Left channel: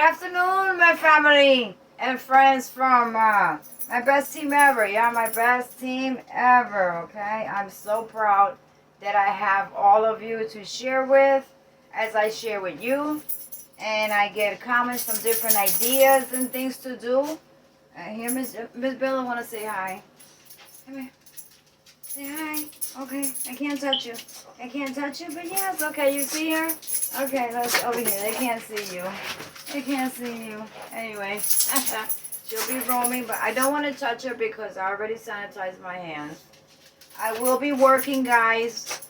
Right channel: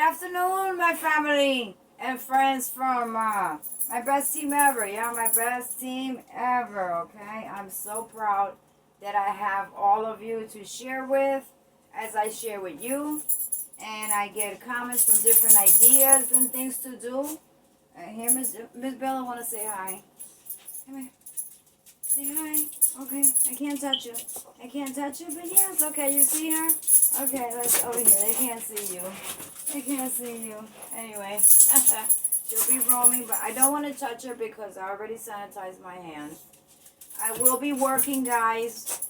afternoon, my family and friends from my best team ever. Yeah, my best team ever, okay? I'm so proud that I have all of you to share with as I share with you. And I get comments from different ideas and things to do. Here, Miss Bella, want to say hi. Come here. Say hi. Okay, I can't touch you. I can't touch you, but yes, okay, you see her? Okay, let's over here. They can't see you. They can't see you. Anyway, she'll be roaming, but I don't want to touch her because I already sanitized my hands. I will be working, guys,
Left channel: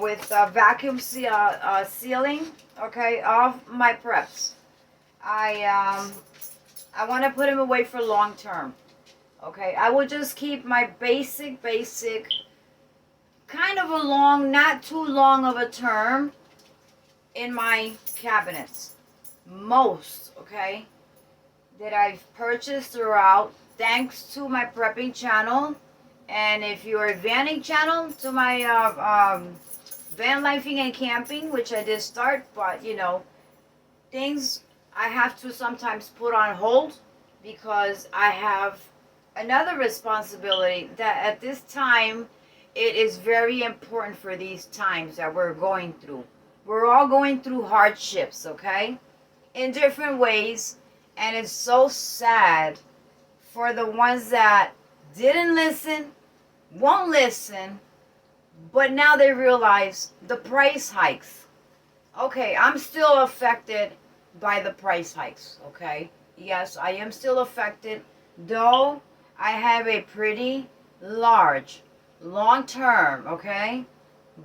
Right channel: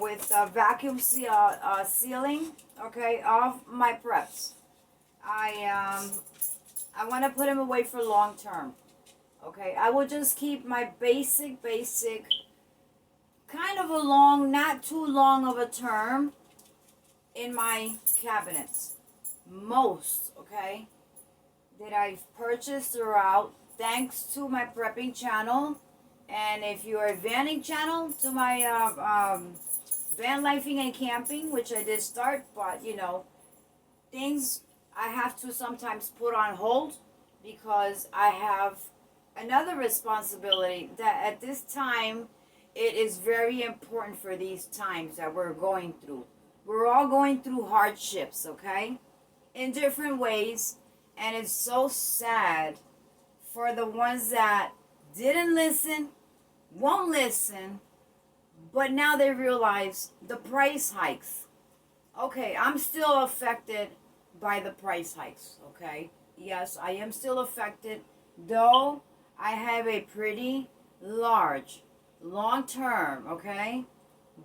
with vacuum sealing, okay, of my preps. I want to put them away for long term. Okay, I will just keep my basic, kind of a long, not too long of a term in my cabinets. Most, okay, that I've purchased throughout, thanks to my prepping channel. And if you're a vanning channel, to my van lifing and camping, which I did start, but you know, things I have to sometimes put on hold because I have another responsibility that at this time it is very important for these times that we're going through. We're all going through hardships, okay, in different ways, and it's so sad for the ones that didn't listen, won't listen, but now they realize the price hikes. Okay, I'm still affected by the price hikes, okay? Yes, I am still affected, though I have a pretty large, long-term, okay,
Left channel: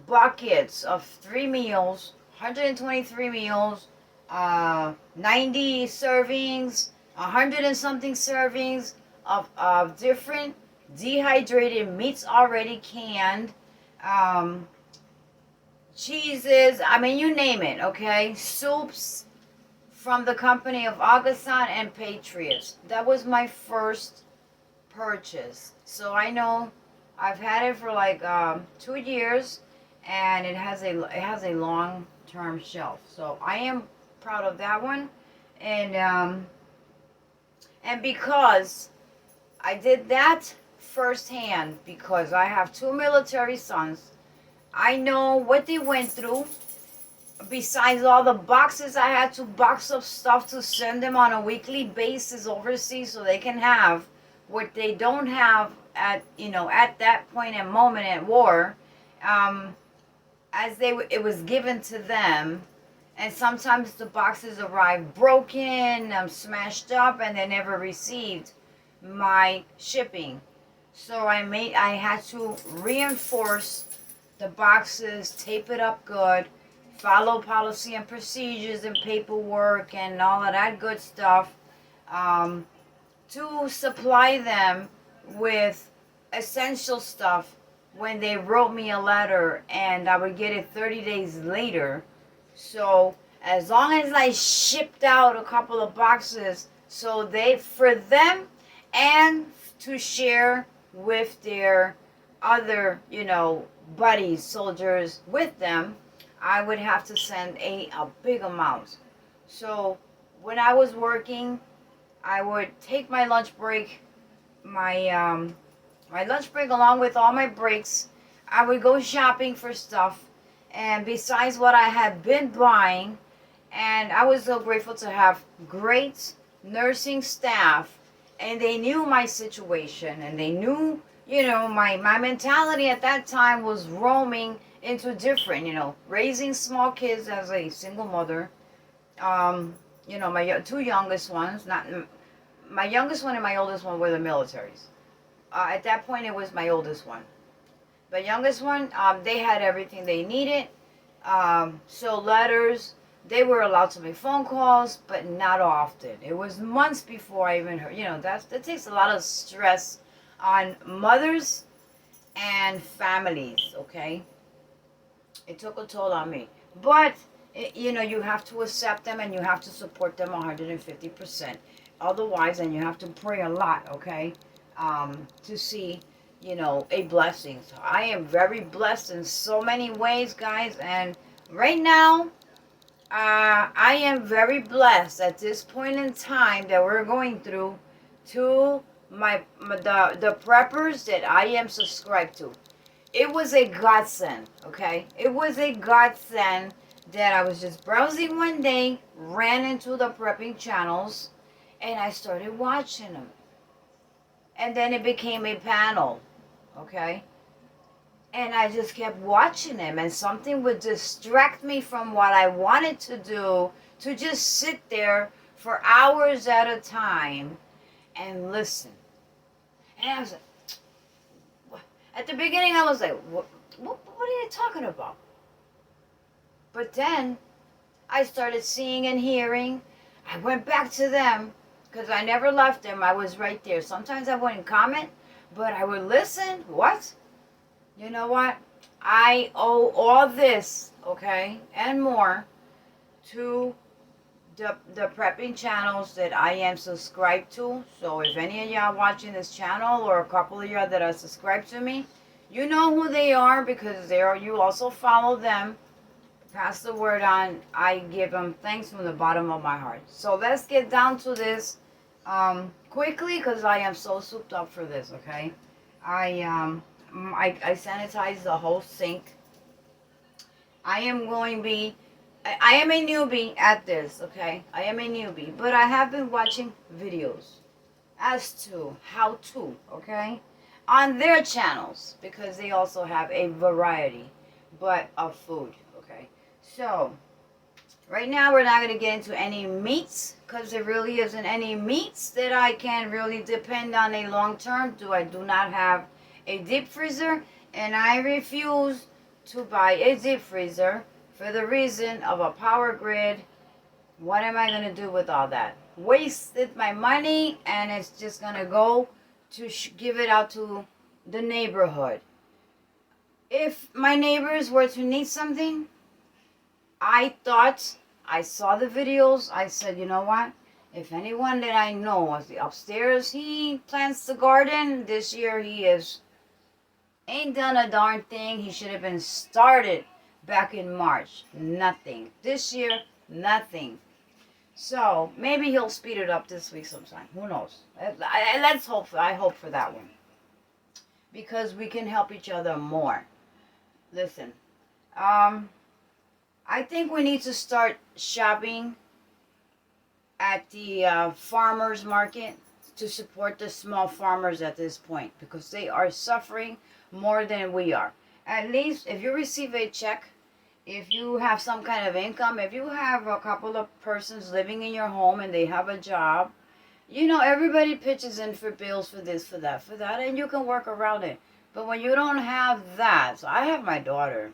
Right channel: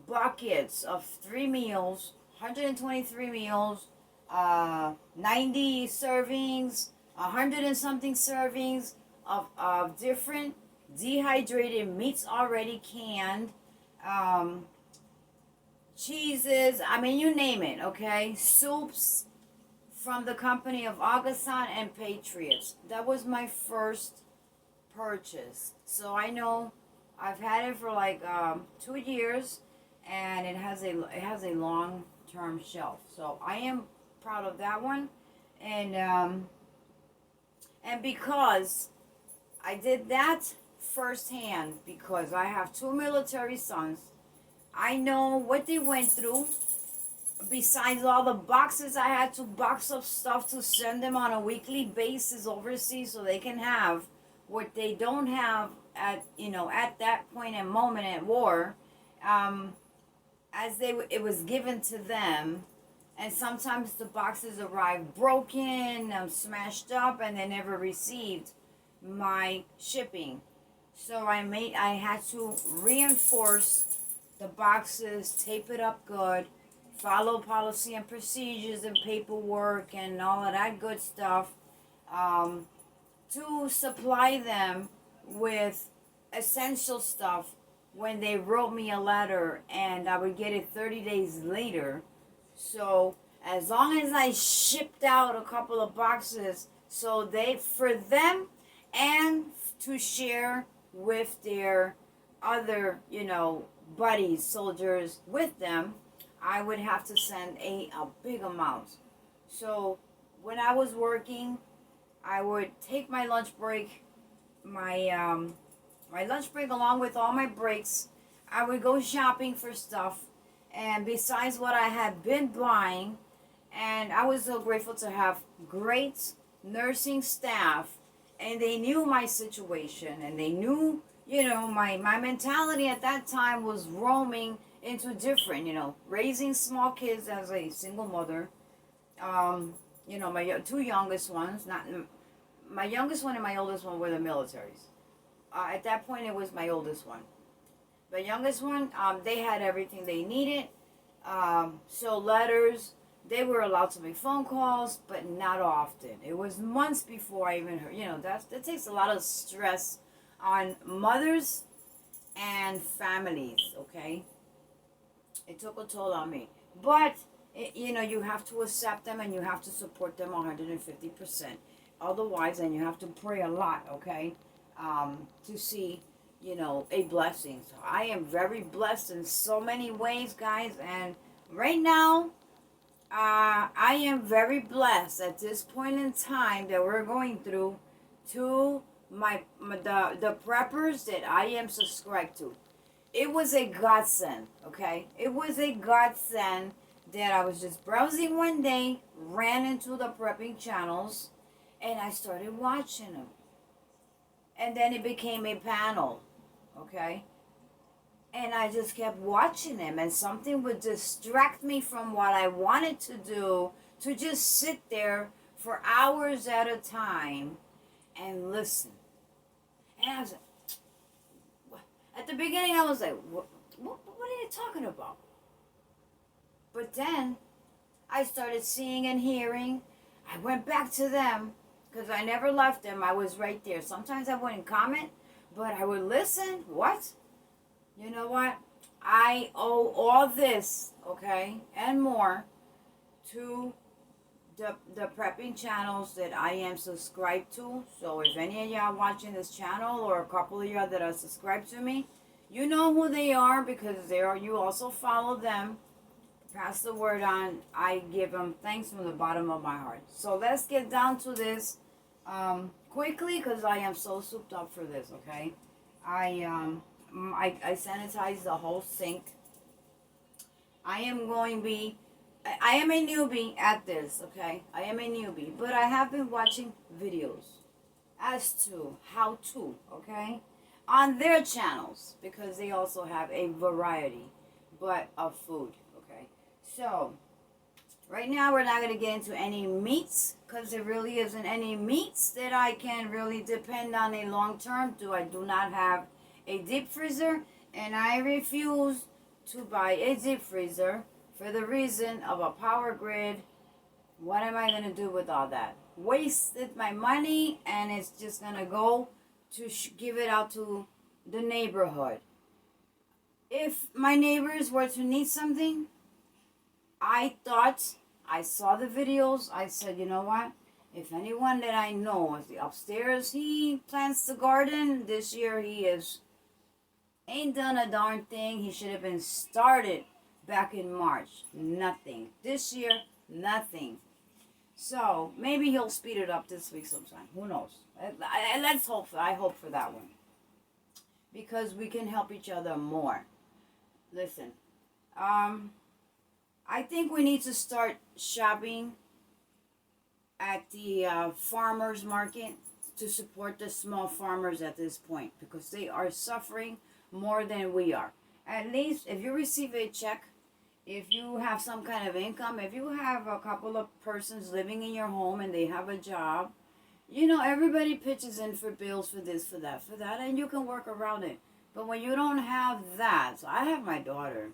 buckets of 3 meals, 123 meals, 90 servings, 100 and something servings of different dehydrated meats already canned, cheeses, I mean, you name it, okay? Soups from the company of Augustin and Patriots. That was my first purchase. So I know I've had it for like 2 years, and it has a long term shelf. So I am proud of that one, and because I did that firsthand, because I have 2 military sons, I know what they went through. Besides all the boxes I had to box up stuff to send them on a weekly basis overseas so they can have what they don't have at that point and moment at war, it was given to them, and sometimes the boxes arrived broken, smashed up, and they never received my shipping. So I had to reinforce the boxes, tape it up good, follow policy and procedures and paperwork and all of that good stuff, to supply them with essential stuff when they wrote me a letter, and I would get it 30 days later. So as long as I shipped out a couple of boxes, so for them and to share with their other, buddies, soldiers with them, I would have to send a big amount. So when I was working, I would take my lunch break, my lunch break along with all my breaks. I would go shopping for stuff, and besides what I had been buying, and I was so grateful to have great nursing staff, and they knew my situation, and they knew, my mentality at that time was roaming into different, raising small kids as a single mother. My 2 youngest ones, not my youngest one and my oldest one were the militaries. At that point, it was my oldest one. The youngest one, they had everything they needed. So letters, they were allowed to make phone calls, but not often. It was months before I even heard. That takes a lot of stress on mothers and families, okay? It took a toll on me. But, you have to accept them, and you have to support them 150%. Otherwise, and you have to pray a lot, okay, to see, a blessing. So I am very blessed in so many ways, guys. And right now, I am very blessed at this point in time that we're going through to the preppers that I am subscribed to. It was a godsend, okay? It was a godsend that I was just browsing one day, ran into the prepping channels, and I started watching them. And then it became a panel, okay? And I just kept watching them, and something would distract me from what I wanted to do, to just sit there for hours at a time and listen. And I was like, what? At the beginning I was like, what are you talking about? But then I started seeing and hearing. I went back to them because I never left them. I was right there. Sometimes I wouldn't comment, but I would listen. What? You know what? I owe all this, okay, and more to the prepping channels that I am subscribed to. So if any of y'all watching this channel, or a couple of y'all that are subscribed to me, you know who they are, because they are, you also follow them. Pass the word on. I give them thanks from the bottom of my heart. So let's get down to this quickly, because I am so souped up for this, okay? I sanitized the whole sink. I am a newbie at this, okay? I am a newbie, but I have been watching videos as to how to, okay? On their channels, because they also have a variety of food, okay? So, right now we're not going to get into any meats, because there really isn't any meats that I can really depend on a long term. I do not have a deep freezer, and I refuse to buy a deep freezer for the reason of a power grid. What am I going to do with all that? Wasted my money, and it's just going to go to give it out to the neighborhood. If my neighbors were to need something, I saw the videos, I said, you know what? If anyone that I know is upstairs, he plants the garden. This year he ain't done a darn thing. He should have been started back in March. Nothing. This year, nothing. So maybe he'll speed it up this week sometime. Who knows? Let's hope. I hope for that one, because we can help each other more. Listen, I think we need to start shopping at the farmers market to support the small farmers at this point, because they are suffering more than we are. At least if you receive a check, if you have some kind of income, if you have a couple of persons living in your home and they have a job, you know, everybody pitches in for bills, for this, for that, and you can work around it. But when you don't have that, so I have my daughter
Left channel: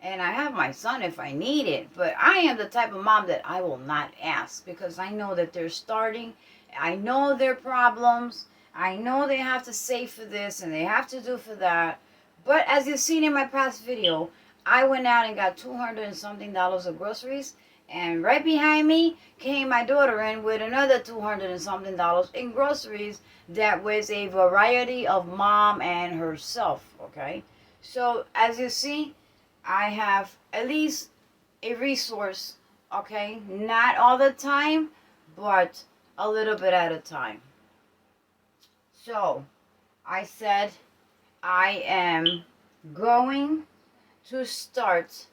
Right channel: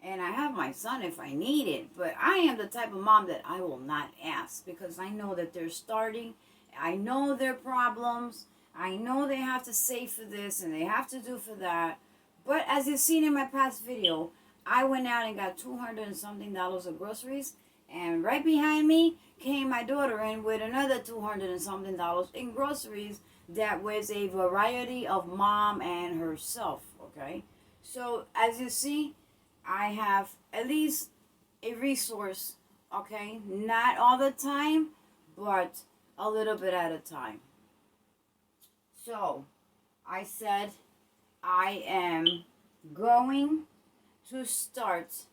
and I have my son if I need it, but I am the type of mom that I will not ask, because I know that they're starting. I know their problems. I know they have to save for this and they have to do for that. But as you've seen in my past video, I went out and got $200 and something of groceries, and right behind me came my daughter in with another $200 and something in groceries. That was a variety of mom and herself, okay? So as you see, I have at least a resource, okay? Not all the time, but a little bit at a time. So I said I am going to start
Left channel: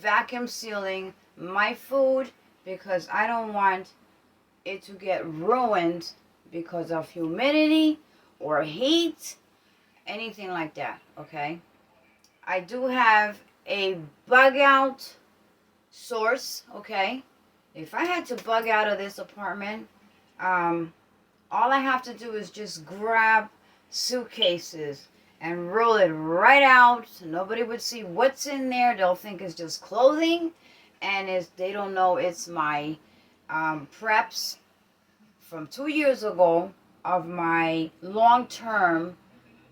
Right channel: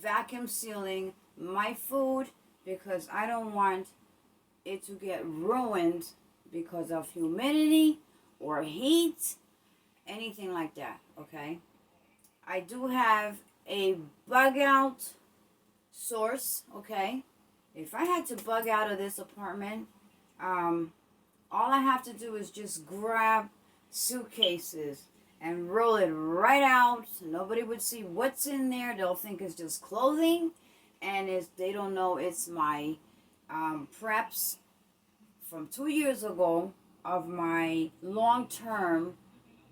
vacuum sealing my food, because I don't want it to get ruined because of humidity or heat, anything like that, okay? I do have a bug out source, okay? If I had to bug out of this apartment, all I have to do is just grab suitcases and roll it right out. So nobody would see what's in there. They'll think it's just clothing, and they don't know it's my preps from 2 years ago of my long-term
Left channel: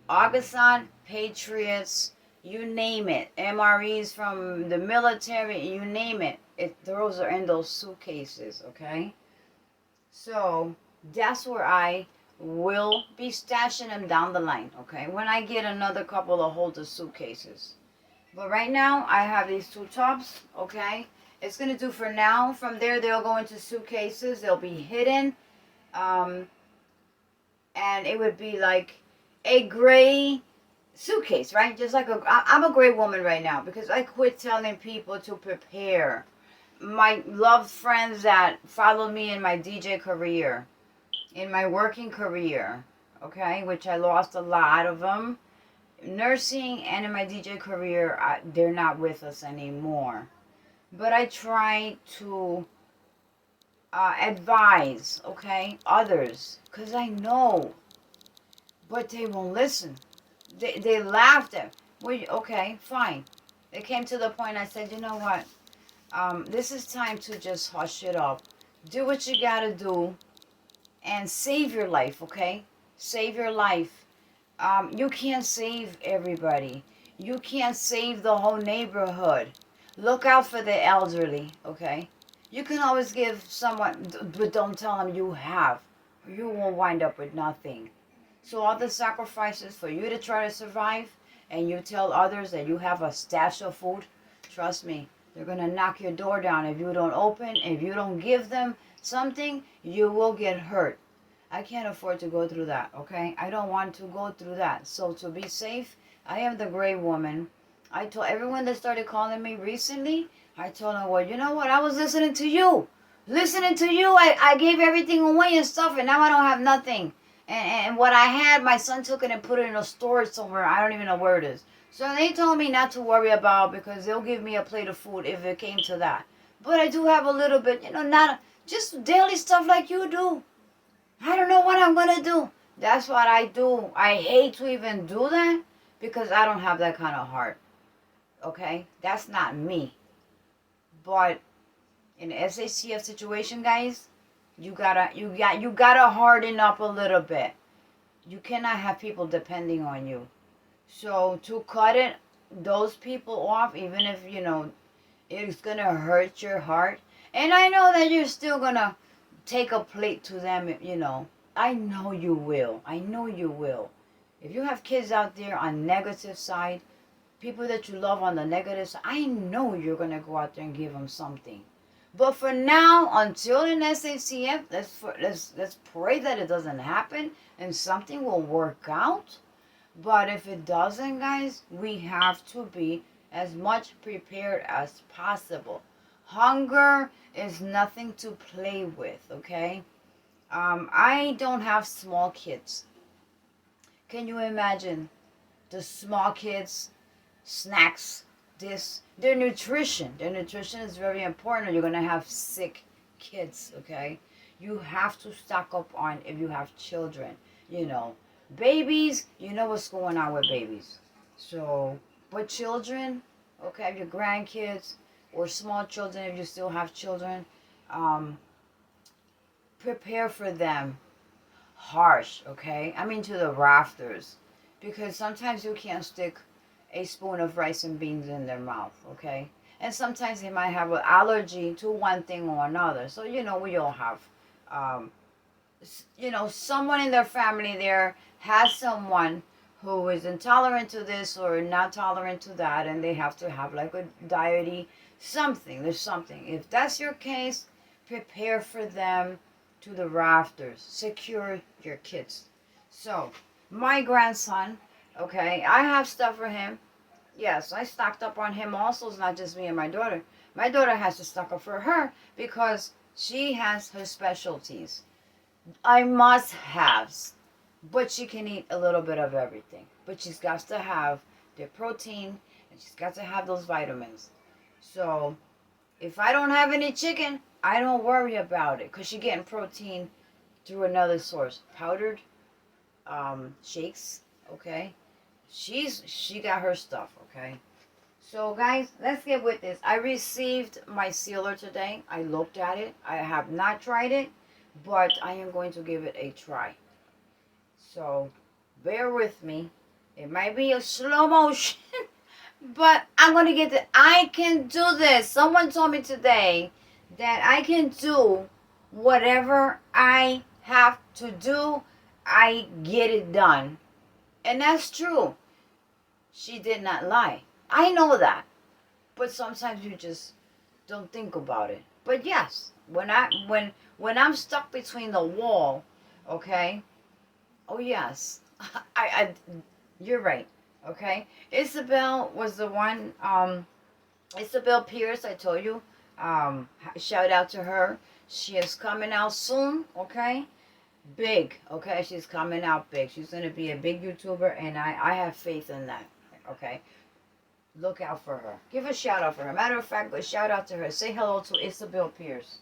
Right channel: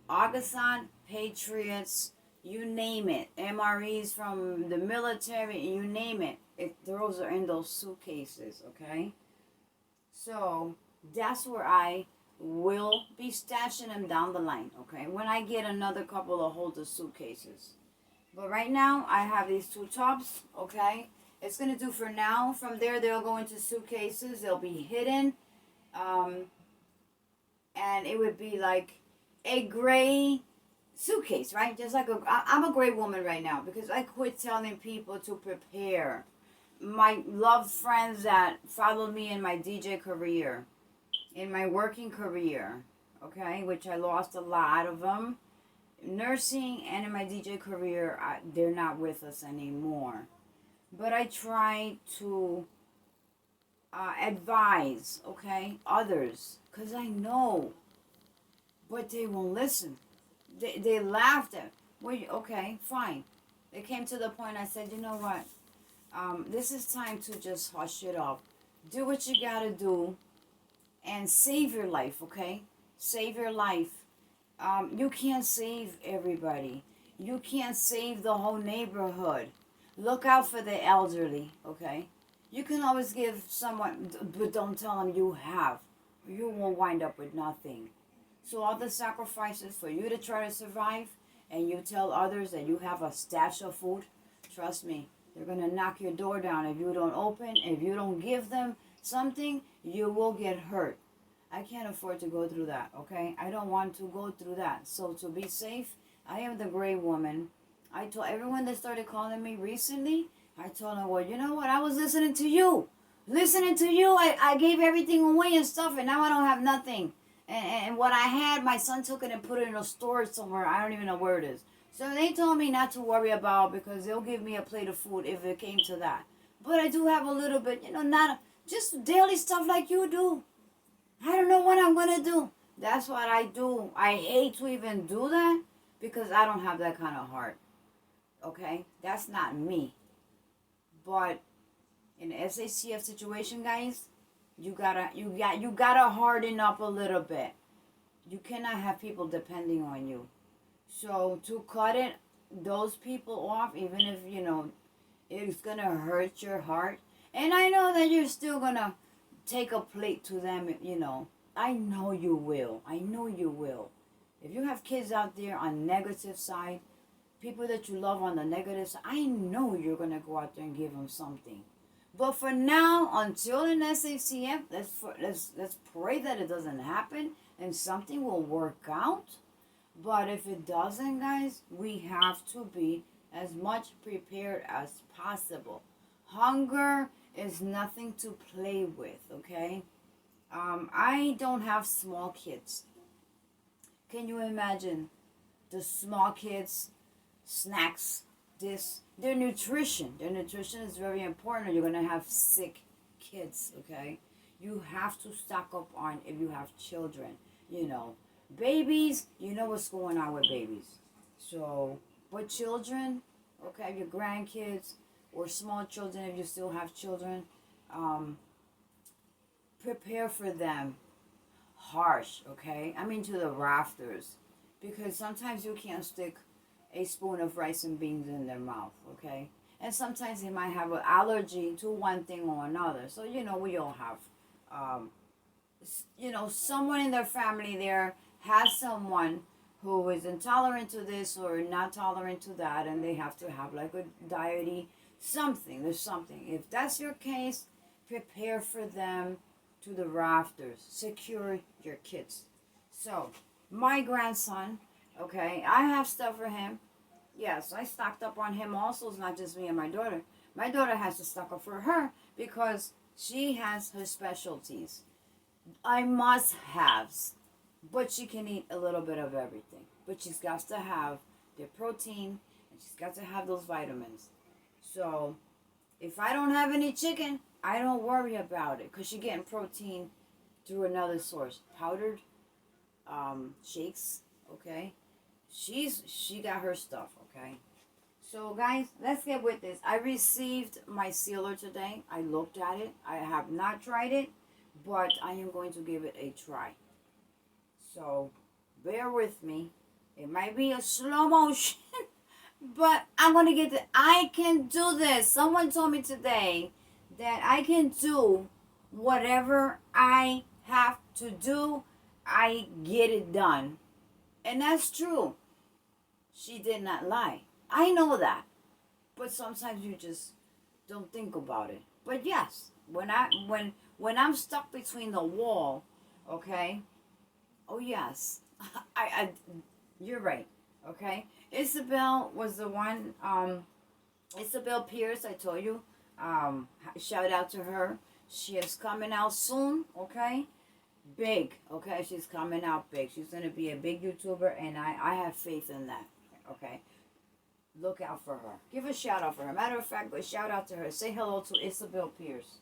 Augustin Patriots, you name it, MREs from the military, you name it. Those are in those suitcases, okay? So that's where I will be stashing them down the line, okay? When I get another couple of holder suitcases. But right now, I have these two tops, okay? It's going to do for now. From there, they'll go into suitcases. They'll be hidden. And it would be like a gray suitcase, right? Just like I'm a gray woman right now because I quit telling people to prepare. My loved friends that followed me in my DJ career, in my working career, okay, which I lost a lot of them. Nursing and in my DJ career, they're not with us anymore. But I try to advise, okay, others, because I know, but they won't listen. They laughed at me. Okay, fine. It came to the point I said, you know what? This is time to just hush it up. Do what you gotta do and save your life, okay? Save your life. You can't save everybody. You can't save the whole neighborhood. Look out for the elderly, okay? You can always give someone, but don't tell them you have. You will wind up with nothing. So all the sacrifices for you to try to survive, and you tell others that you have a stash of food, trust me, they're going to knock your door down if you don't open. If you don't give them something, you will get hurt. I can't afford to go through that, okay? I don't want to go through that. So to be safe, I am the gray woman. I told everyone that started calling me recently, I told them, well, you know what? I was listening to you. Listening to you, I gave everything away and stuff, and now I don't have nothing. And what I had, my son took it and put it in a storage somewhere. I don't even know where it is. So they told me not to worry about because they'll give me a plate of food if it came to that. But I do have a little bit, not just daily stuff like you do. I don't know what I'm going to do. That's what I do. I hate to even do that because I don't have that kind of heart. Okay? That's not me. But in the SACF situation, guys, you gotta harden up a little bit. You cannot have people depending on you. So to cut those people off, even if it's gonna hurt your heart, and I know that you're still gonna take a plate to them. I know you will. I know you will. If you have kids out there on negative side, people that you love on the negative side, I know you're gonna go out there and give them something. But for now, until in SACF, let's pray that it doesn't happen and something will work out. But if it doesn't, guys, we have to be as much prepared as possible. Hunger is nothing to play with, okay? I don't have small kids. Can you imagine the small kids, snacks, their nutrition is very important, or you're going to have sick kids, okay? You have to stock up on if you have children, babies, you know what's going on with babies. So, but children, okay, your grandkids or small children, if you still have children, prepare for them harsh, okay? I mean to the rafters, because sometimes you can't stick a spoon of rice and beans in their mouth, okay? And sometimes they might have an allergy to one thing or another. So, we all have, someone in their family there has someone who is intolerant to this or not tolerant to that, and they have to have like a diety, something. There's something. If that's your case, prepare for them to the rafters. Secure your kids. So, my grandson, okay, I have stuff for him. Yes, I stocked up on him also. It's not just me and my daughter. My daughter has to stock up for her because she has her specialties. I must haves, but she can eat a little bit of everything. But she's got to have the protein and she's got to have those vitamins. So if I don't have any chicken, I don't worry about it because she's getting protein through another source. Powdered shakes, okay? She got her stuff, okay? So guys, let's get with this. I received my sealer today. I looked at it. I have not tried it, but I am going to give it a try. So bear with me. It might be a slow motion, but I'm going to get it. I can do this. Someone told me today that I can do whatever I have to do. I get it done. And that's true. She did not lie. I know that. But sometimes you just don't think about it. But yes, when I'm stuck between the wall, okay? Oh yes, I you're right. Okay, Isabel was the one. Isabel Pierce, I told you. Shout out to her. She is coming out soon. Okay, big. Okay, she's coming out big. She's gonna be a big YouTuber, and I have faith in that. Okay, look out for her. Give a shout out for her. Matter of fact, but shout out to her. Say hello to Isabel Pierce.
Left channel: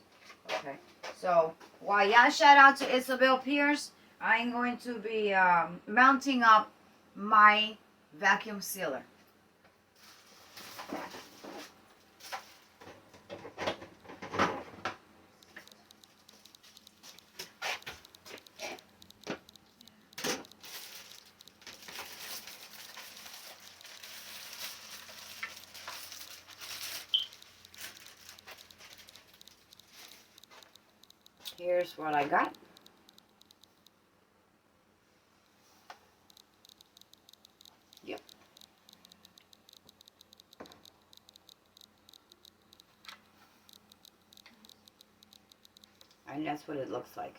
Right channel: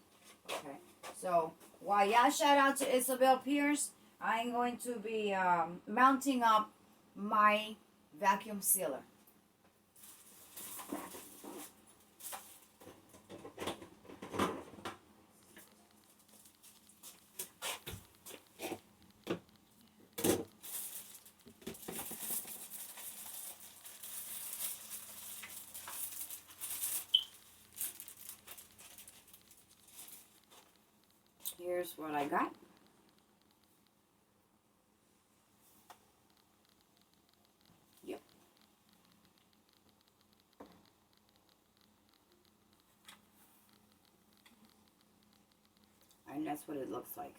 Okay. So while y'all shout out to Isabel Pierce, I'm going to be mounting up my vacuum sealer. Here's what I got. Yep. And that's what it looks like.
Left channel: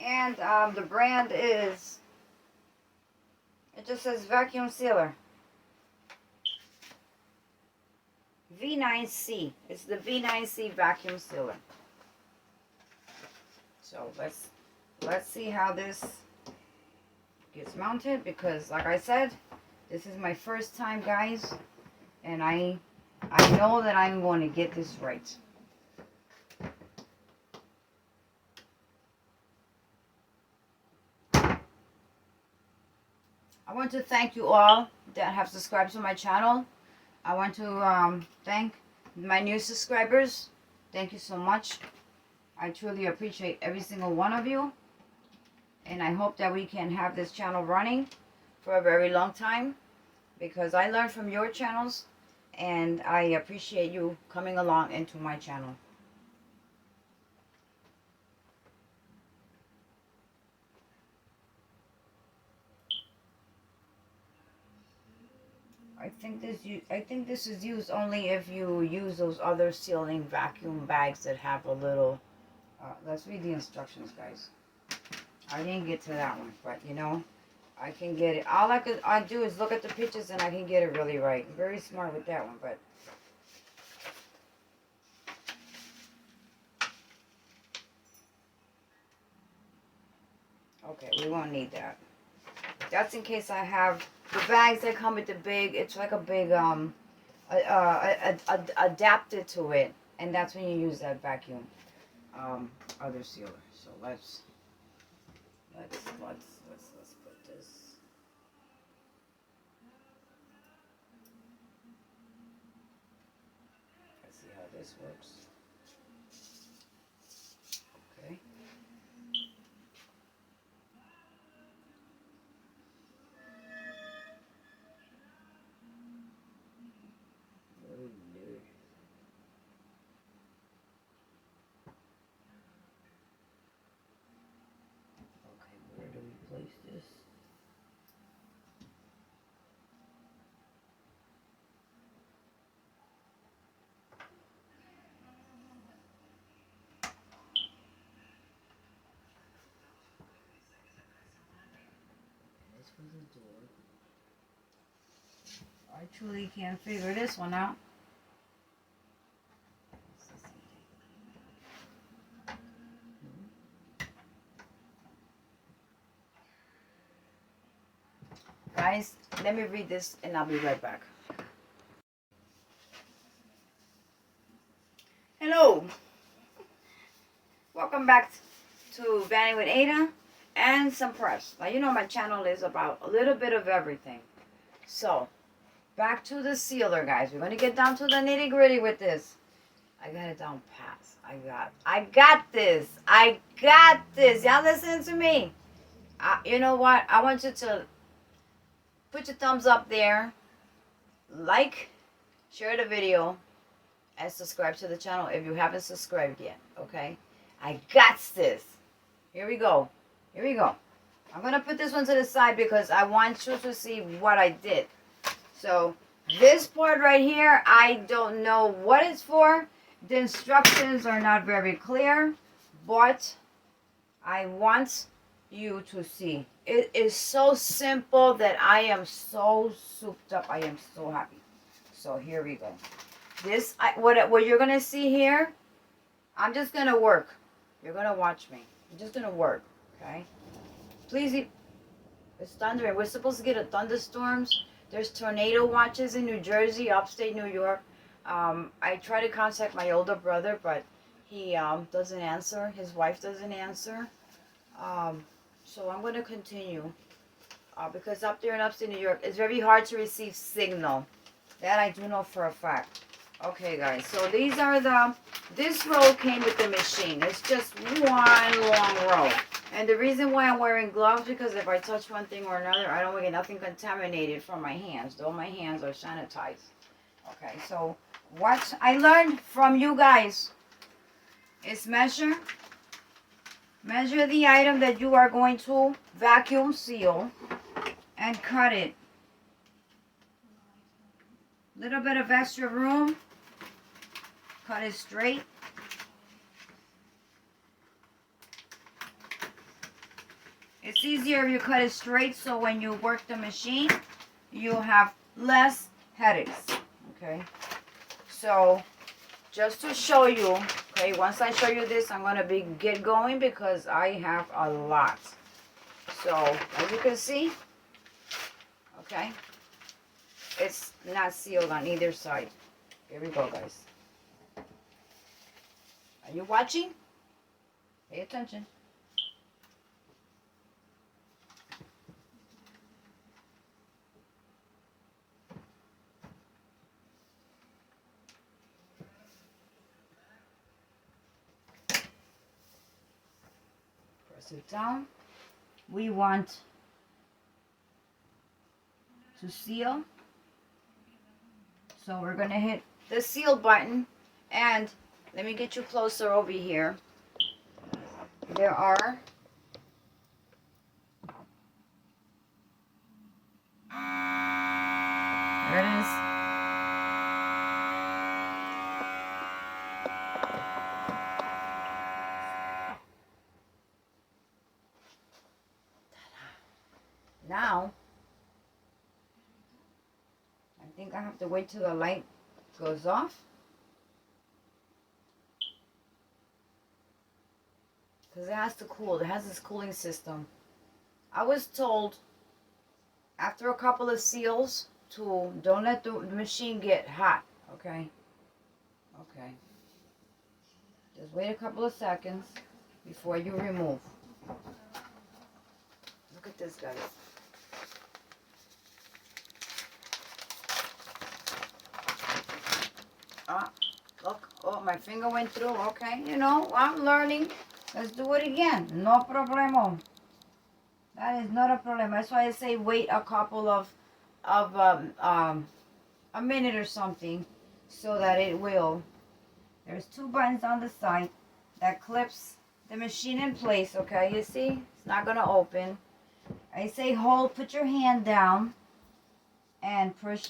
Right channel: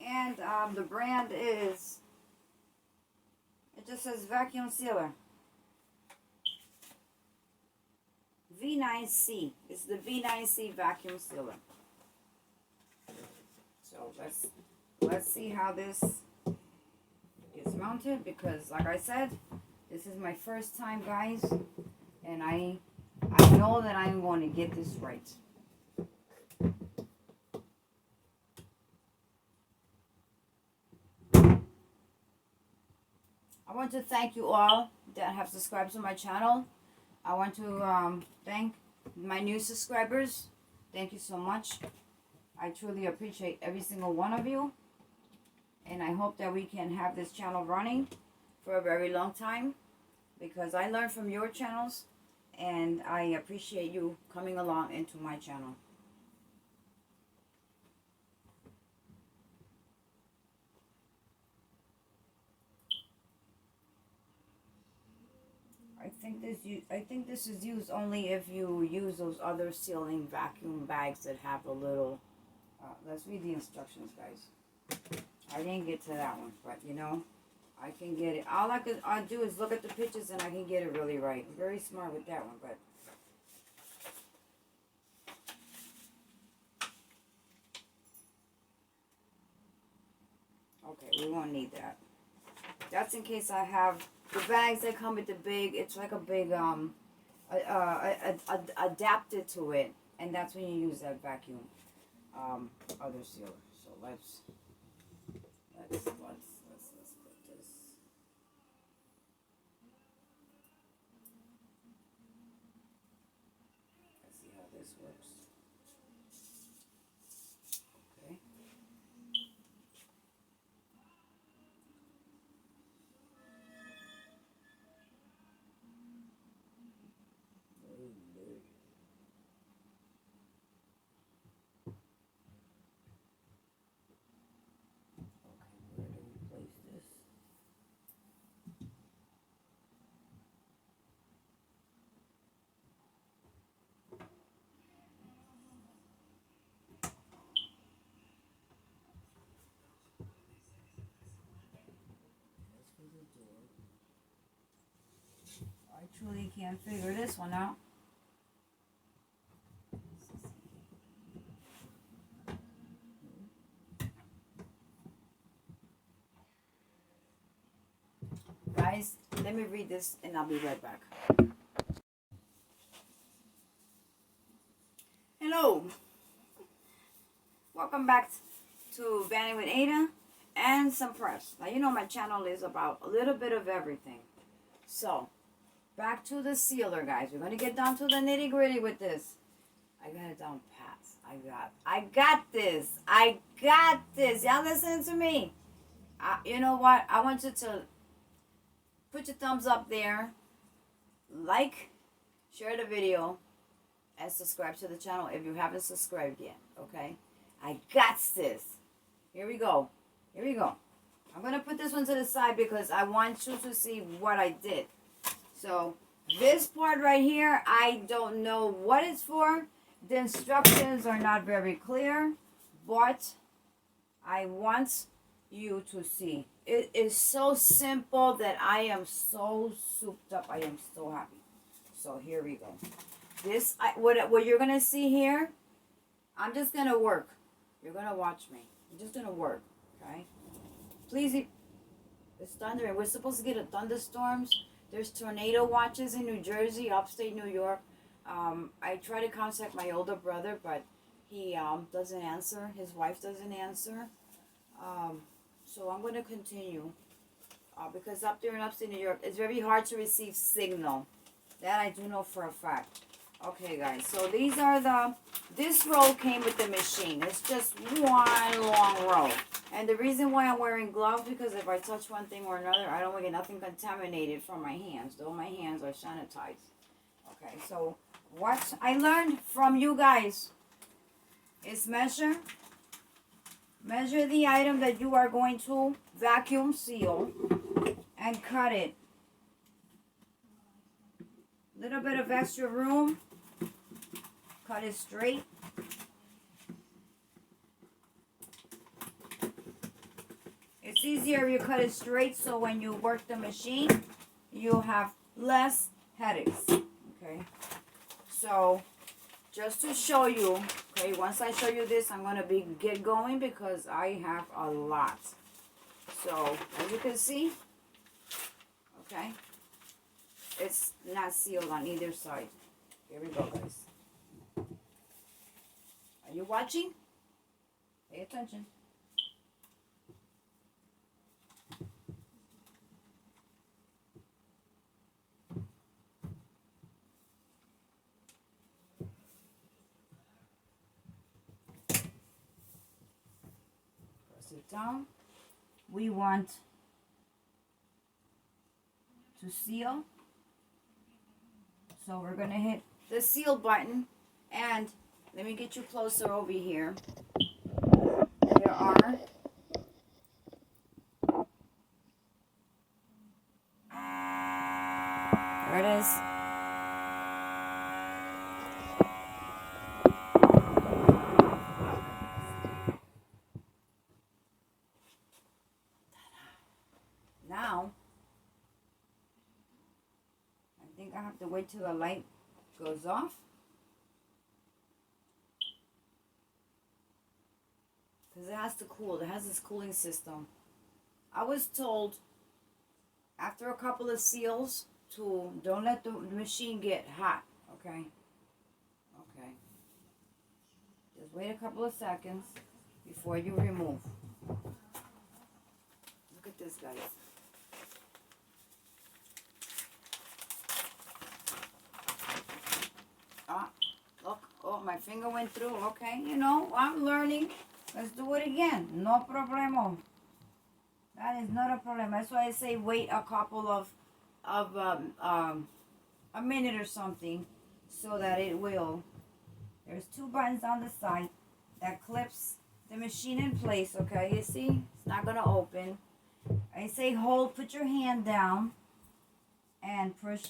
And the brand is, it just says vacuum sealer. V9C. It's the V9C vacuum sealer. So let's see how this gets mounted, because like I said, this is my first time, guys, and I know that I'm going to get this right. I want to thank you all that have subscribed to my channel. I want to thank my new subscribers. Thank you so much. I truly appreciate every single one of you. And I hope that we can have this channel running for a very long time, because I learn from your channels and I appreciate you coming along into my channel. I think this is used only if you use those other sealing vacuum bags that have a little. Let's read the instructions, guys. I didn't get to that one, but you know, I can get it. All I do is look at the pictures and I can get it really right. Very smart with that one, but okay, we won't need that. That's in case I have the bags that come with the big. It's like a big adapted to it, and that's when you use that vacuum other sealer. So let's put this. Let's see how this works. Okay. I truly can't figure this one out. Guys, let me read this and I'll be right back. Hello. Welcome back to Vanny with Ada and some press. Now, you know my channel is about a little bit of everything. So, back to the sealer, guys. We're going to get down to the nitty gritty with this. I got it down pat. I got this. I got this. Y'all listen to me. You know what? I want you to put your thumbs up there. Like, share the video, and subscribe to the channel if you haven't subscribed yet. Okay? I got this. Here we go. Here we go. I'm going to put this one to the side because I want you to see what I did. So, This part right here, I don't know what it's for. The instructions are not very clear, but I want you to see. It is so simple that I am so souped up. I am so happy. So here we go. This, what you're gonna see here, I'm just gonna work. You're gonna watch me. I'm just gonna work, okay? Please, it's thundering. We're supposed to get a thunderstorms. There's tornado watches in New Jersey, upstate New York. I try to contact my older brother, but he doesn't answer. His wife doesn't answer. So I'm going to continue because up there in upstate New York, it's very hard to receive signal. That I do know for a fact. Okay, guys. So these are this row came with the machine. It's just one long row. And the reason why I'm wearing gloves, because if I touch one thing or another, I don't want to get nothing contaminated from my hands. Though my hands are sanitized. Okay, so what I learned from you guys is measure the item that you are going to vacuum seal and cut it. Little bit of extra room, cut it straight. It's easier if you cut it straight, so when you work the machine, you'll have less headaches, okay? So, just to show you, okay, once I show you this, I'm gonna get going because I have a lot. So, as you can see, okay, it's not sealed on either side. Here we go, guys. Are you watching? Pay attention. It down. We want to seal, so we're gonna hit the seal button, and let me get you closer over here. There are there it is. Now, I think I have to wait till the light goes off. Because it has to cool. It has this cooling system. I was told after a couple of seals to don't let the machine get hot. Okay? Okay. Just wait a couple of seconds before you remove. Look at this, guys. Look, oh, my finger went through. Okay, you know, I'm learning. Let's do it again. No problemo. That is not a problem. That's why I say wait a couple of a minute or something, so that it will. There's two buttons on the side that clips the machine in place. Okay, you see, it's not gonna open. I say hold, put your hand down, and push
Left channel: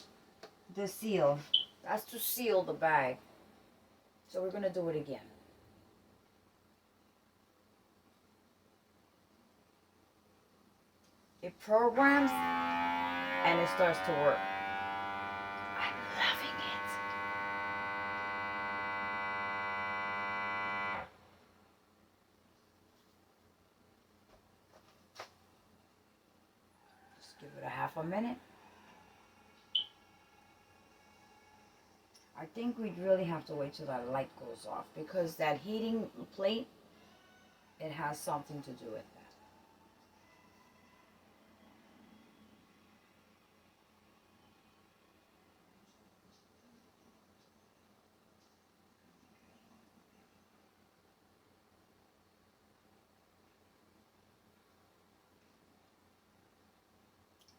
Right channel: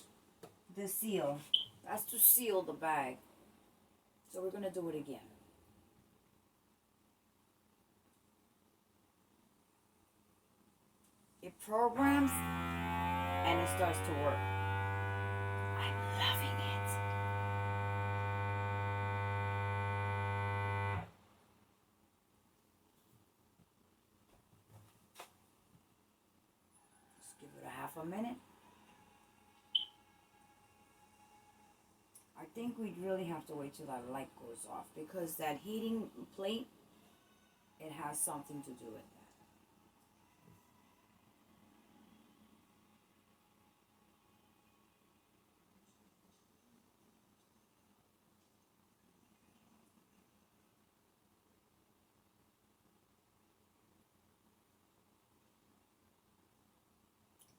the seal. That's to seal the bag. So we're going to do it again. It programs and it starts to work. I'm loving it. Just give it a half a minute. I think we'd really have to wait till that light goes off, because that heating plate, it has something to do with that.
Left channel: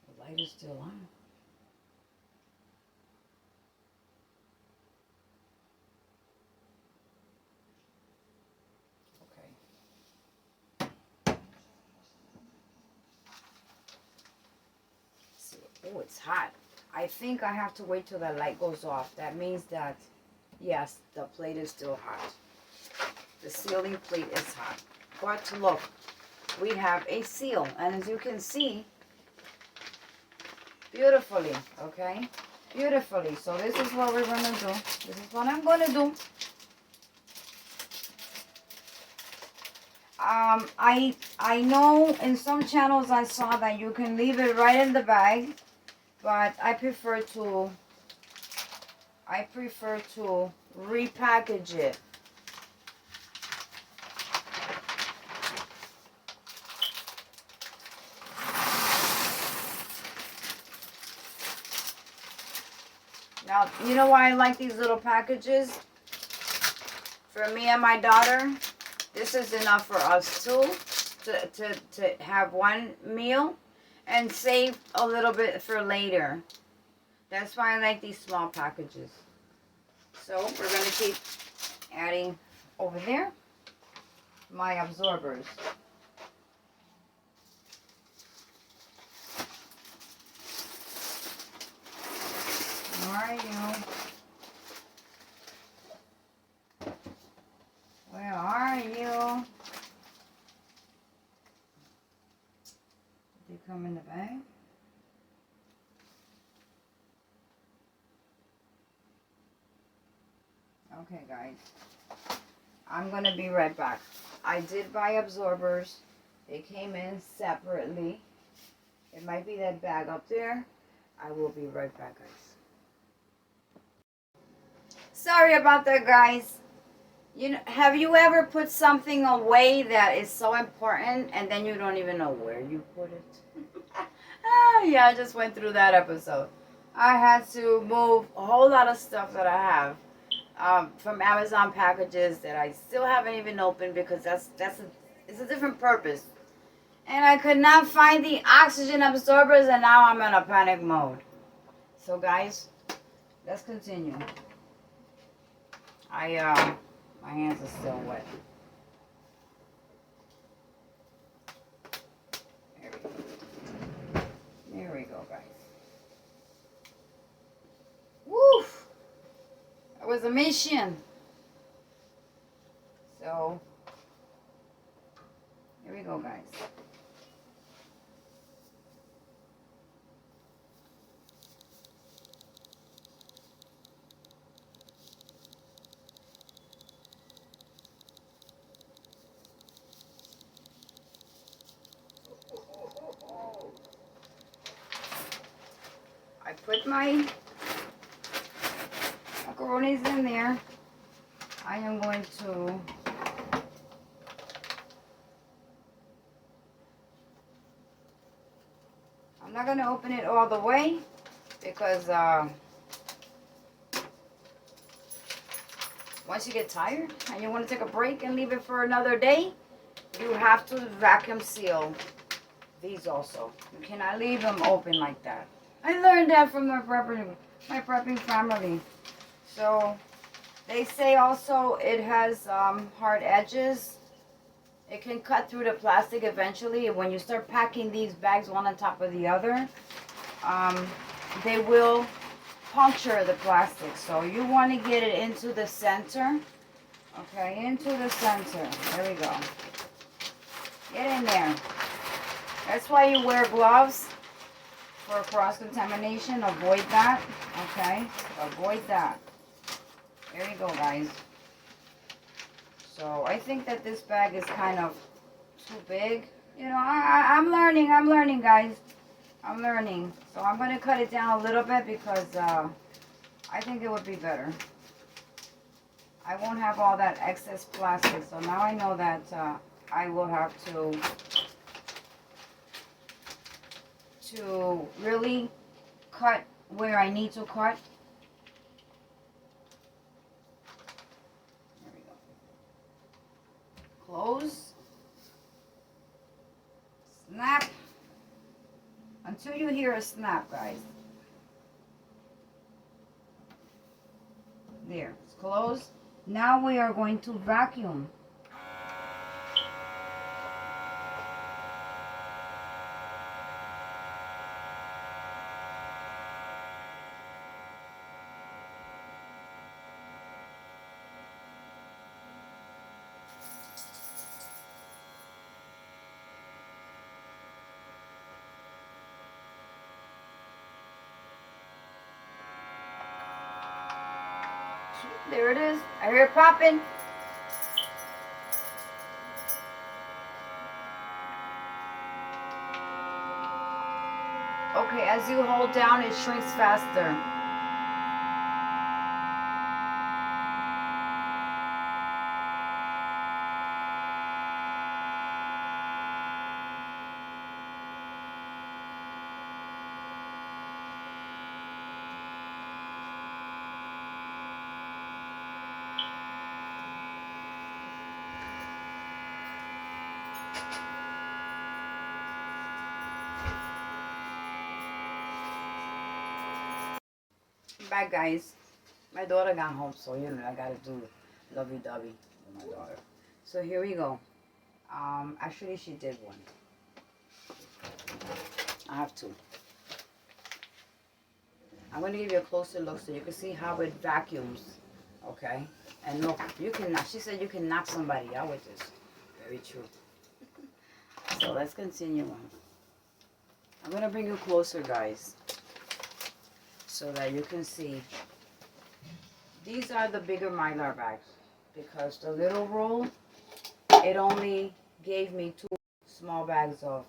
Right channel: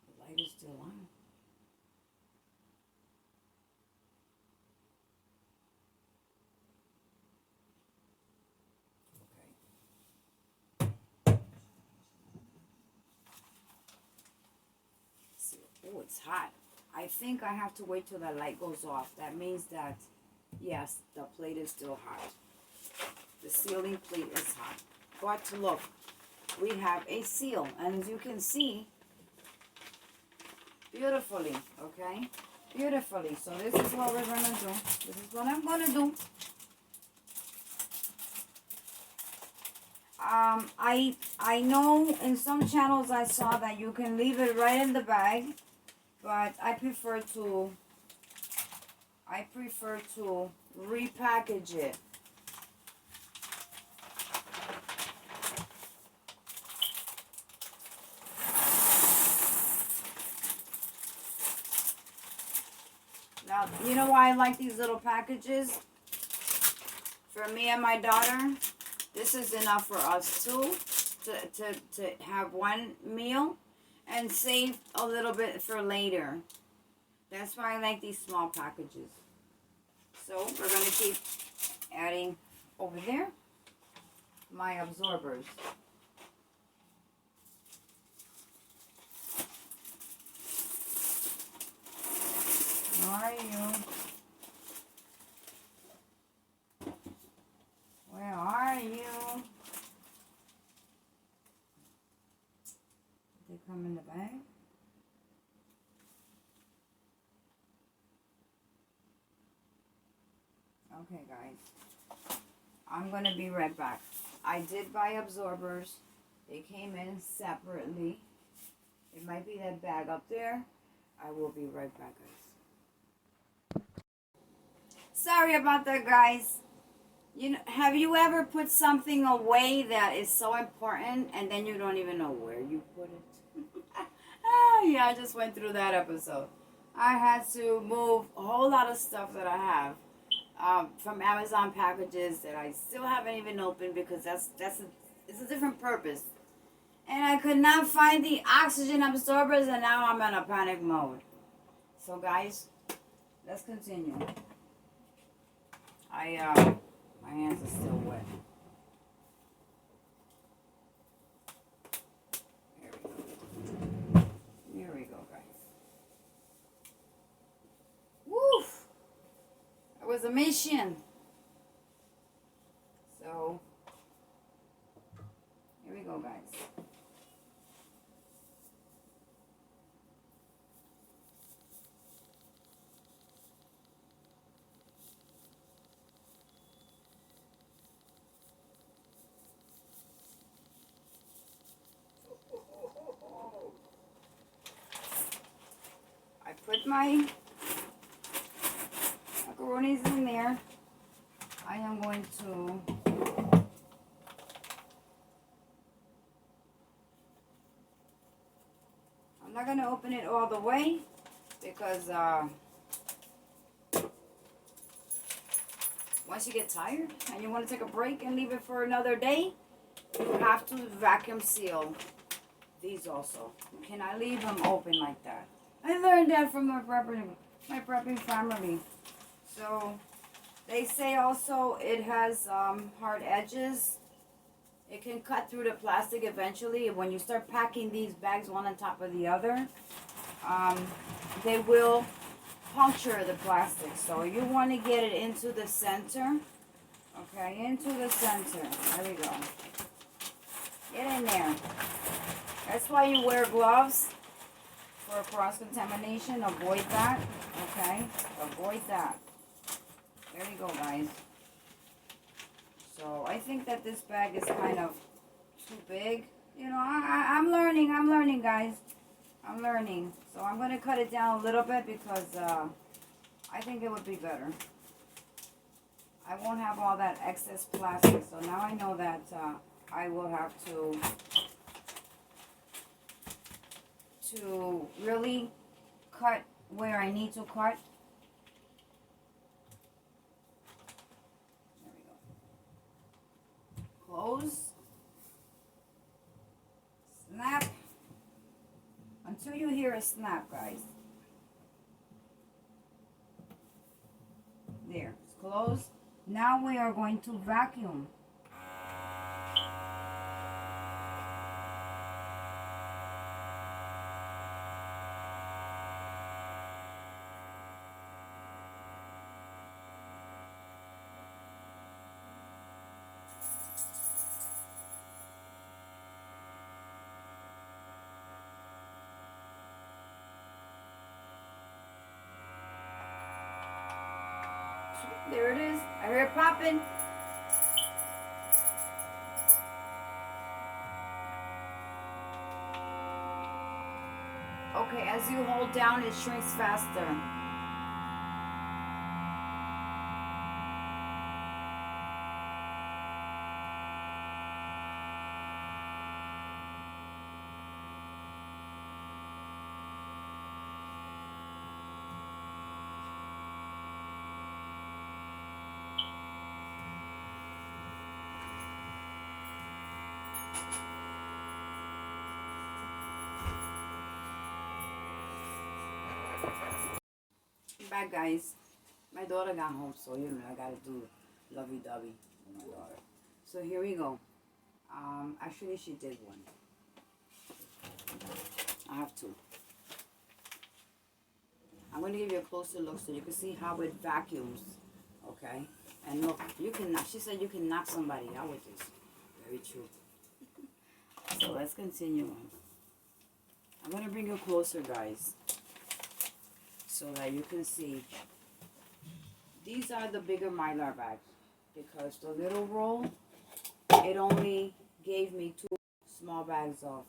The light is still on. Oh, it's hot. I think I have to wait till the light goes off. That means that, yes, the plate is still hot. The sealing plate is hot. But look, we have a seal. And as you can see, beautifully, okay? Beautifully. So this is what we're going to do. This is what I'm going to do. I know in some channels I saw that you can leave it right in the bag, but I prefer to repackage it. Now, you know why I like these little packages? For me and my daughter, this is enough for us too, to have one meal and save a little bit for later. That's why I like these small packages. So we're going to keep adding over there my absorbers. Where are you? Where are you? Did they come in the bag? Okay, guys. I'm going to be right back. I did buy absorbers. They came in separately. It might be that bag up there. I will be right back, guys. Sorry about that, guys. You know, have you ever put something away that is so important and then you don't even know where you put it? Yeah, I just went through that episode. I had to move a whole lot of stuff that I have from Amazon packages that I still haven't even opened because it's a different purpose. And I could not find the oxygen absorbers, and now I'm in a panic mode. So guys, let's continue. My hands are still wet. There we go, guys. Woo! It was a mission. So, here we go, guys. I put my macaronis in there. I am going to I'm not going to open it all the way because once you get tired and you want to take a break and leave it for another day, you have to vacuum seal these also. You cannot leave them open like that. I learned that from my prepping family. So they say also it has hard edges. It can cut through the plastic eventually. When you start packing these bags one on top of the other, they will puncture the plastic. So you want to get it into the center. Okay, into the center. There we go. Get in there. That's why you wear gloves, for cross-contamination. Avoid that. Okay, avoid that. There you go, guys. So I think that this bag is kind of too big. You know, I'm learning, guys. I'm learning. So I'm going to cut it down a little bit because I think it would be better. I won't have all that excess plastic. So now I know that I will have to really cut where I need to cut. There we go. Close. Snap. Until you hear a snap, guys. There, it's closed. Now we are going to vacuum. There it is. I hear it popping. Okay, as you hold down, it shrinks faster. Bye, guys. My daughter got home, so you know I gotta do lovey-dovey with my daughter. So here we go. Actually, she did one. I have two. I'm going to give you a closer look so you can see how it vacuums. Okay? And look, you can, she said you can knock somebody out with this. Very true. So let's continue on. I'm going to bring you closer, guys, so that you can see. These are the bigger Mylar bags because the little roll, it only gave me 2 small bags of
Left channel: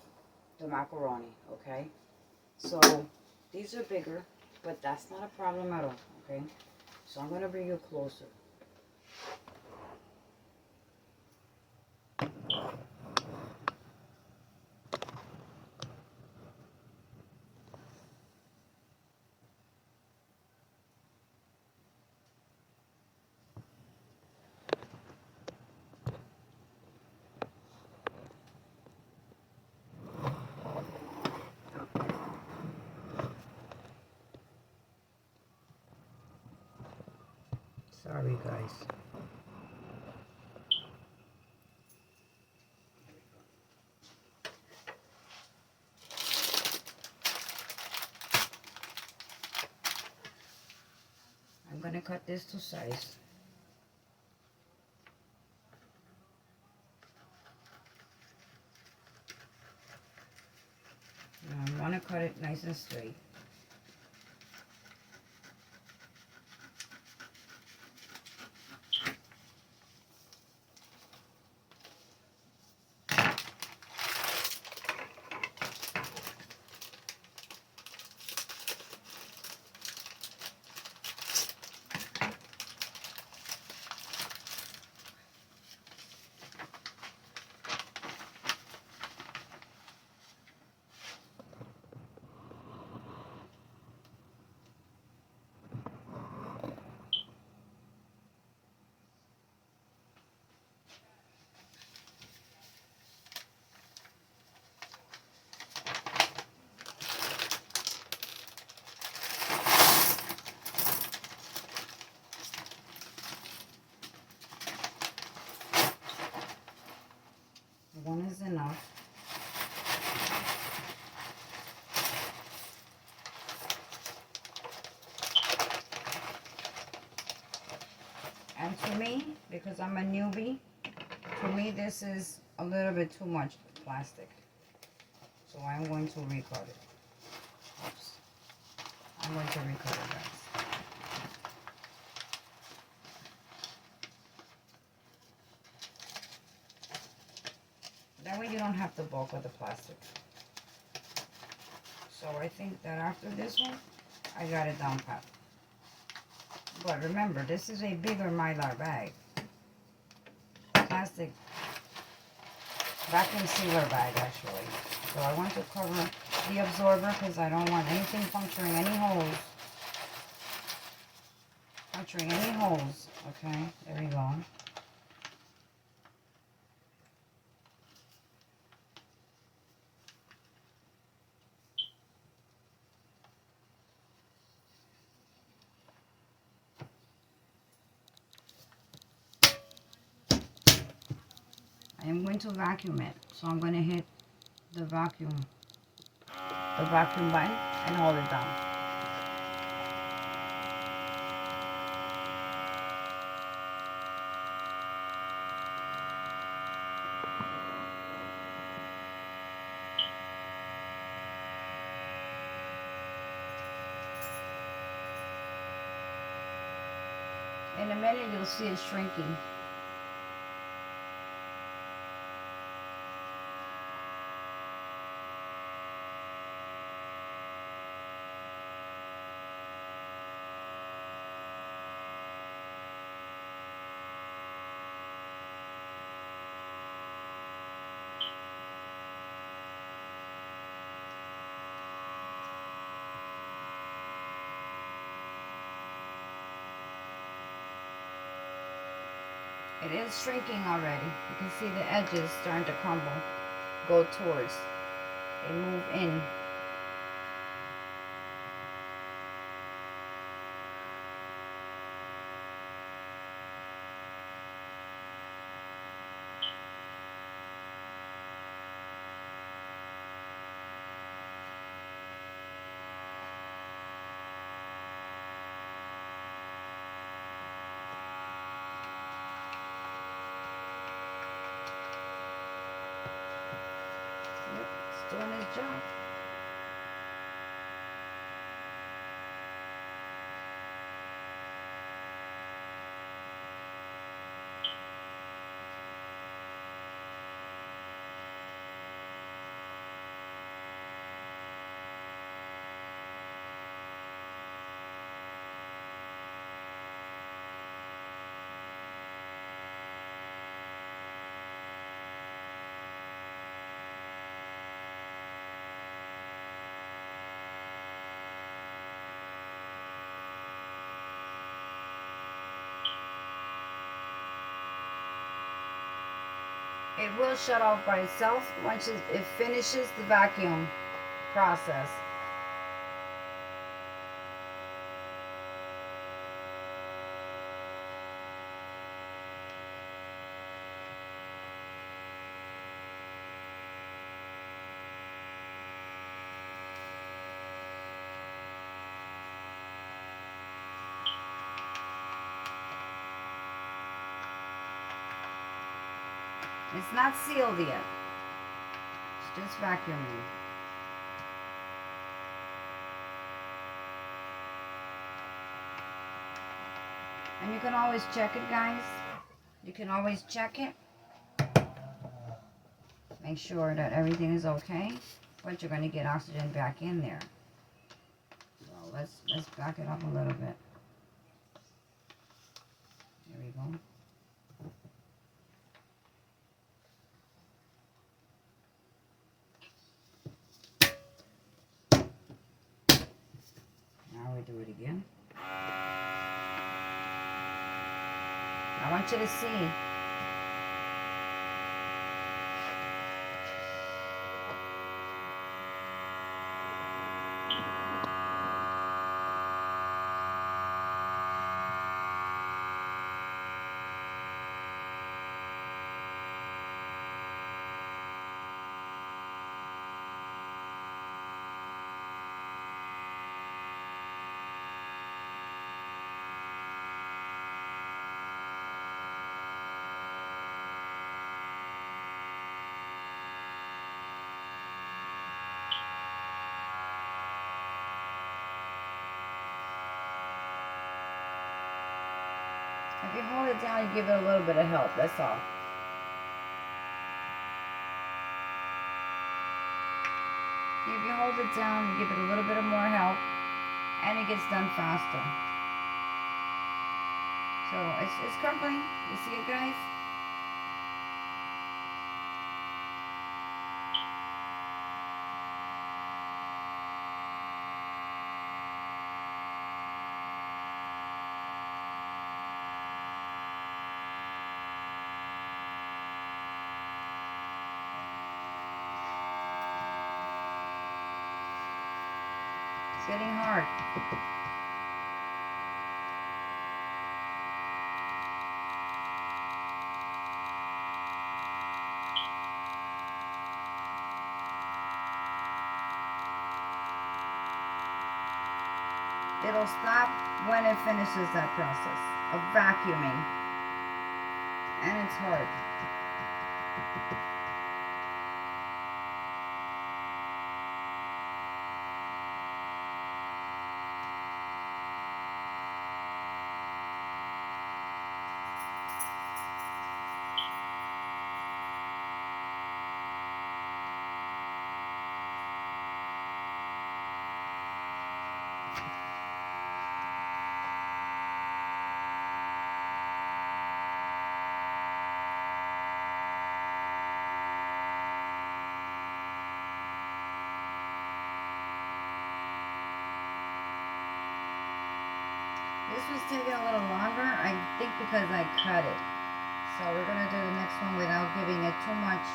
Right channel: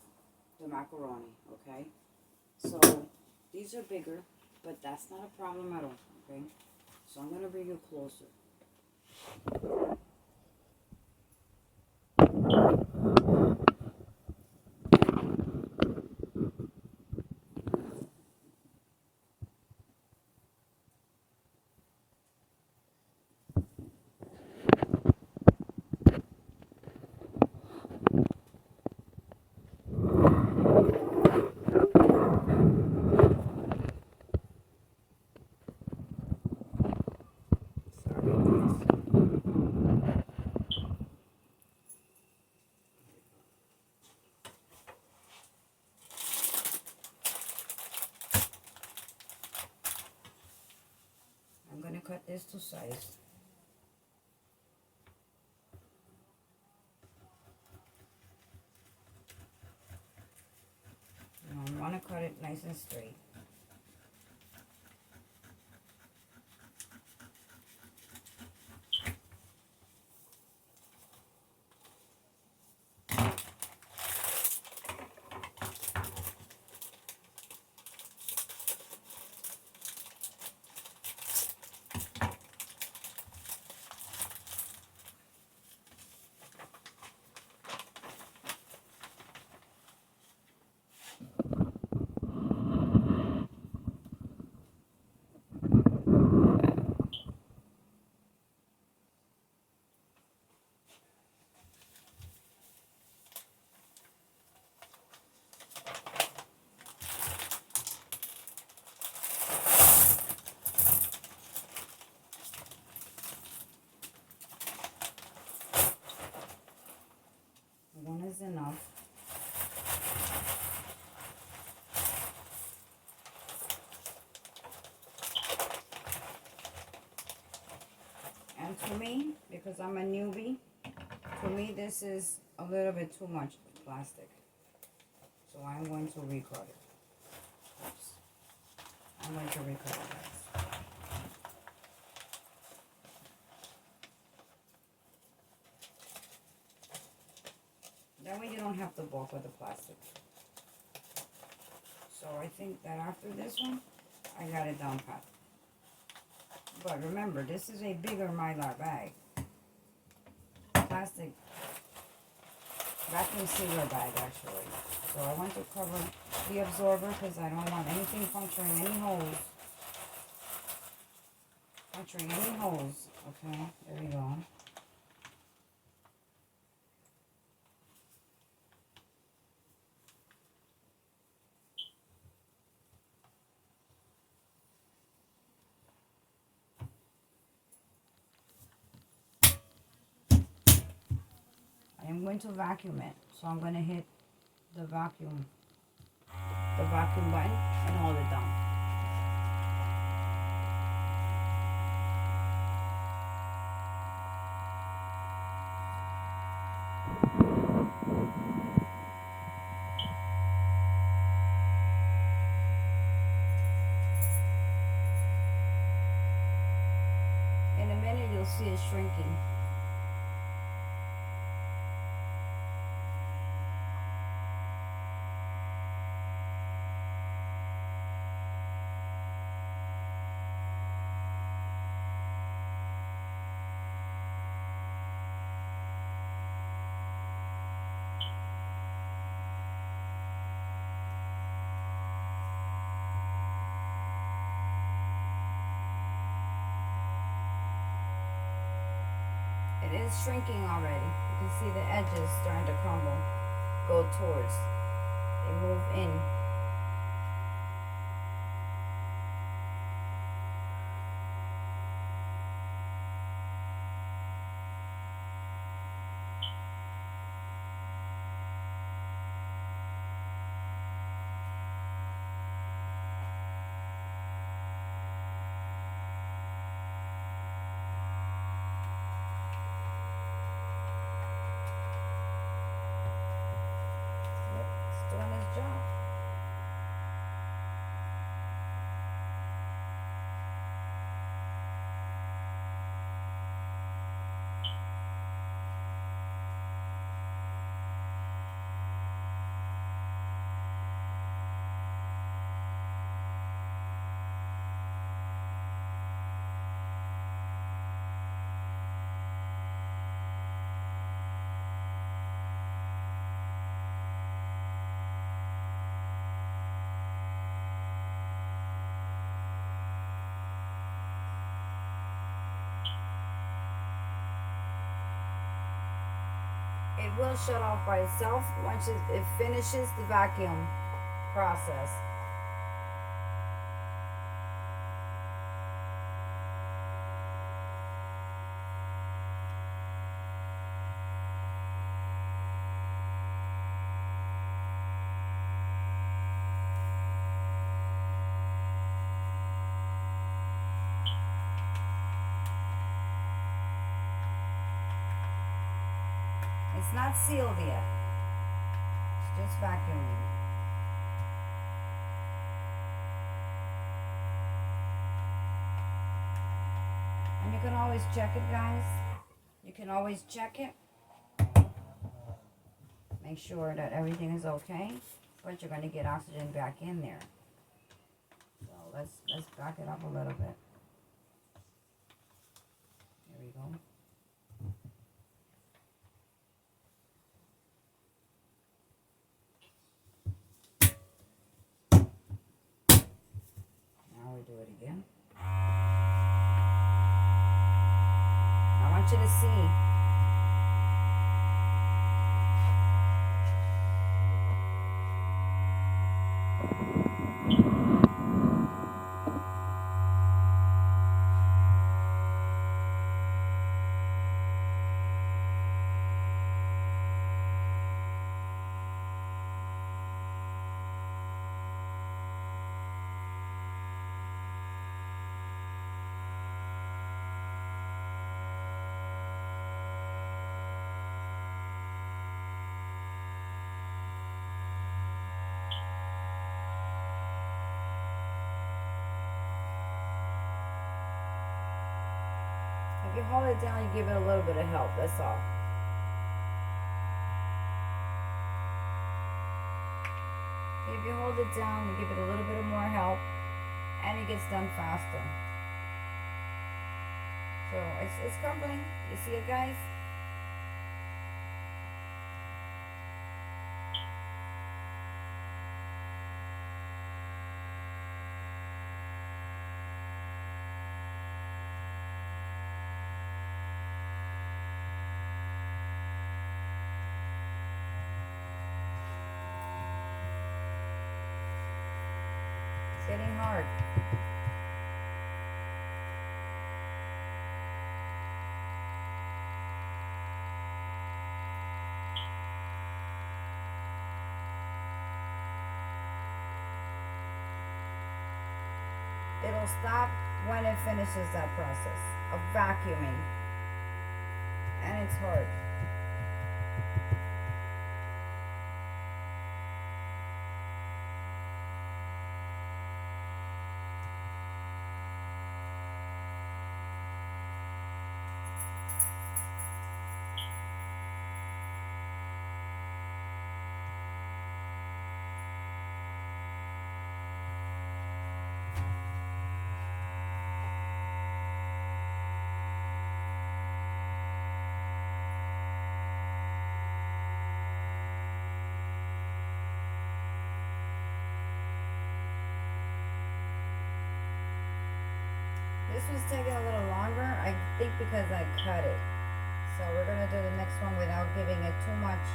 the macaroni, okay? So these are bigger, but that's not a problem at all, okay? So I'm gonna bring you closer. Sorry, guys. I'm gonna cut this to size. I want to cut it nice and straight. One is enough. And to me, because I'm a newbie, to me this is a little bit too much plastic. So I'm going to recut it. Oops. I'm going to recut it, guys. That way you don't have to bulk with the plastic. So I think that after this one, I got it down pat. But remember, this is a bigger Mylar bag. Plastic vacuum sealer bag, actually. So I want to cover the absorber because I don't want anything puncturing any holes. Puncturing any holes. Okay, there we go. I am going to vacuum it. So I'm going to hit the vacuum button and hold it down. In inside it, you'll see it shrinking. It is shrinking already. You can see the edges starting to crumble, go towards, they move in. Doing his job. It will shut off by itself once it finishes the vacuum process. It's not sealed yet. It's just vacuuming. And you can always check it, guys. You can always check it. Make sure that everything is okay. But you're going to get oxygen back in there. So let's back it up a little bit. There we go. Now we do it again. I want you to see. If you hold it down, you give it a little bit of help, that's all. If you hold it down, you give it a little bit of more help, and it gets done faster. So it's crumbling. You see it, guys? It's getting hard. It'll stop when it finishes that process of vacuuming. And it's hard. is taking a little longer, I think because I cut it. So we're gonna do the next one without giving it too much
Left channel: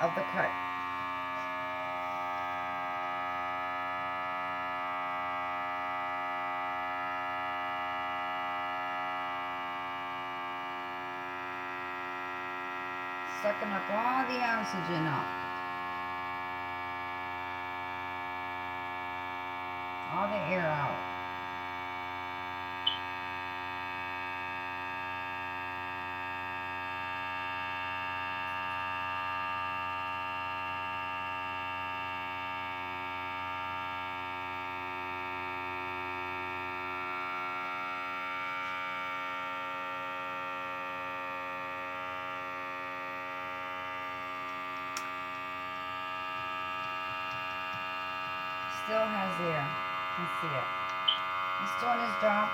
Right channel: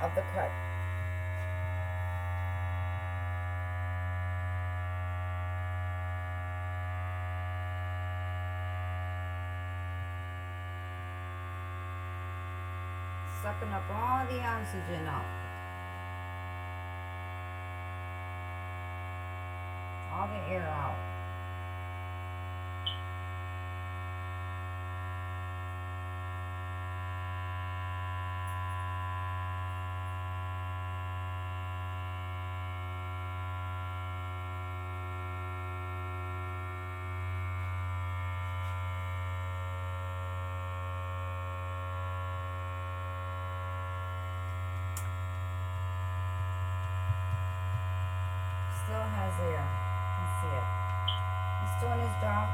of the cut. Sucking up all the oxygen up. All the air out. Still has air. You can see it. He's doing his job.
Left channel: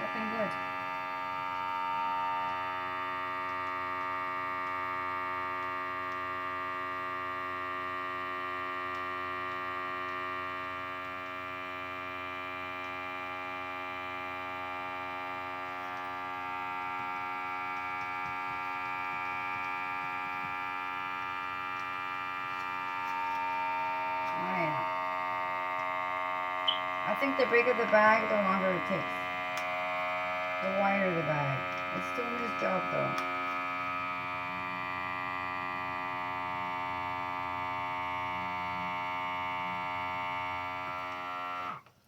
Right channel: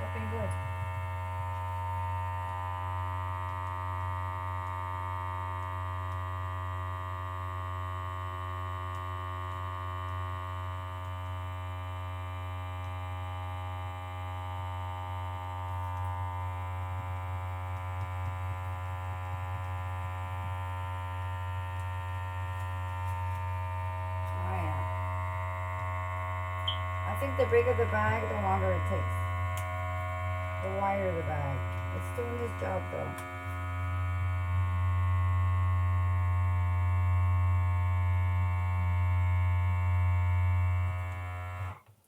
Looking good. I think the bigger the bag, the longer it takes. The wider the bag. It's doing its job though.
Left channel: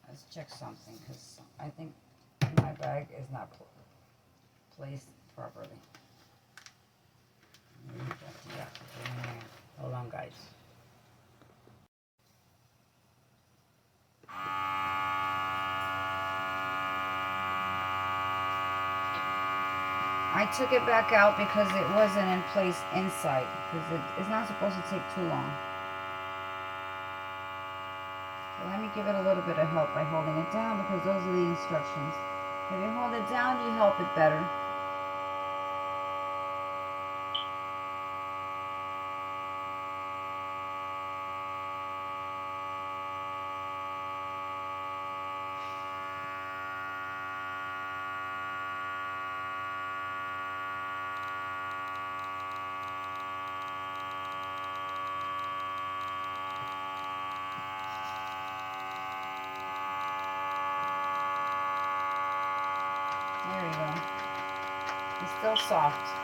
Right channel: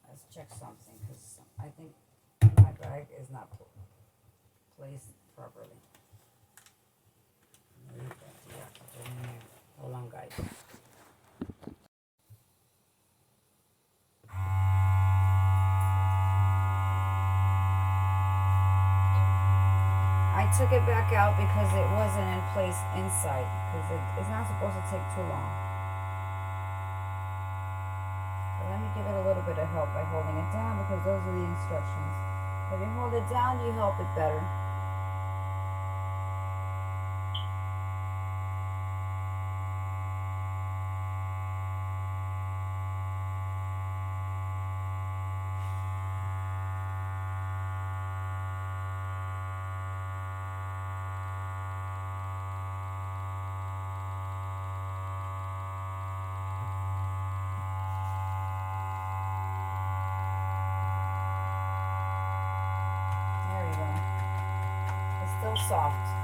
Let's check something because I think my bag is not placed properly. Hold on, guys. I took it back out because it wasn't in place inside, because it's not supposed to take too long. So let me give it a little bit of help by holding it down, because those are the instructions. If you hold it down, you help it better. It's still soft.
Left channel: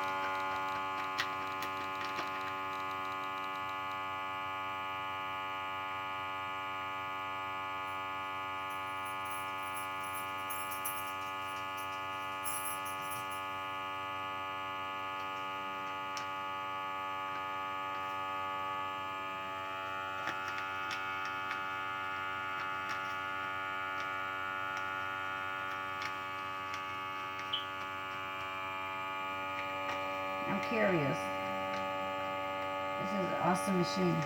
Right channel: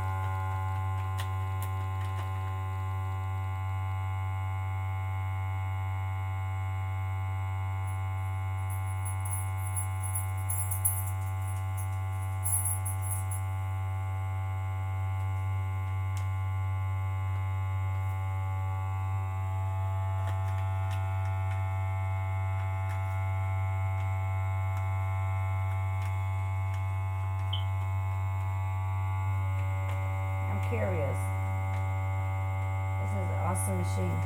Curious. This is an awesome machine.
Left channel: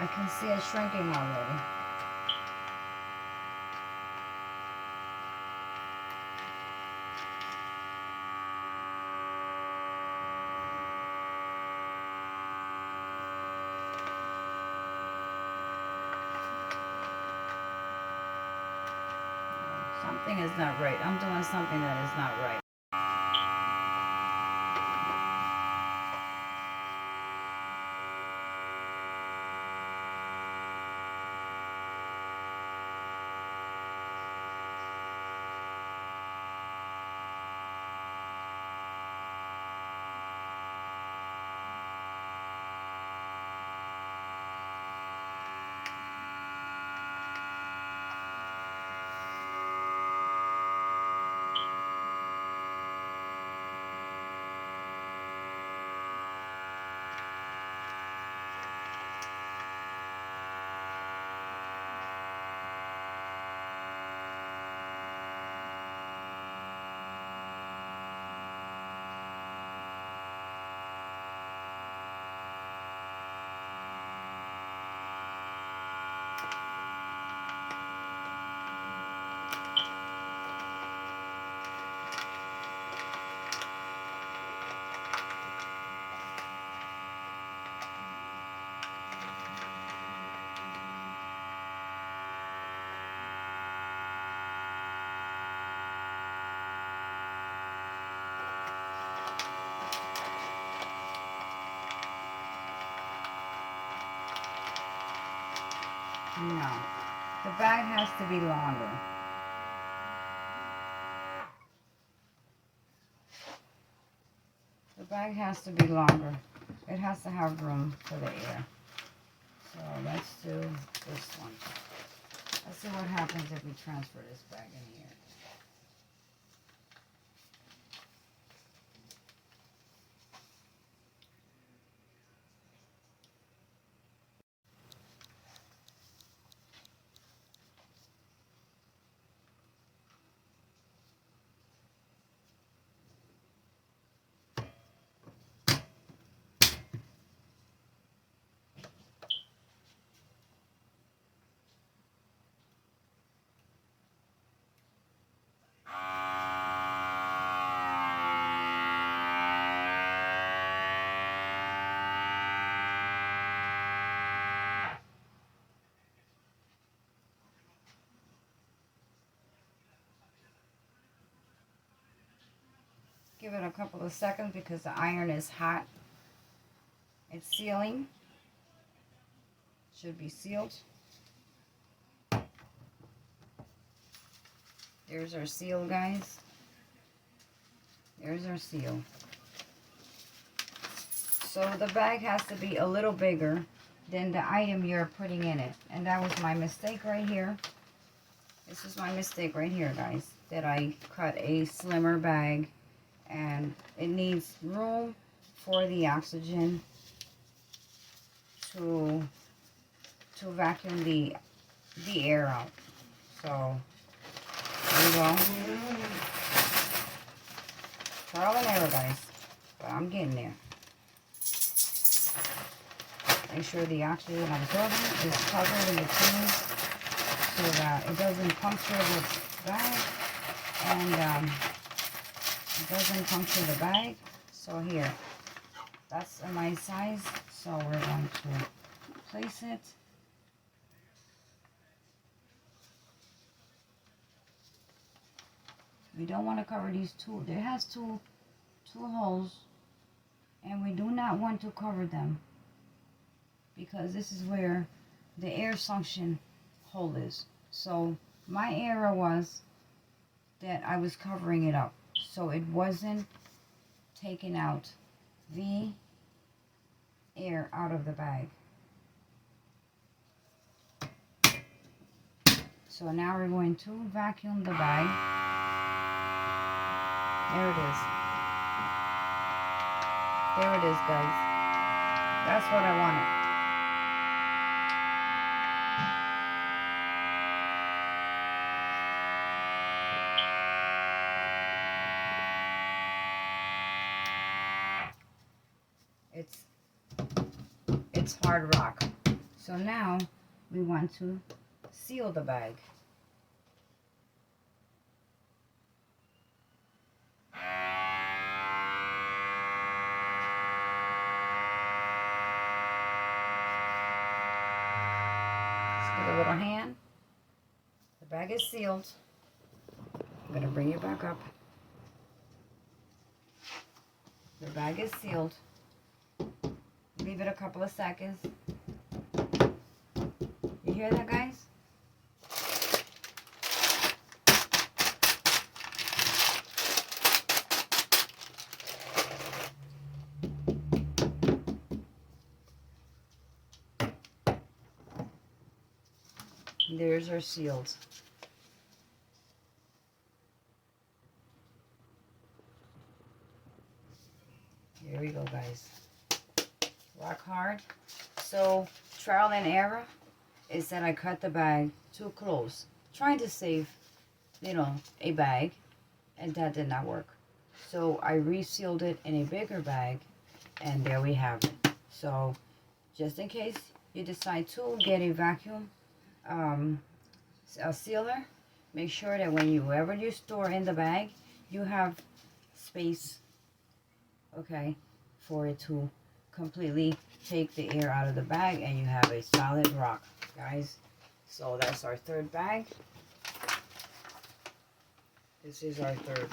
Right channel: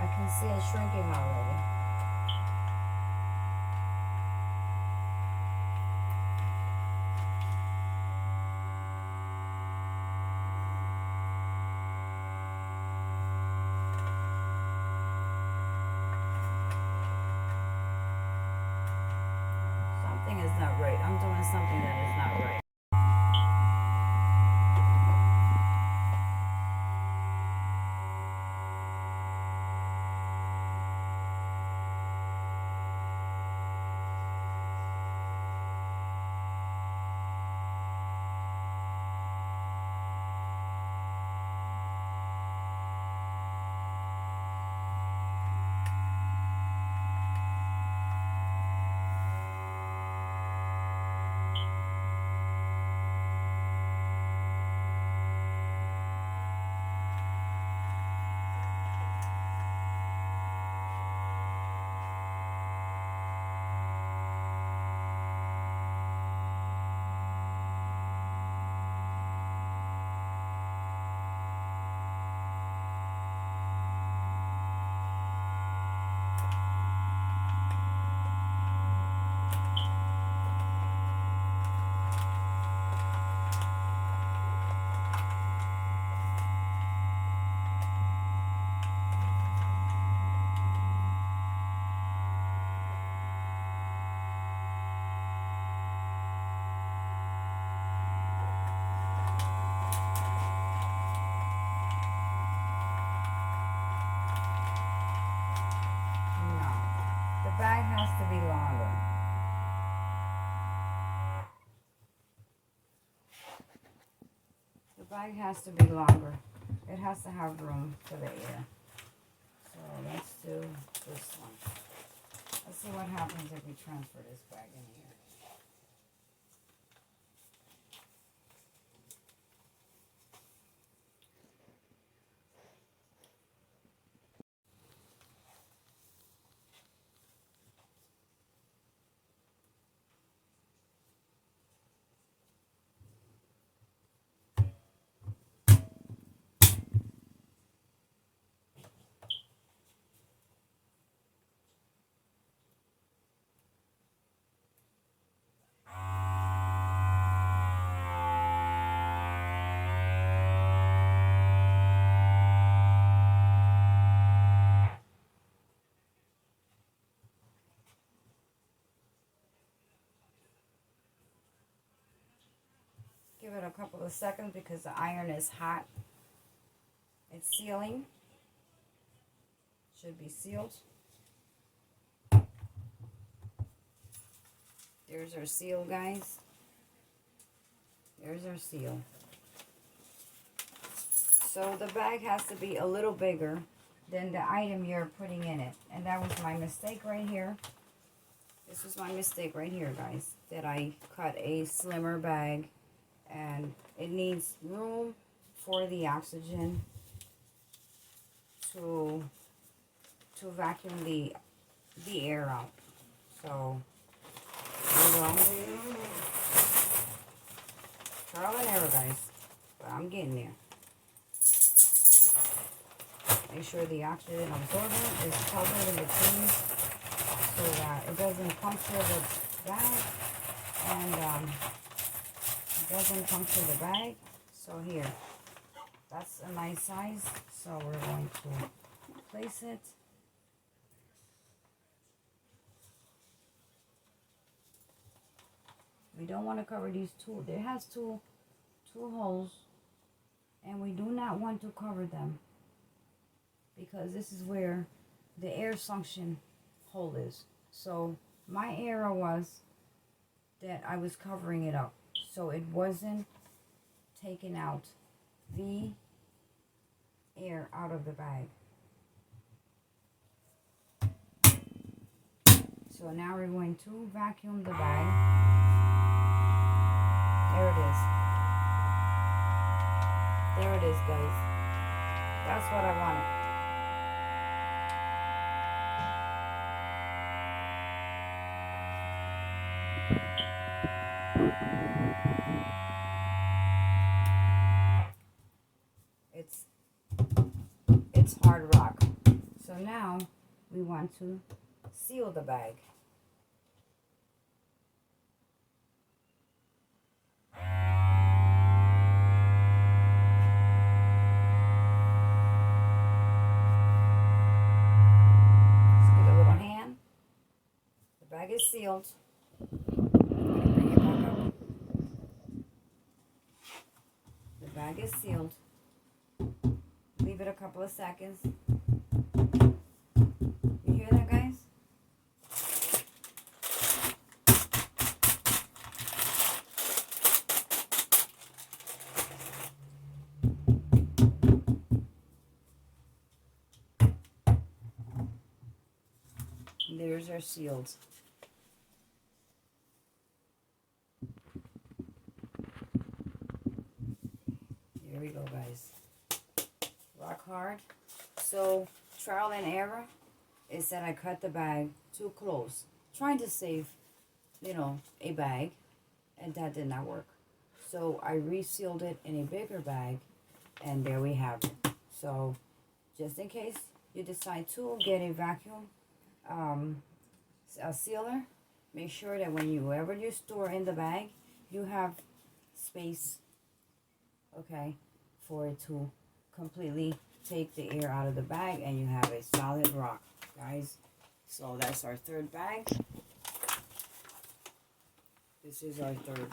I can see it shrinking already. Something is not right. I'm doing something that is not right. No, the bag has to be longer. The bag has to be longer. It has to have room for the air. So let's do this one. Let's see what happens if we transfer this bag in here. Give it a couple of seconds because the iron is hot. It's sealing. Should be sealed. There's our seal, guys. There's our seal. So the bag has to be a little bigger than the item you're putting in it. And that was my mistake right here. This is my mistake right here, guys. That I cut a slimmer bag. And it needs room for the oxygen to vacuum the air out. So there we go. Trial and error, guys. But I'm getting there. Make sure the oxygen absorbent is covered in between so that it doesn't puncture this bag and it doesn't puncture the bag. So here, that's a nice size. So we're going to place it. We don't want to cover these two. It has two holes, and we do not want to cover them because this is where the air suction hole is. So my error was that I was covering it up, so it wasn't taking out the air out of the bag. So now we're going to vacuum the bag. There it is. There it is, guys. That's what I wanted. It's hard rock. So now we want to seal the bag. Just give it a little hand. The bag is sealed. I'm going to The bag is sealed. Leave it a couple of seconds. You hear that, guys? There's our sealed. Here we go, guys. Rock hard. So trial and error is that I cut the bag too close, trying to save, you know, a bag, and that did not work. So I resealed it in a bigger bag, and there we have it. So just in case you decide to get a vacuum a sealer, make sure that whenever you store in the bag, you have space, okay, for it to completely take the air out of the bag, and you have a solid rock, guys. So that's our third bag. This is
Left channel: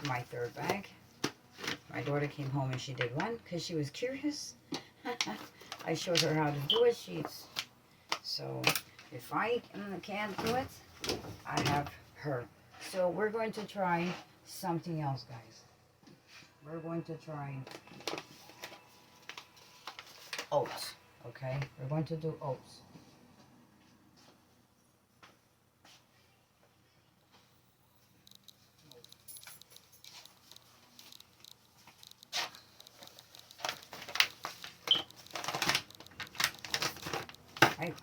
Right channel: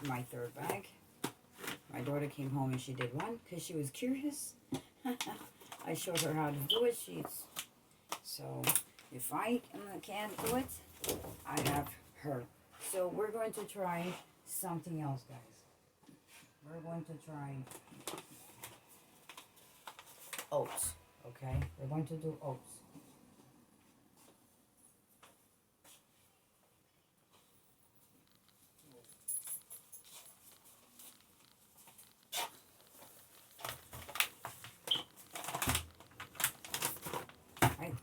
my third bag. My daughter came home and she did one because she was curious. I showed her how to do it. So if I can't do it, I have her. So we're going to try something else, guys. We're going to try oats, okay? We're going to do oats.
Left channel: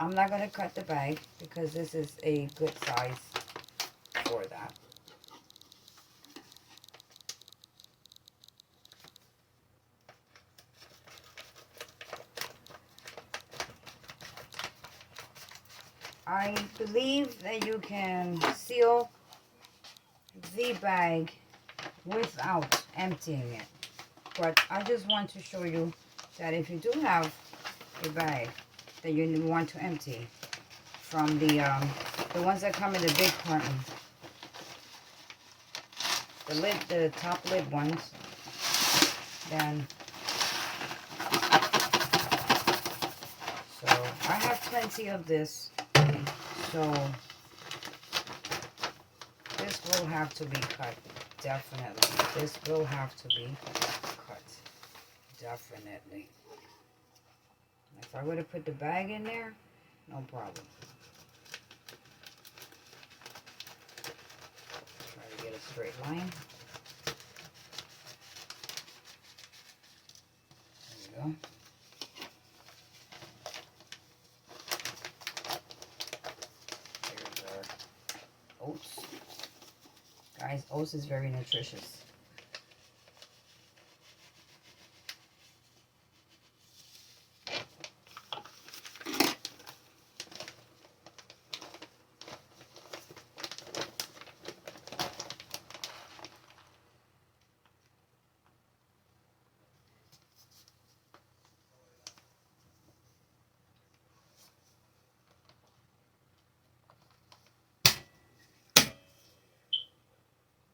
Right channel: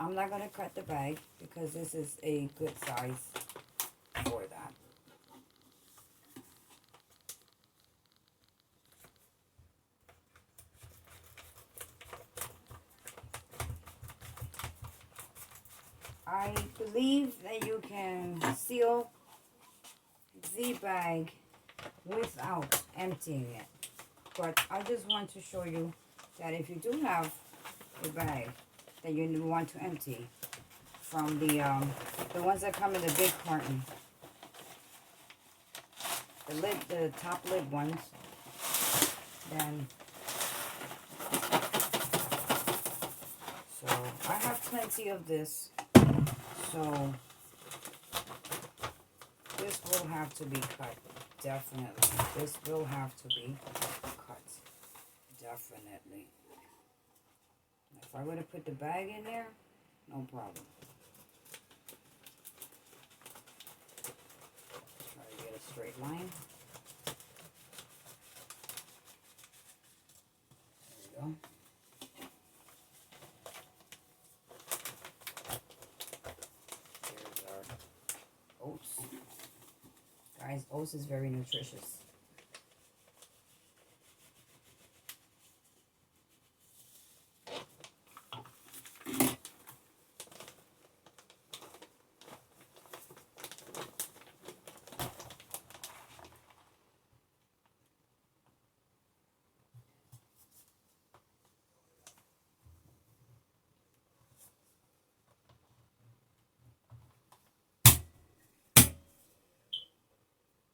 I'm not going to cut the bag because this is a good size for that. I believe that you can seal the bag without emptying it. But I just want to show you that if you do have a bag that you want to empty from the ones that come in the big carton, the top lid ones, then so I have plenty of this. So this will have to be cut, definitely. This will have to be cut, definitely. If I would have put the bag in there, no problem. Try to get a straight line. There we go. There's our oats. Guys, oats is very nutritious.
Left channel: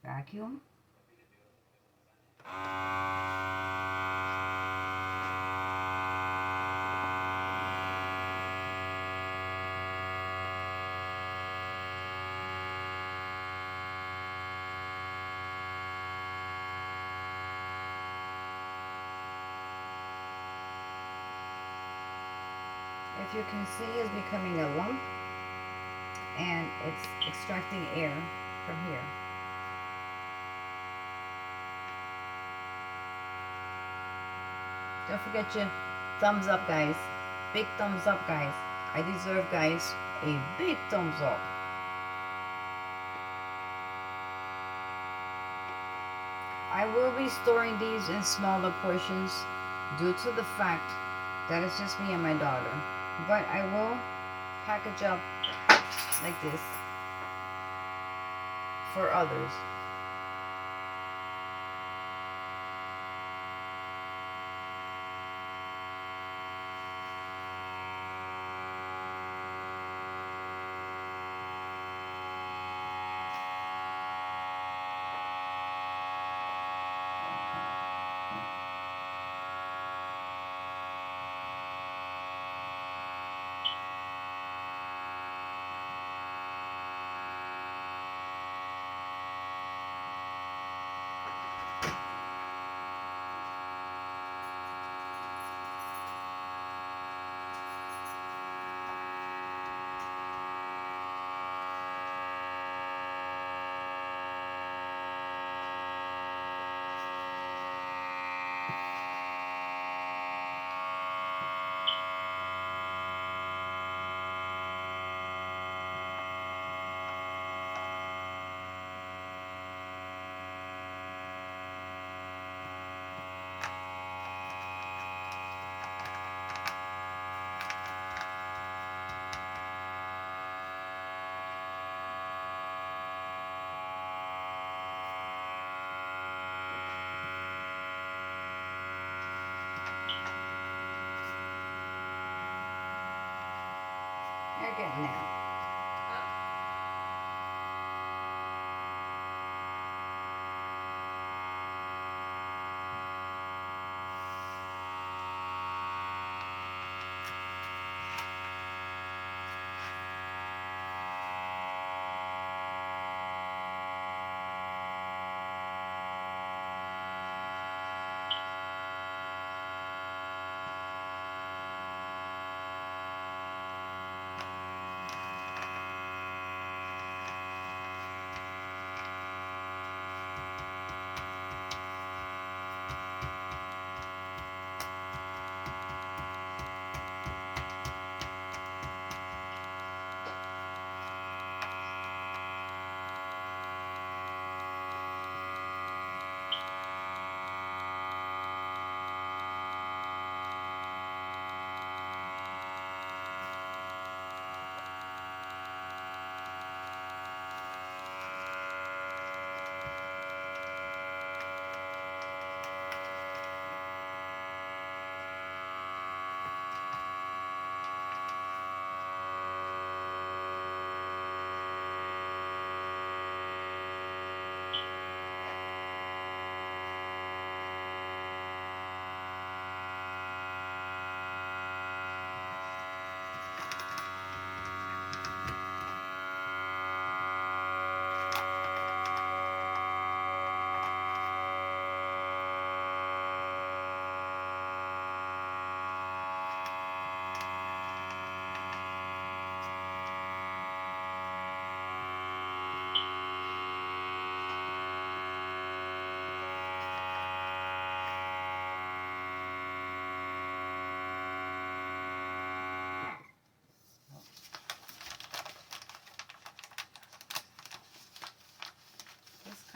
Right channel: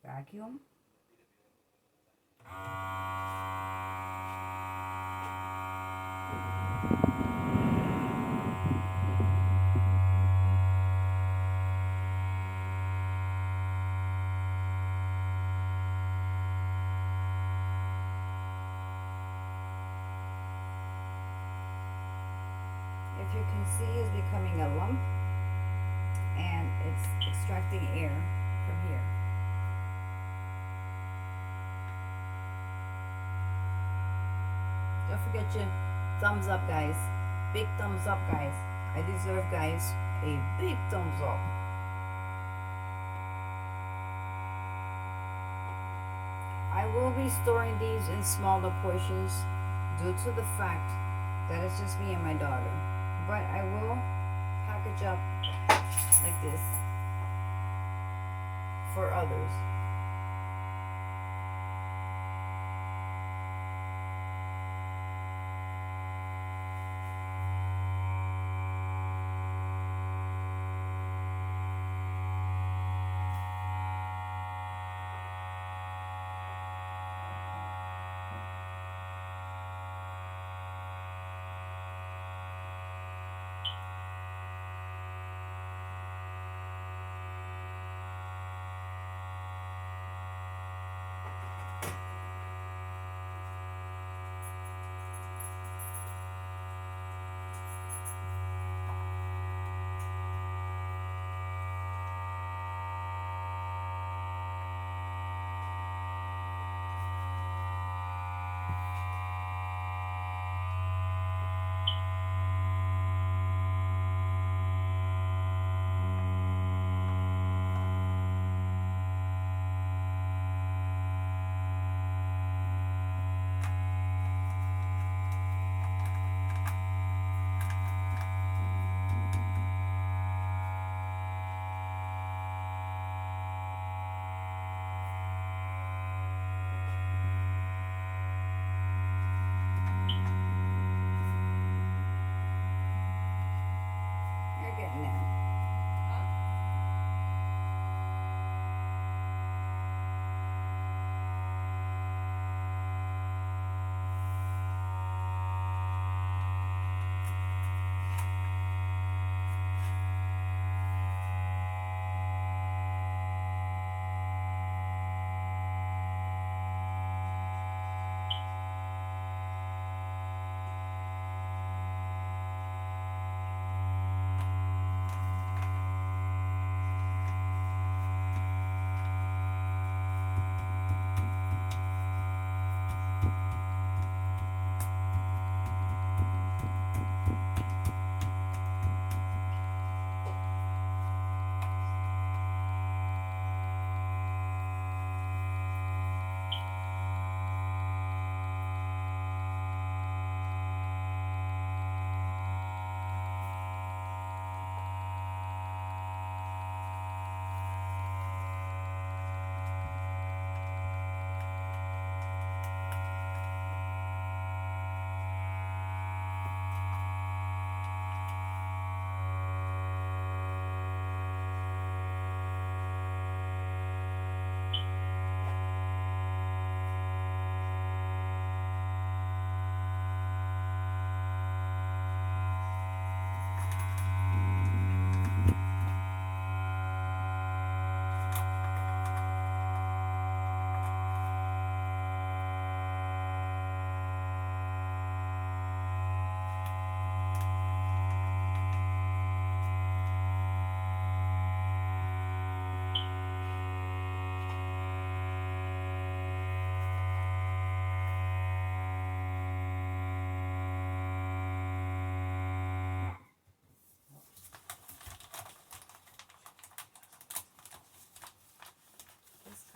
Vacuum. If you can see, it's becoming a lump, and it's extracting air from here. Don't forget your thumbs up, guys. Big thumbs up, guys. I deserve, guys, a big thumbs up. I will be storing these in smaller portions due to the fact that it's just me and my daughter. But I will package up like this for others.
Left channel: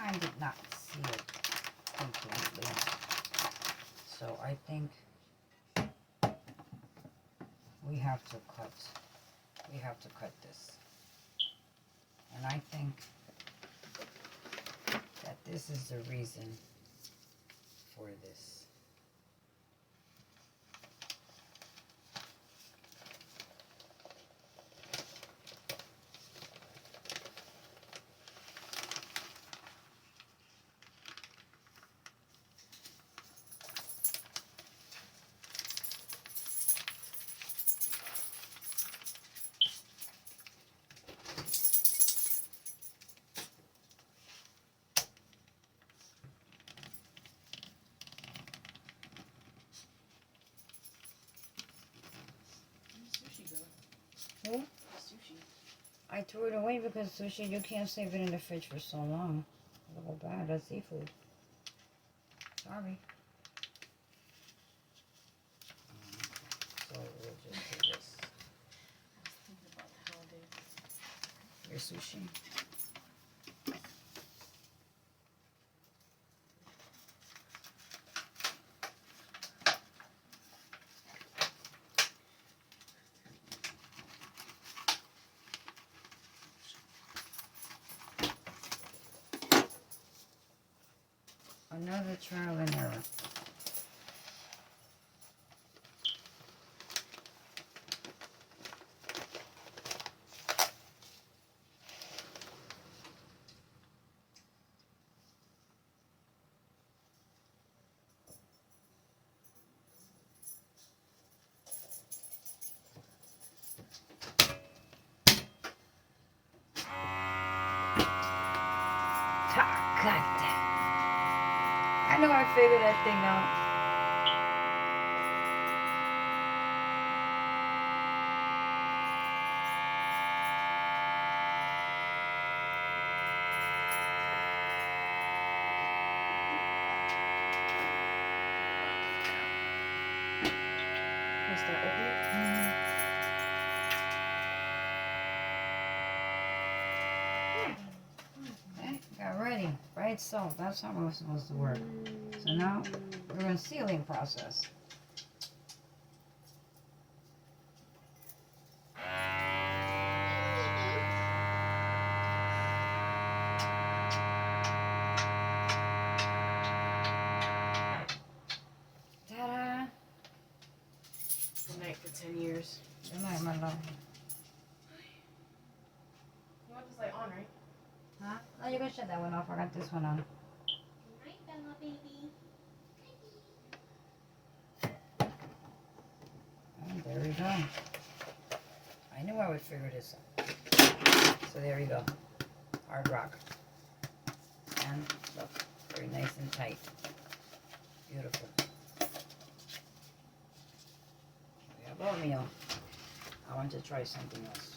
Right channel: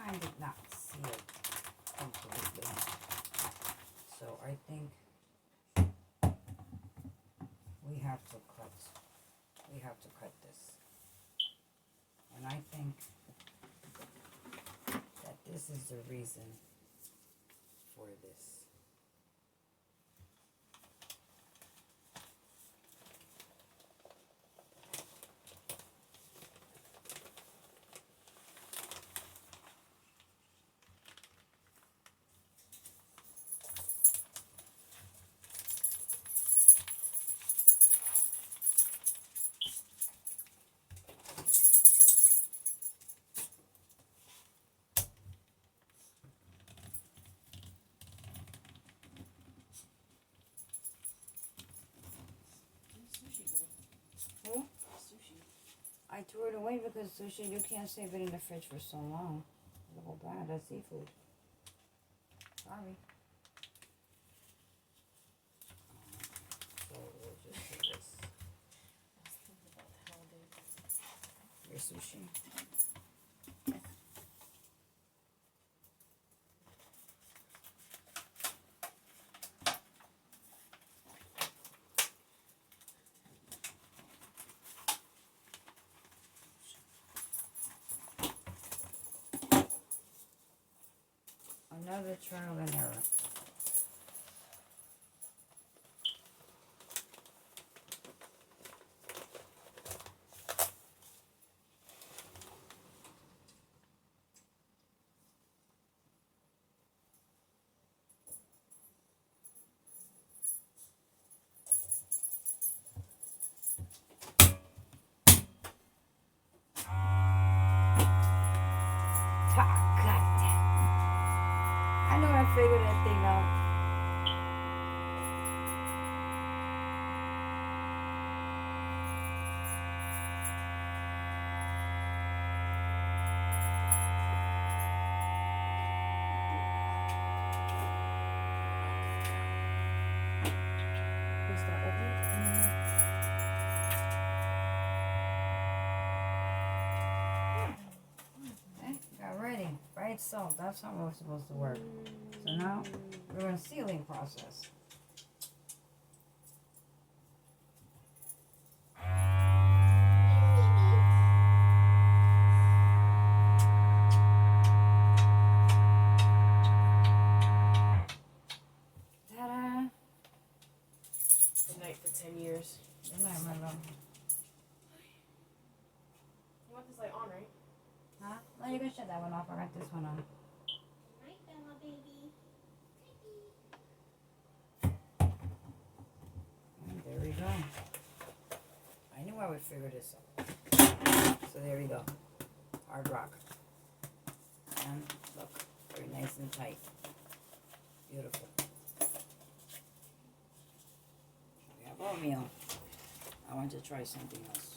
time did not seal completely. So I think we have to cut this. And I think that this is the reason for this. Who? Sushi. I threw it away because sushi, you can't save it in the fridge for so long. It'll go bad. That's seafood. Sorry. So we'll just do this. Your sushi. Another trial and error. I know I figured that thing out. Is that open? Okay, got ready. Right, so that's how it was supposed to work. So now we're in sealing process. Ta-da! Good night for 10 years. Good night, my love. You want this light on, right? Huh? Oh, you can shut that one off. I got this one on. Night, Bella, baby. And there we go. I knew I would figure this out. So there we go. Hard rock. And look, very nice and tight. Beautiful. We have oatmeal. I want to try something else.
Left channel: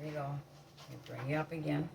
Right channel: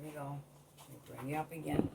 Here we go. We bring you up again.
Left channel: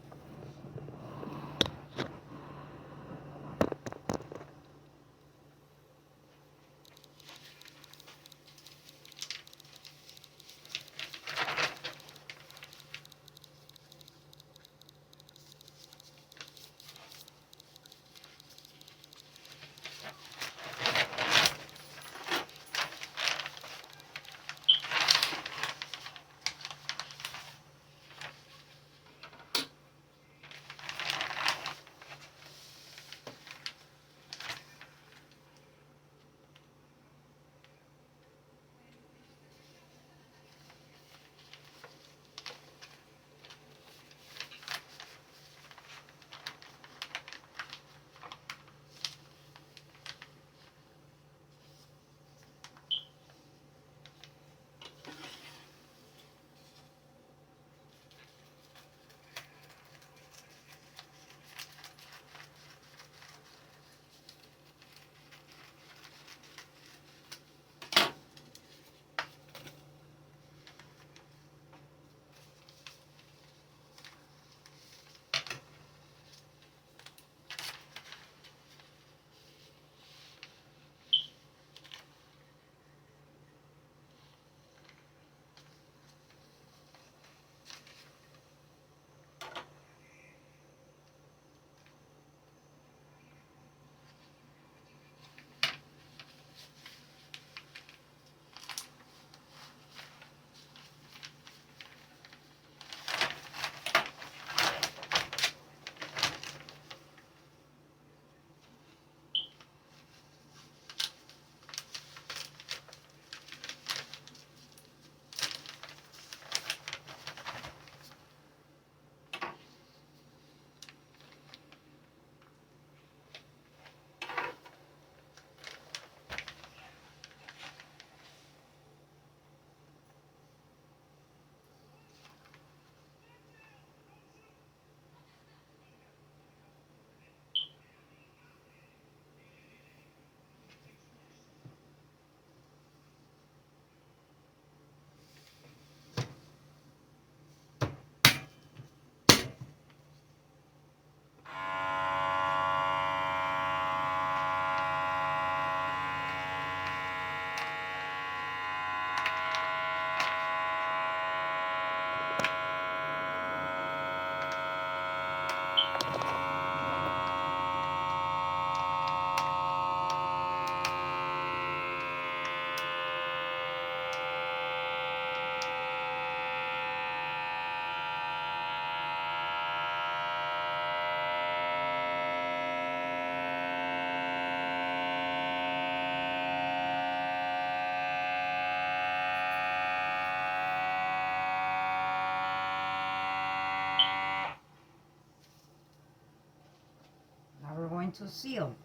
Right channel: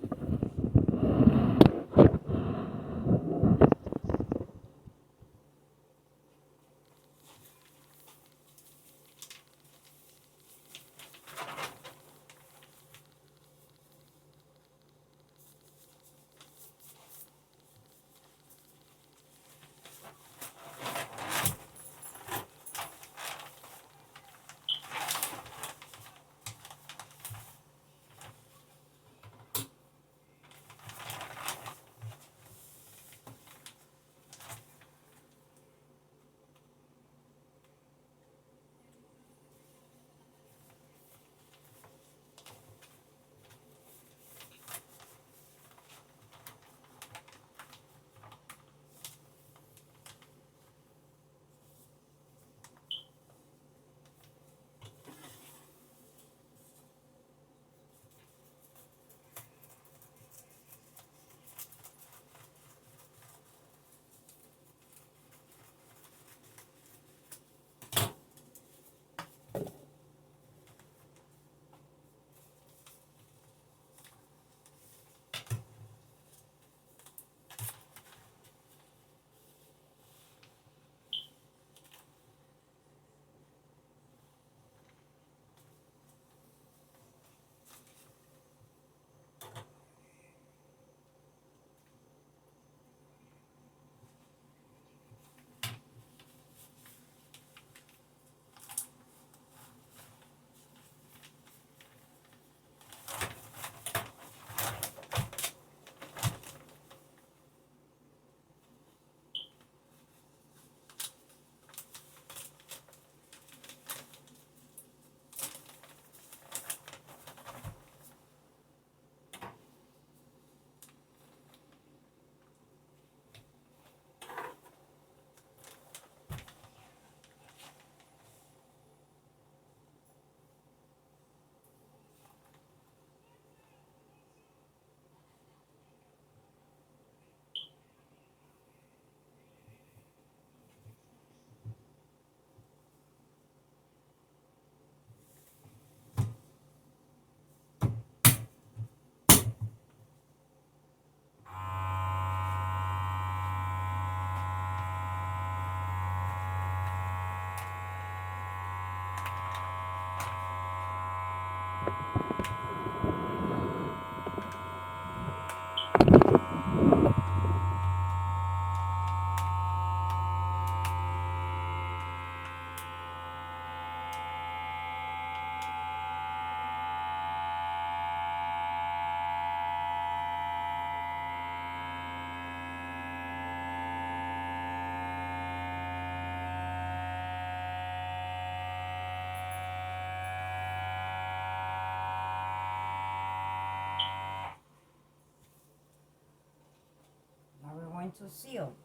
to seal.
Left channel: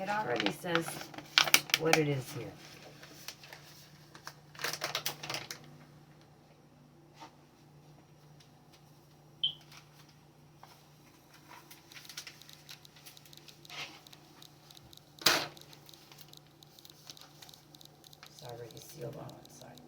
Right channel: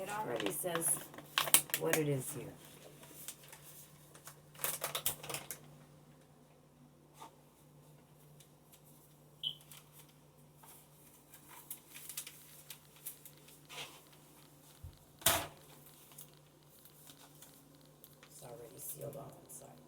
It already says what it is here. It's already sealed on one side.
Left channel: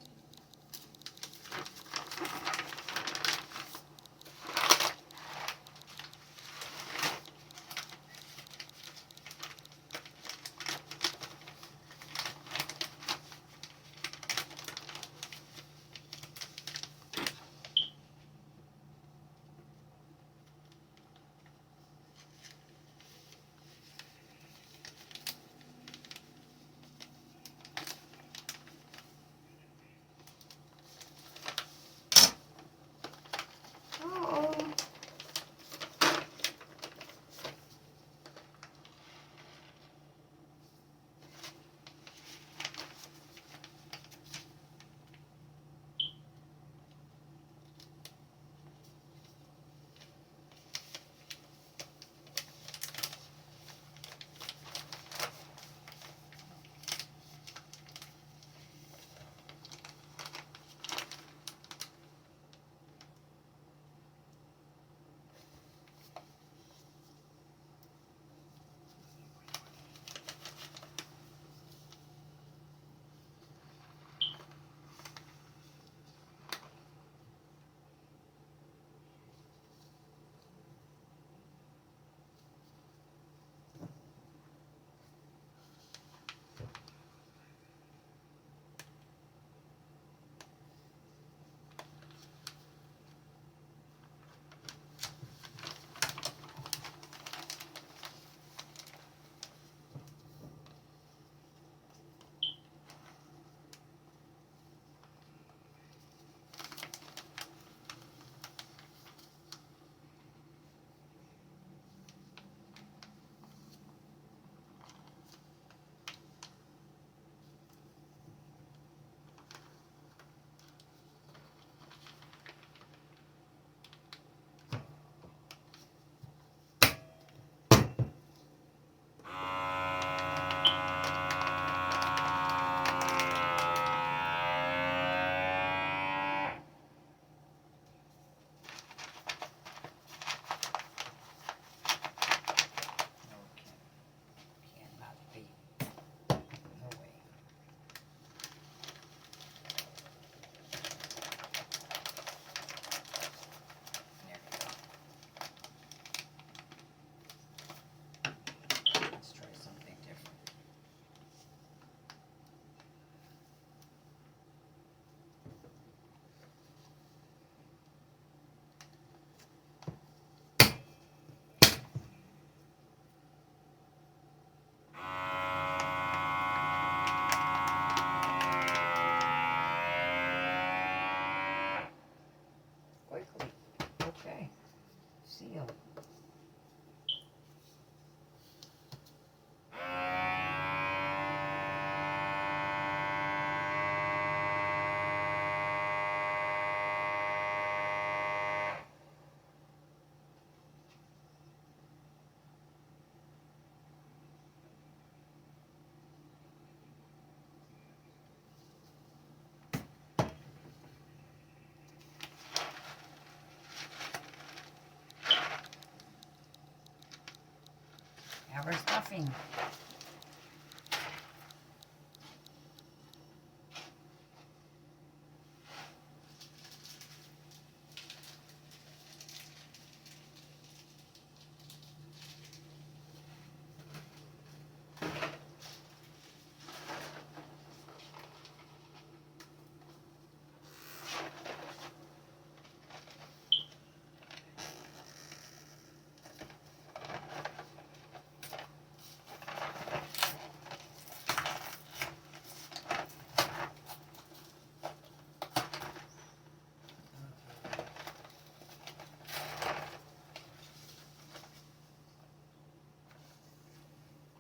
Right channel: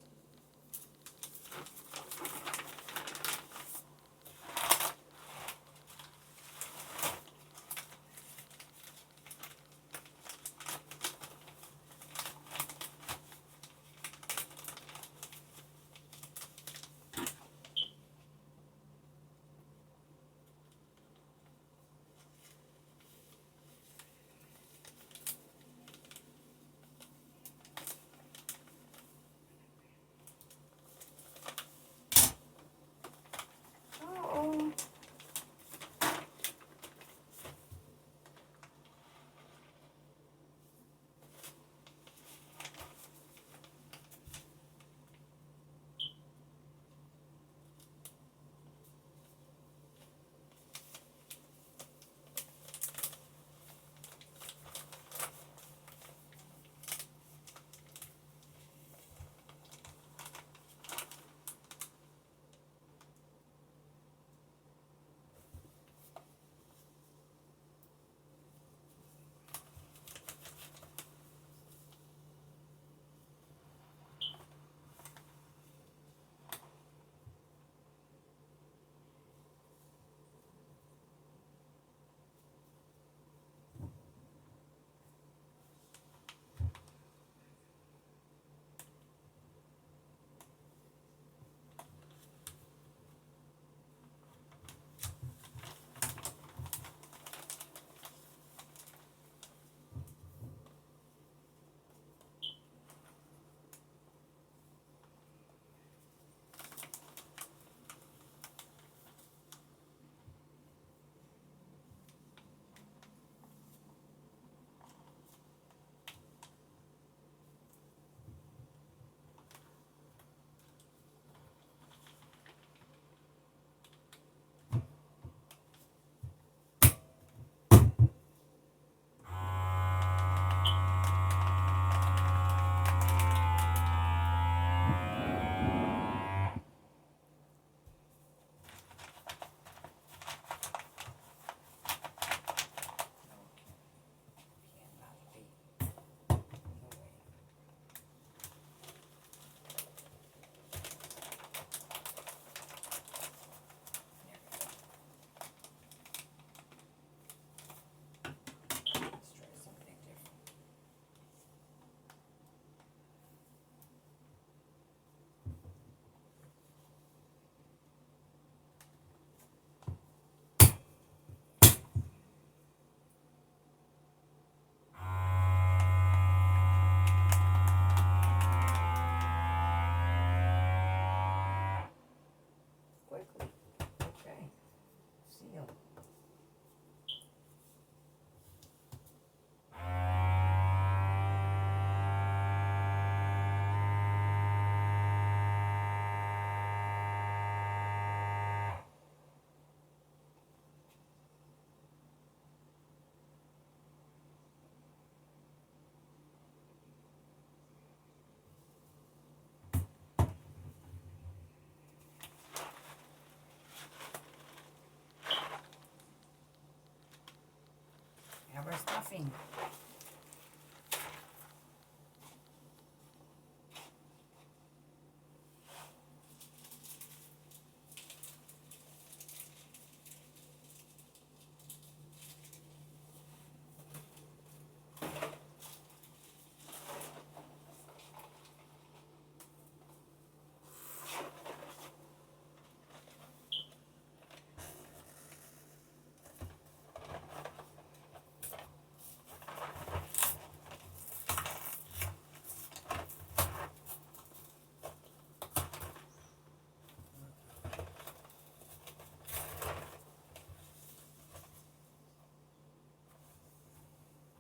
stuffing.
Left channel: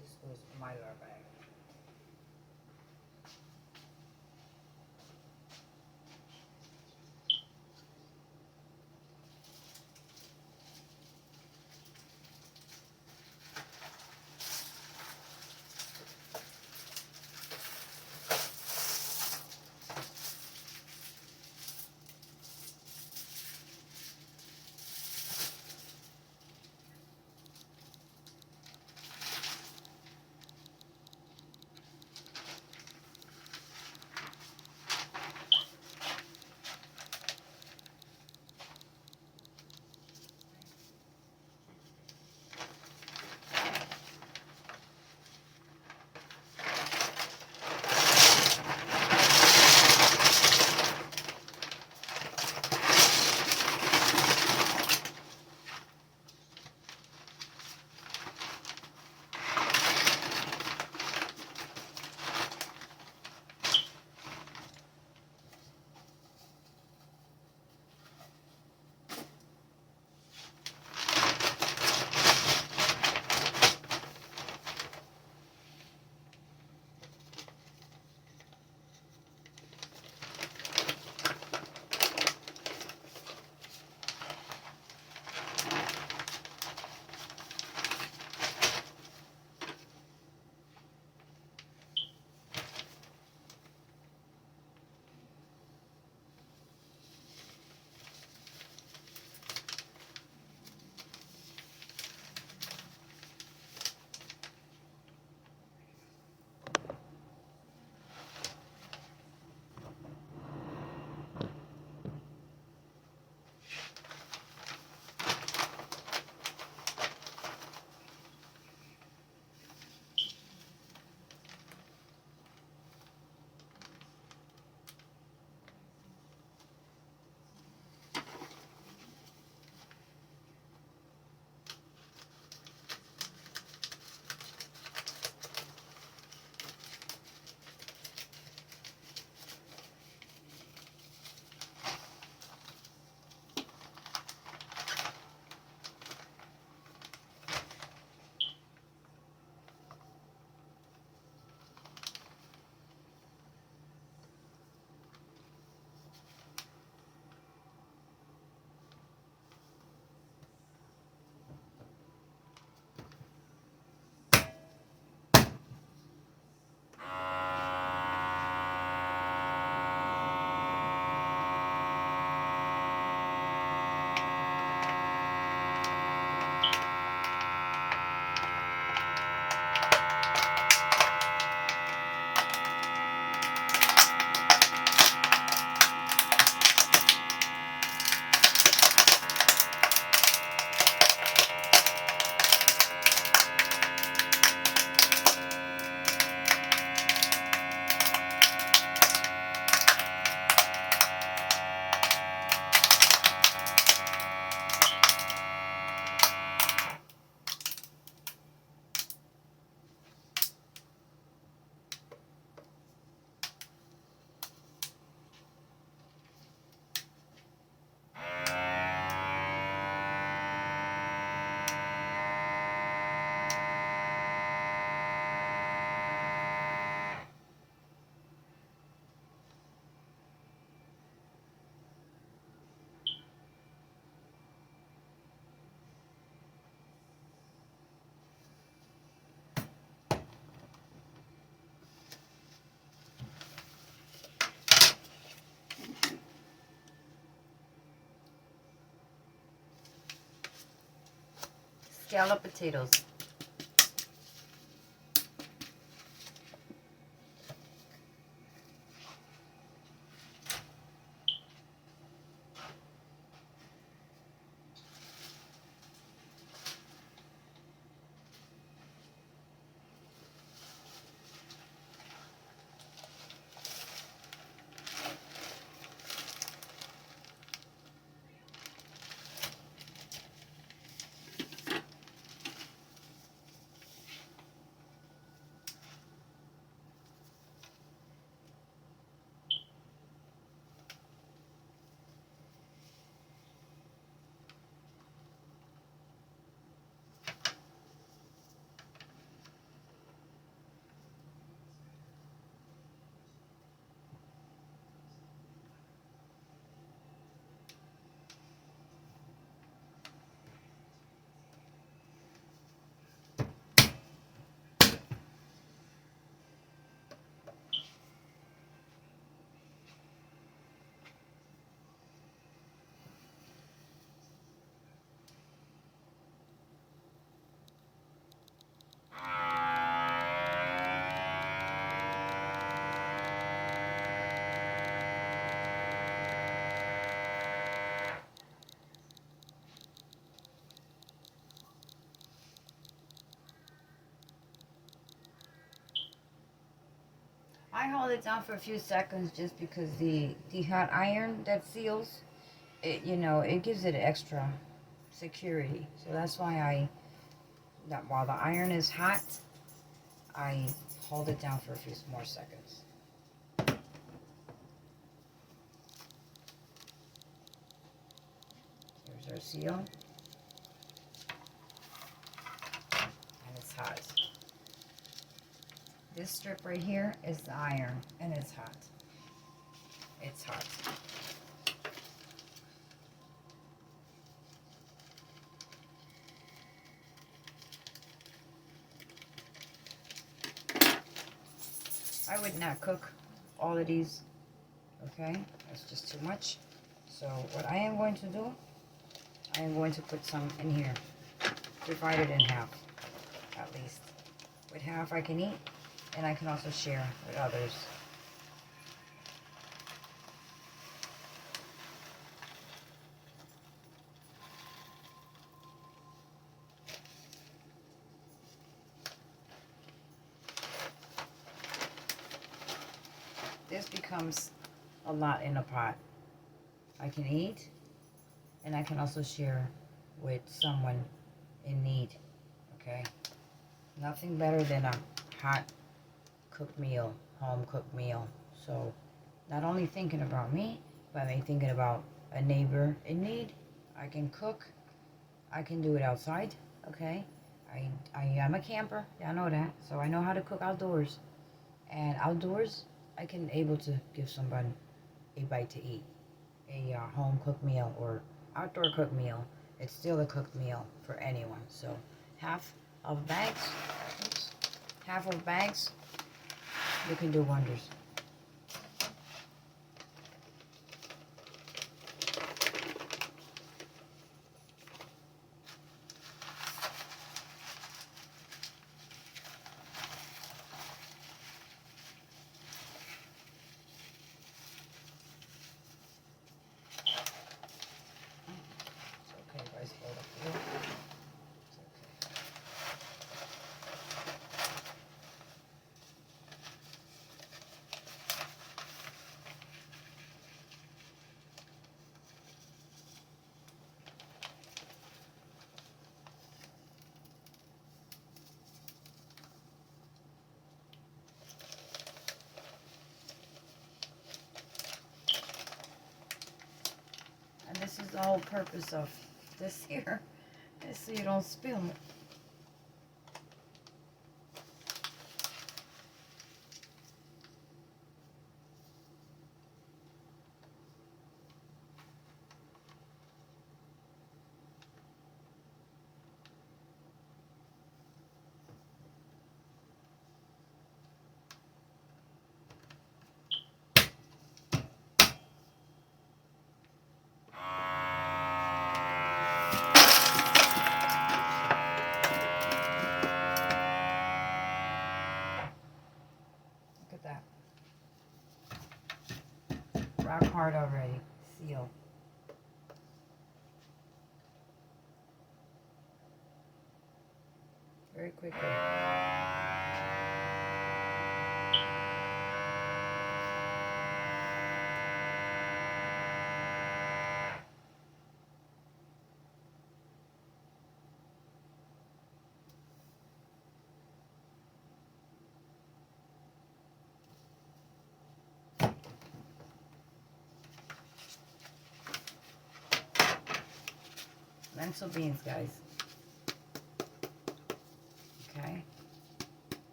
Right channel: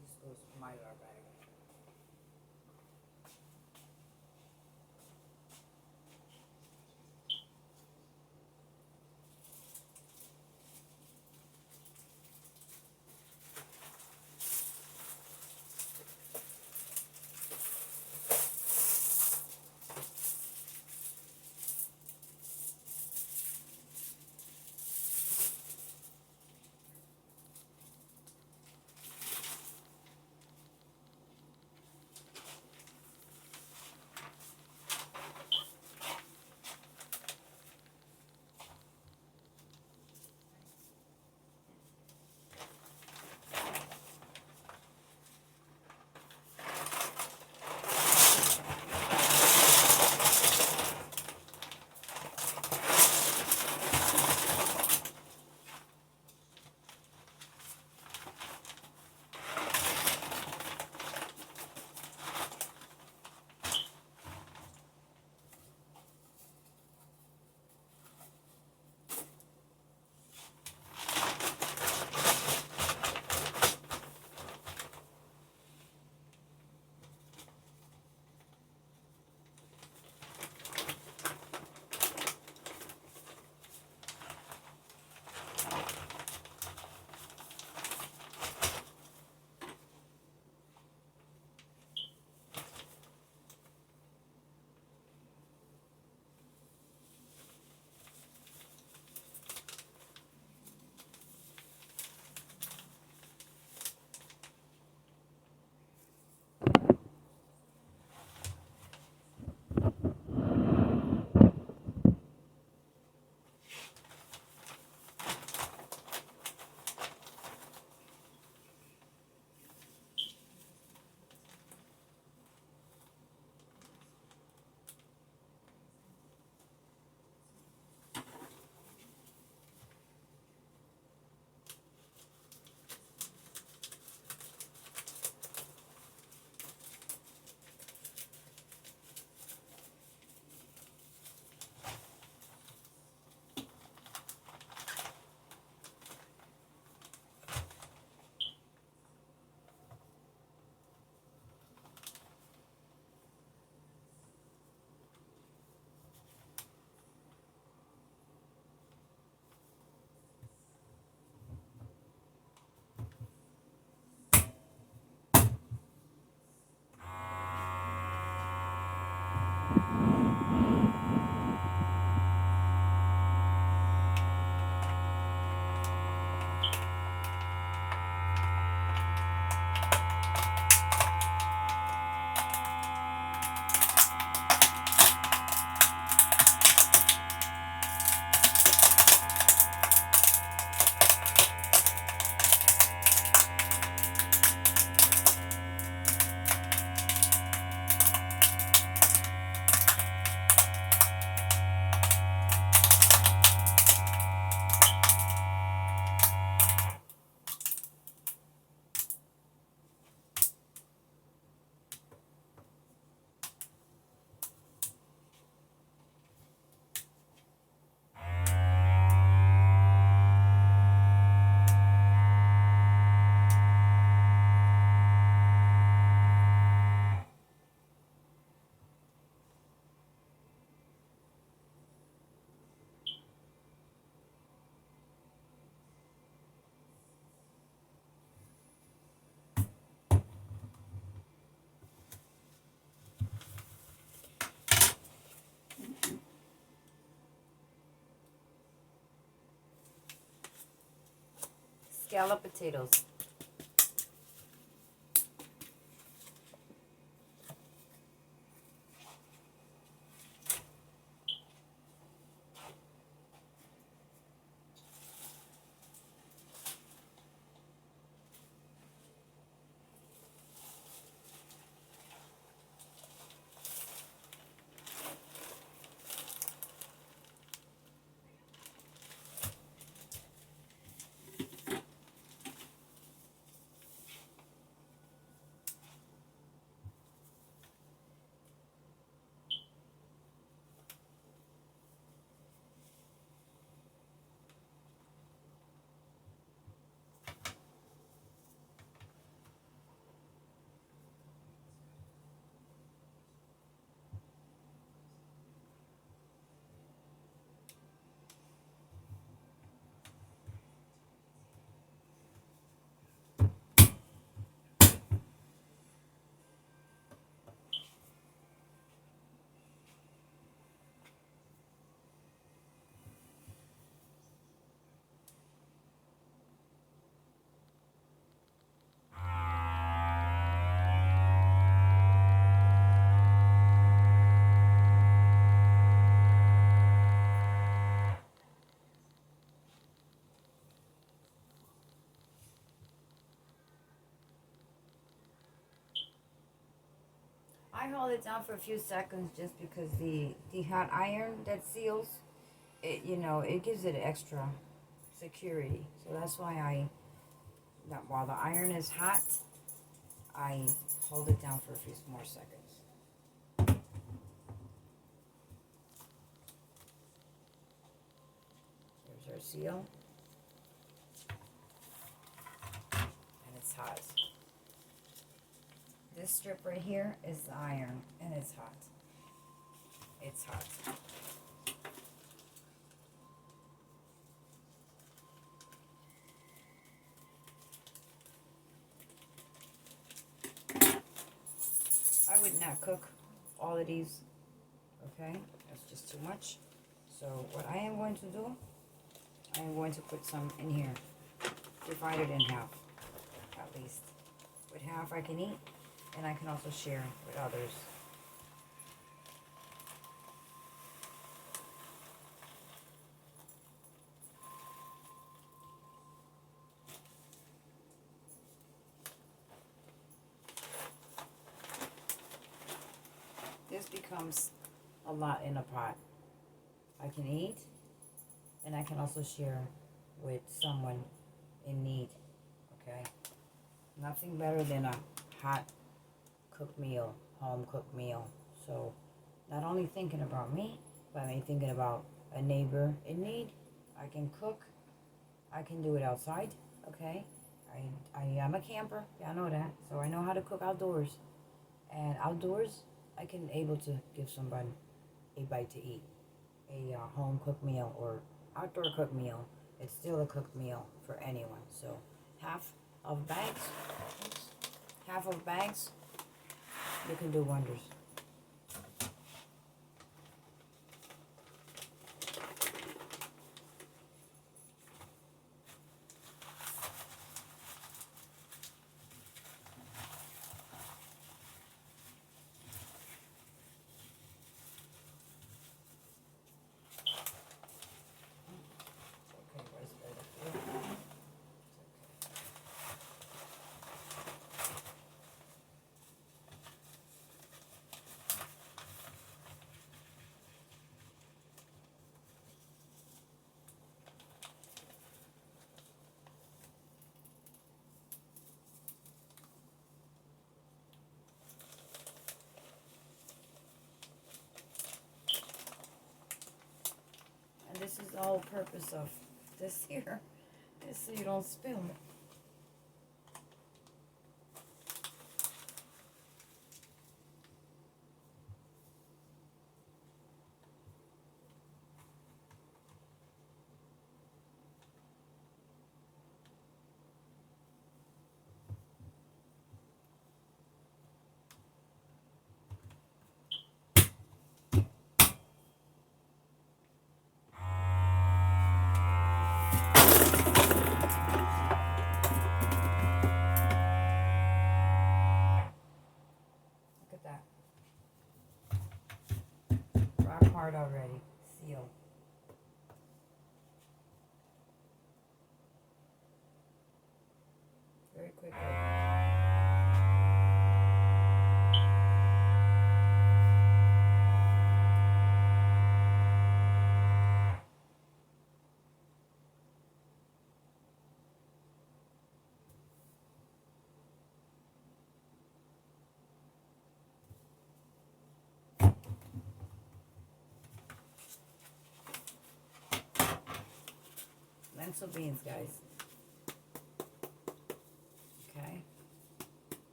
This goes in my bag. Scallop potatoes. I hold it down for a few seconds just because the hot iron that seals it, you know, it gives it extra security. So that's why that while the iron is hot, I hold it down for a few more seconds. There's our seal. And it's hot. This strip right here is the iron, and it's hot. It's hot. I would not cook all of these, okay? That's just too much. So what I am going to do, I am going to put some in here. Divide it in half, at least. With half I can eat, and I can also share with others. This becomes a lot in a pot. I can eat, and I can also share with someone in need, okay? Nothing better than a hot cooked meal, home cooked meal. So not only thinking about me, but I'm thinking about a neighbor in need. I can cook. I can do it outside, okay? I am a camper, y'all know that. So I know how to cook outdoors. And outdoors, I can able to give somebody a bite to eat. A home cooked meal or outdoor cooked meal. It's still a cooked meal for anyone. So half of bags, oops, half of bags, you can do wonders. It's okay if I spill it here. It's okay. And this is the whole purpose of this here, is so you don't spill it. Look at that. Rock hard already. Seal. Very quickly. Lentil beans, guys. Okay.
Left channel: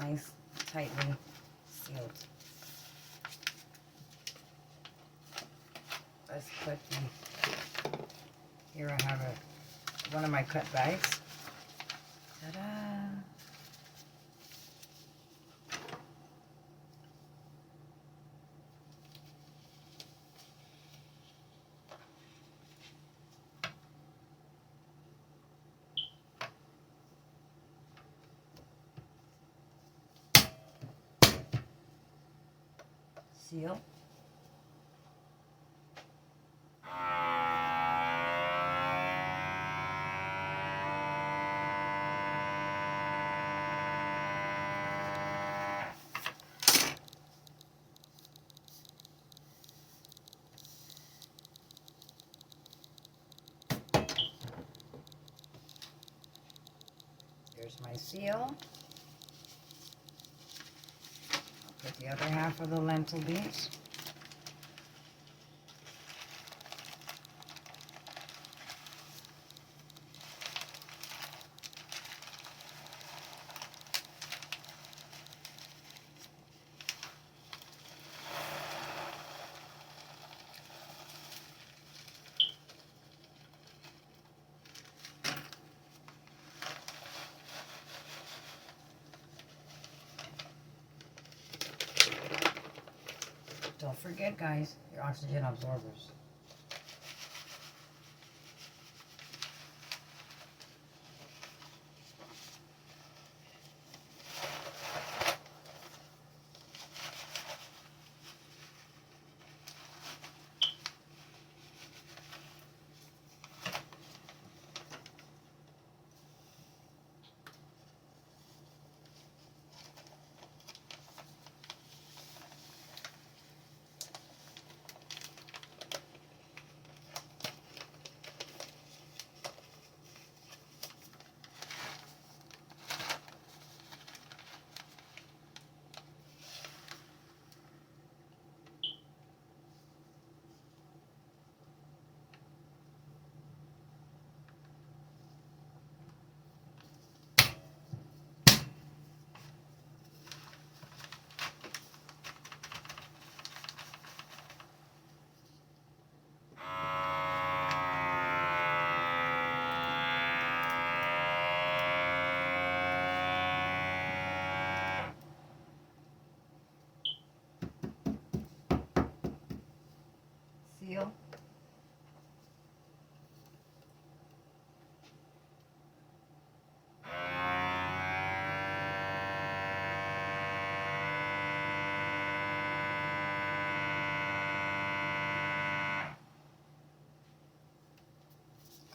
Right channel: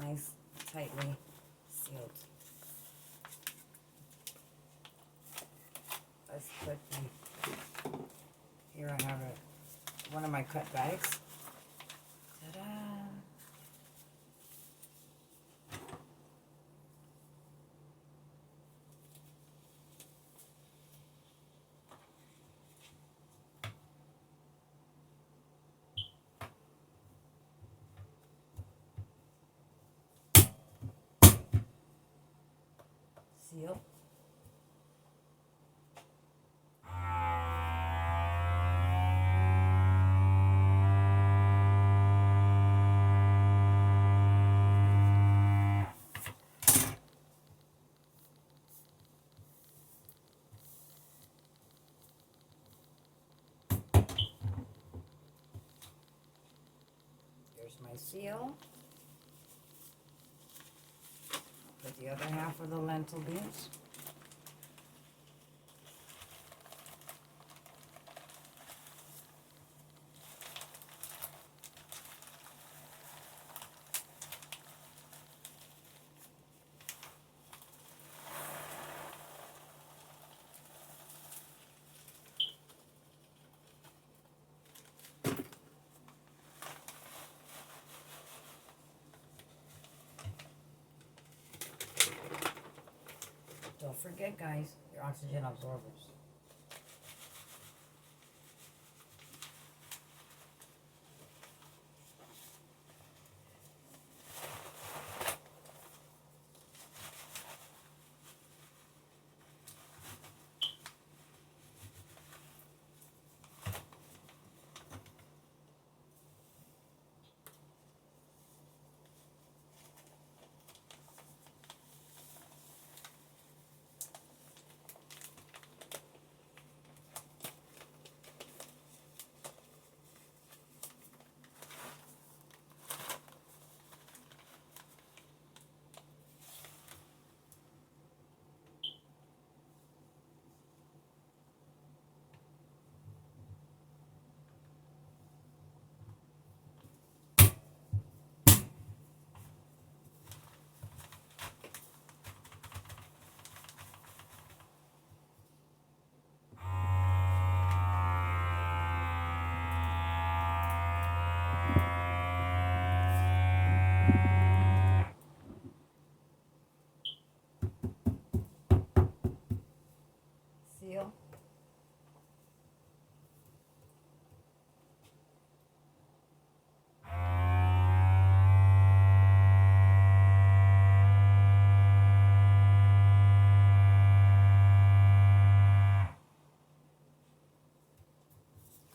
Nice, tightly sealed. Let's put here I have one of my cut bags. Ta-da! Seal. Here's my seal. I'll put the other half of the lentil beans. Don't forget, guys, your oxygen absorbers. Seal.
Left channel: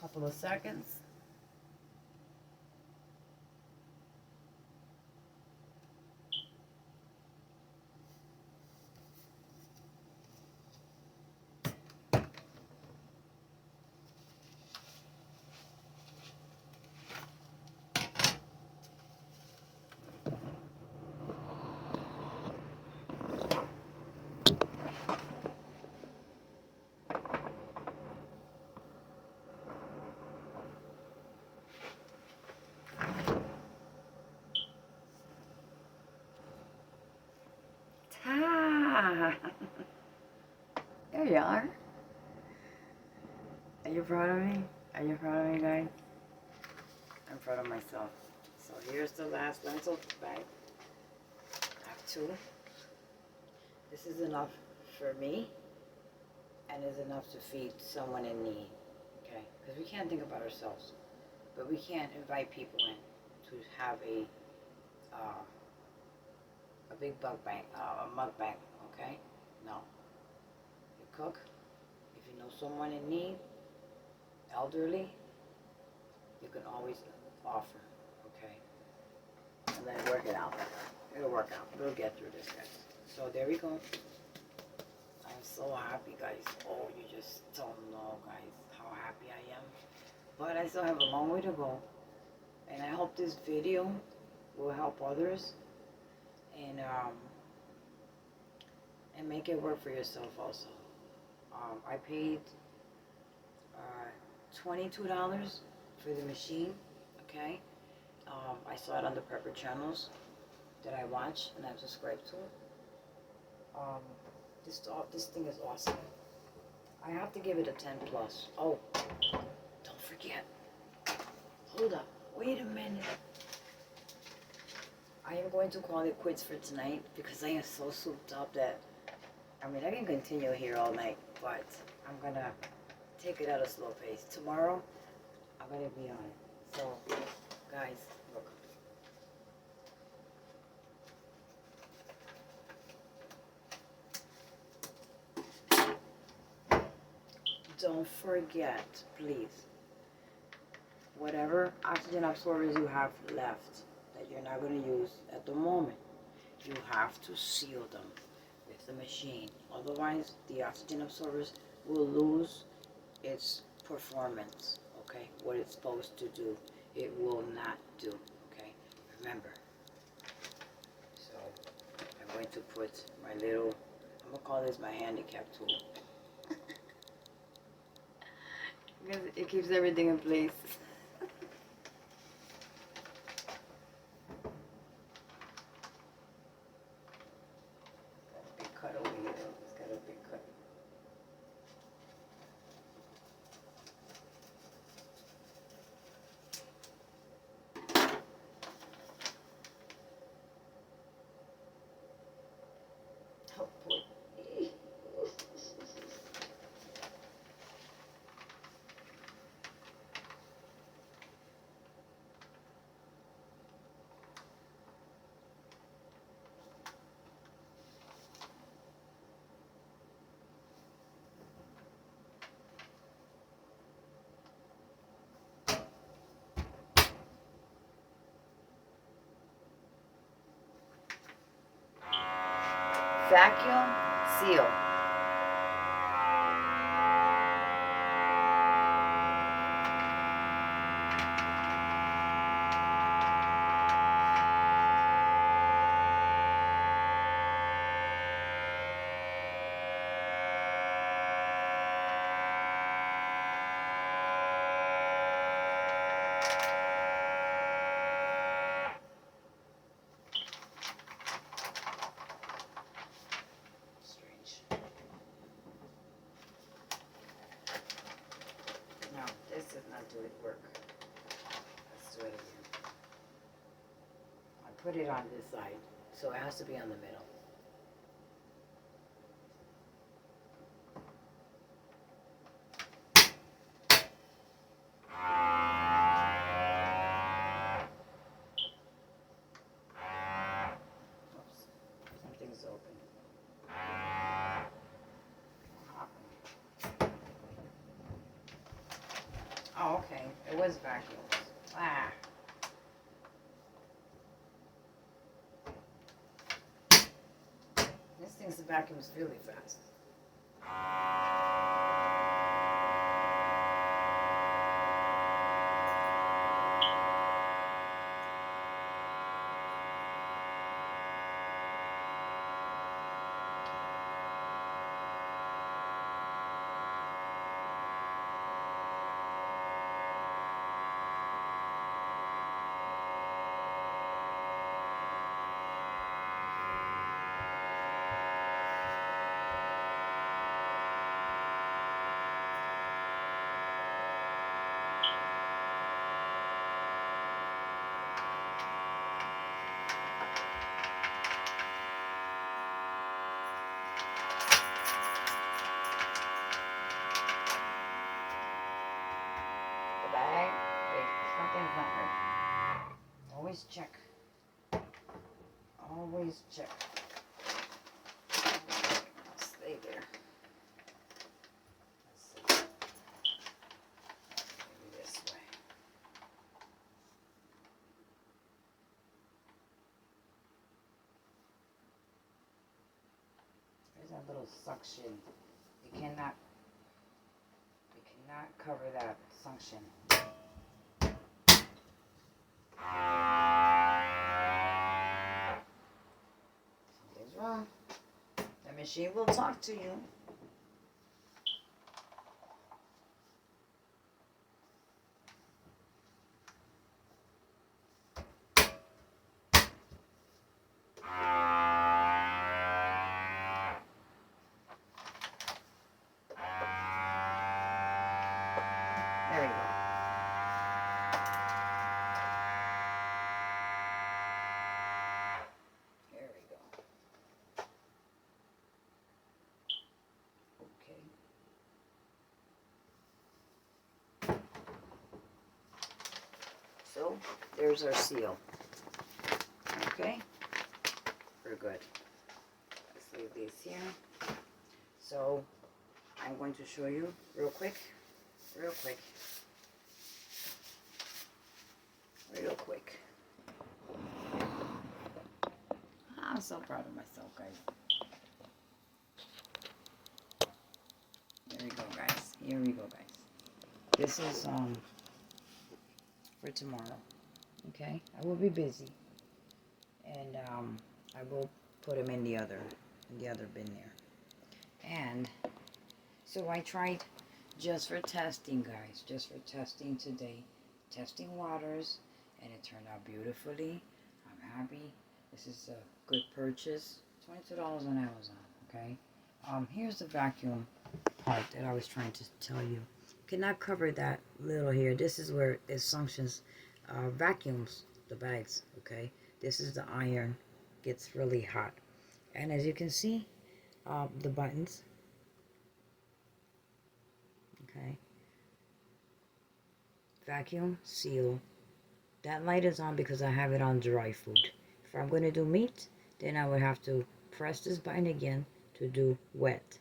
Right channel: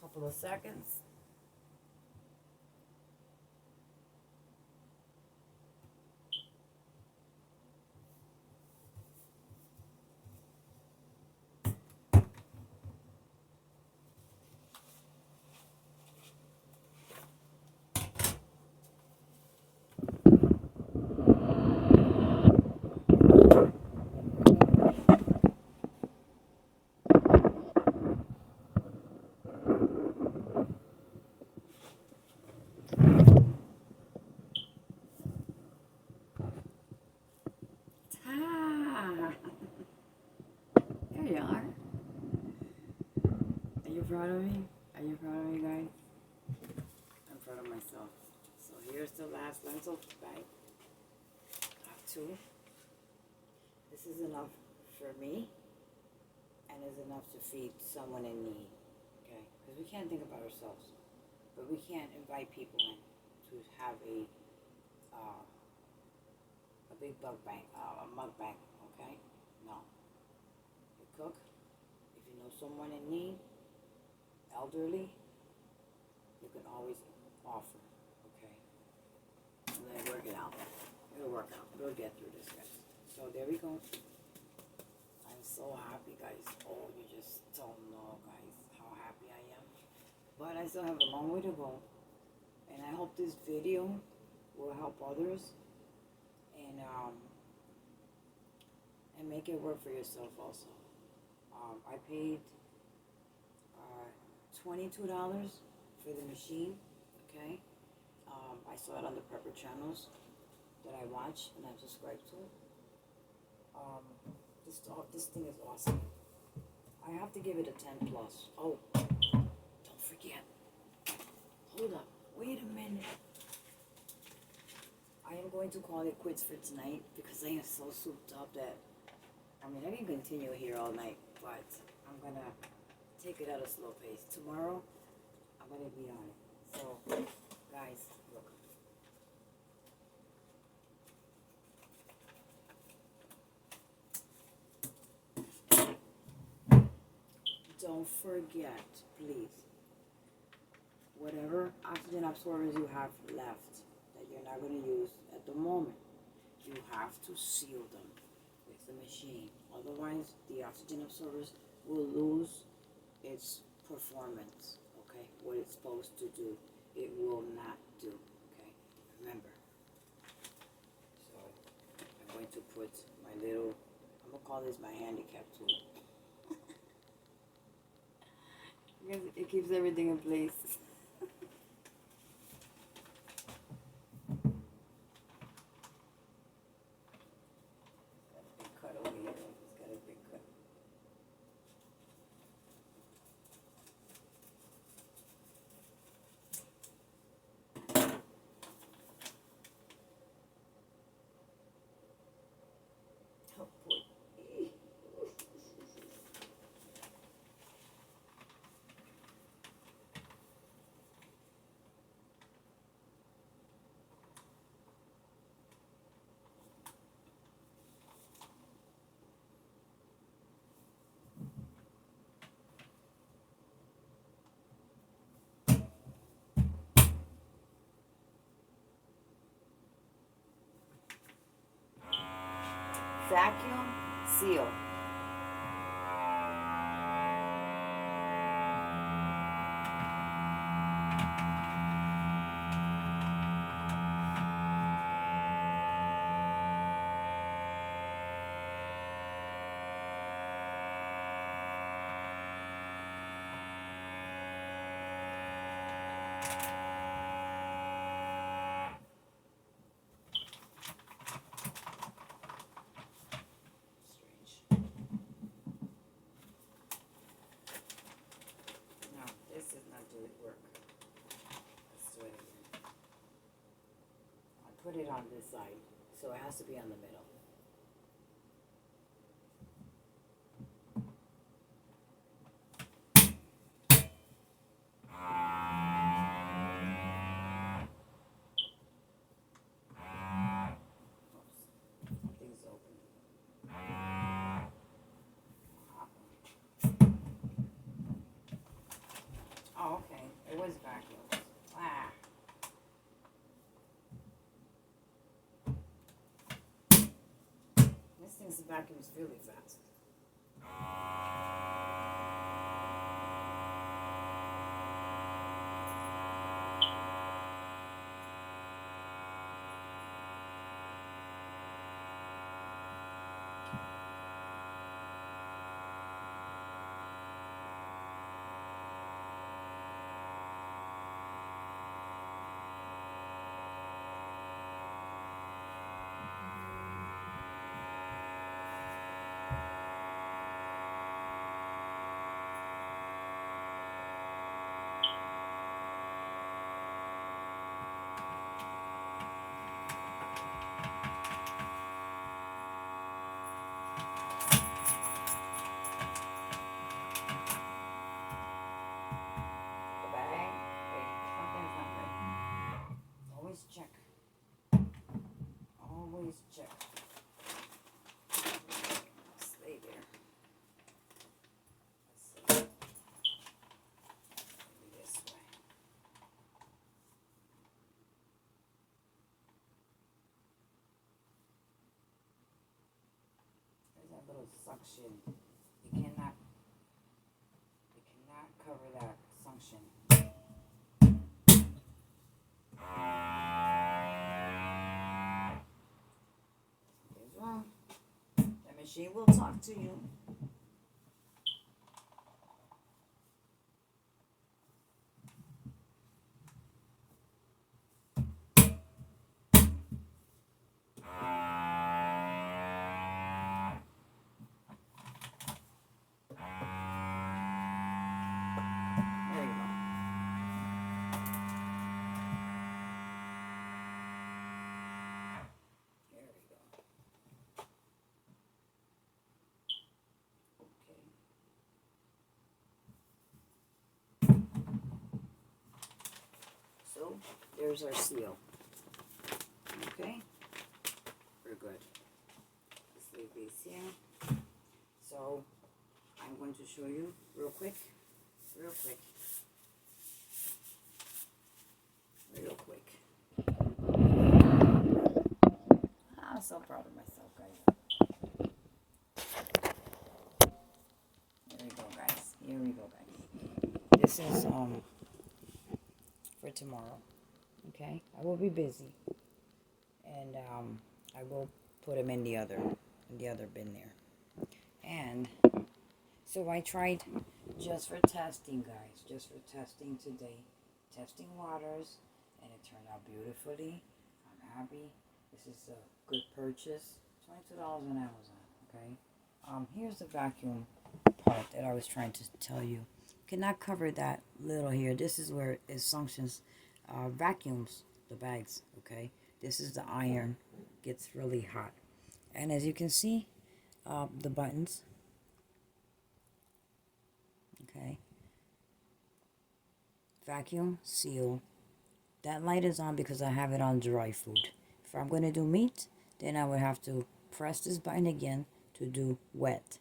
Couple of seconds. Ta! There you are. Are you proud of me? Are you proud of me, guys? I'm proud of myself. So here's the last lentil bag. I have two. This is enough for me and is enough to feed someone in need. Okay? Because we can't think about ourselves. But we can't invite people in to have a big mukbang, okay? No. You cook. If you know someone in need, elderly, you can always offer, okay? And then work it out. It'll work out. We'll get through this, guys. So there we go. I'm so happy, guys. Oh, you just don't know, guys, how happy I am. But I still have a long way to go. And I hope this video will help others and make it work for yourself also. I paid $22 for the machine, okay? I saw it on the Prepper channels that I watch and I'm subscribed to. This thing is awesome. I have to give it a 10 plus. Oh, don't forget. Hold up. Wait a minute. I am going to call it quits for tonight because I am so souped up that, I mean, I can continue here all night, but I'm going to take it at a slow pace. Tomorrow, I'm going to be on it. So, guys, look. Don't forget, please, whatever oxygen absorbers you have left that you're not going to use at the moment, you have to seal them with the machine. Otherwise, the oxygen absorbers will lose its performance, okay? What it's supposed to do, it will not do, okay? Remember. So I'm going to put my little, I'm going to call this my handicap tool. Because it keeps everything in place. Got a big cut over here. It's got a big cut. Oh boy. Vacuum seal. No, this does not do it work. Let's do it again. I put it on this side, so it has to be on the middle. Oops, something's open. Oh, okay. It was vacuum. Ah. This thing's vacuums really fast. The bag. Wait, something's not right. Always check. Always check. Stay there. Let's see. Maybe this way. There's that little suction. You cannot cover that suction. Something's wrong. The machine will talk to you. There you go. There we go. Okay. So there's our seal. Okay, we're good. Let's leave these here. So I'm going to show you real quick. I'm so proud of myself, guys. Here we go, guys. This is for tomorrow. Okay, I will be busy. and I will put them in the other bin there. And so I tried just for testing, guys, just for testing today, testing waters, and it turned out beautifully. I'm happy. This is a good purchase. $22 on Amazon. Okay. Here's the vacuum part that I was trying to tell you. Cannot cover that little here. This is where it functions, vacuums the bags. Okay. This is the iron. Gets really hot, and as you can see, the buttons. Okay. Vacuum, seal. That light is on because I have it on dry food. If I'm going to do meat, then I would have to press this button again to do wet.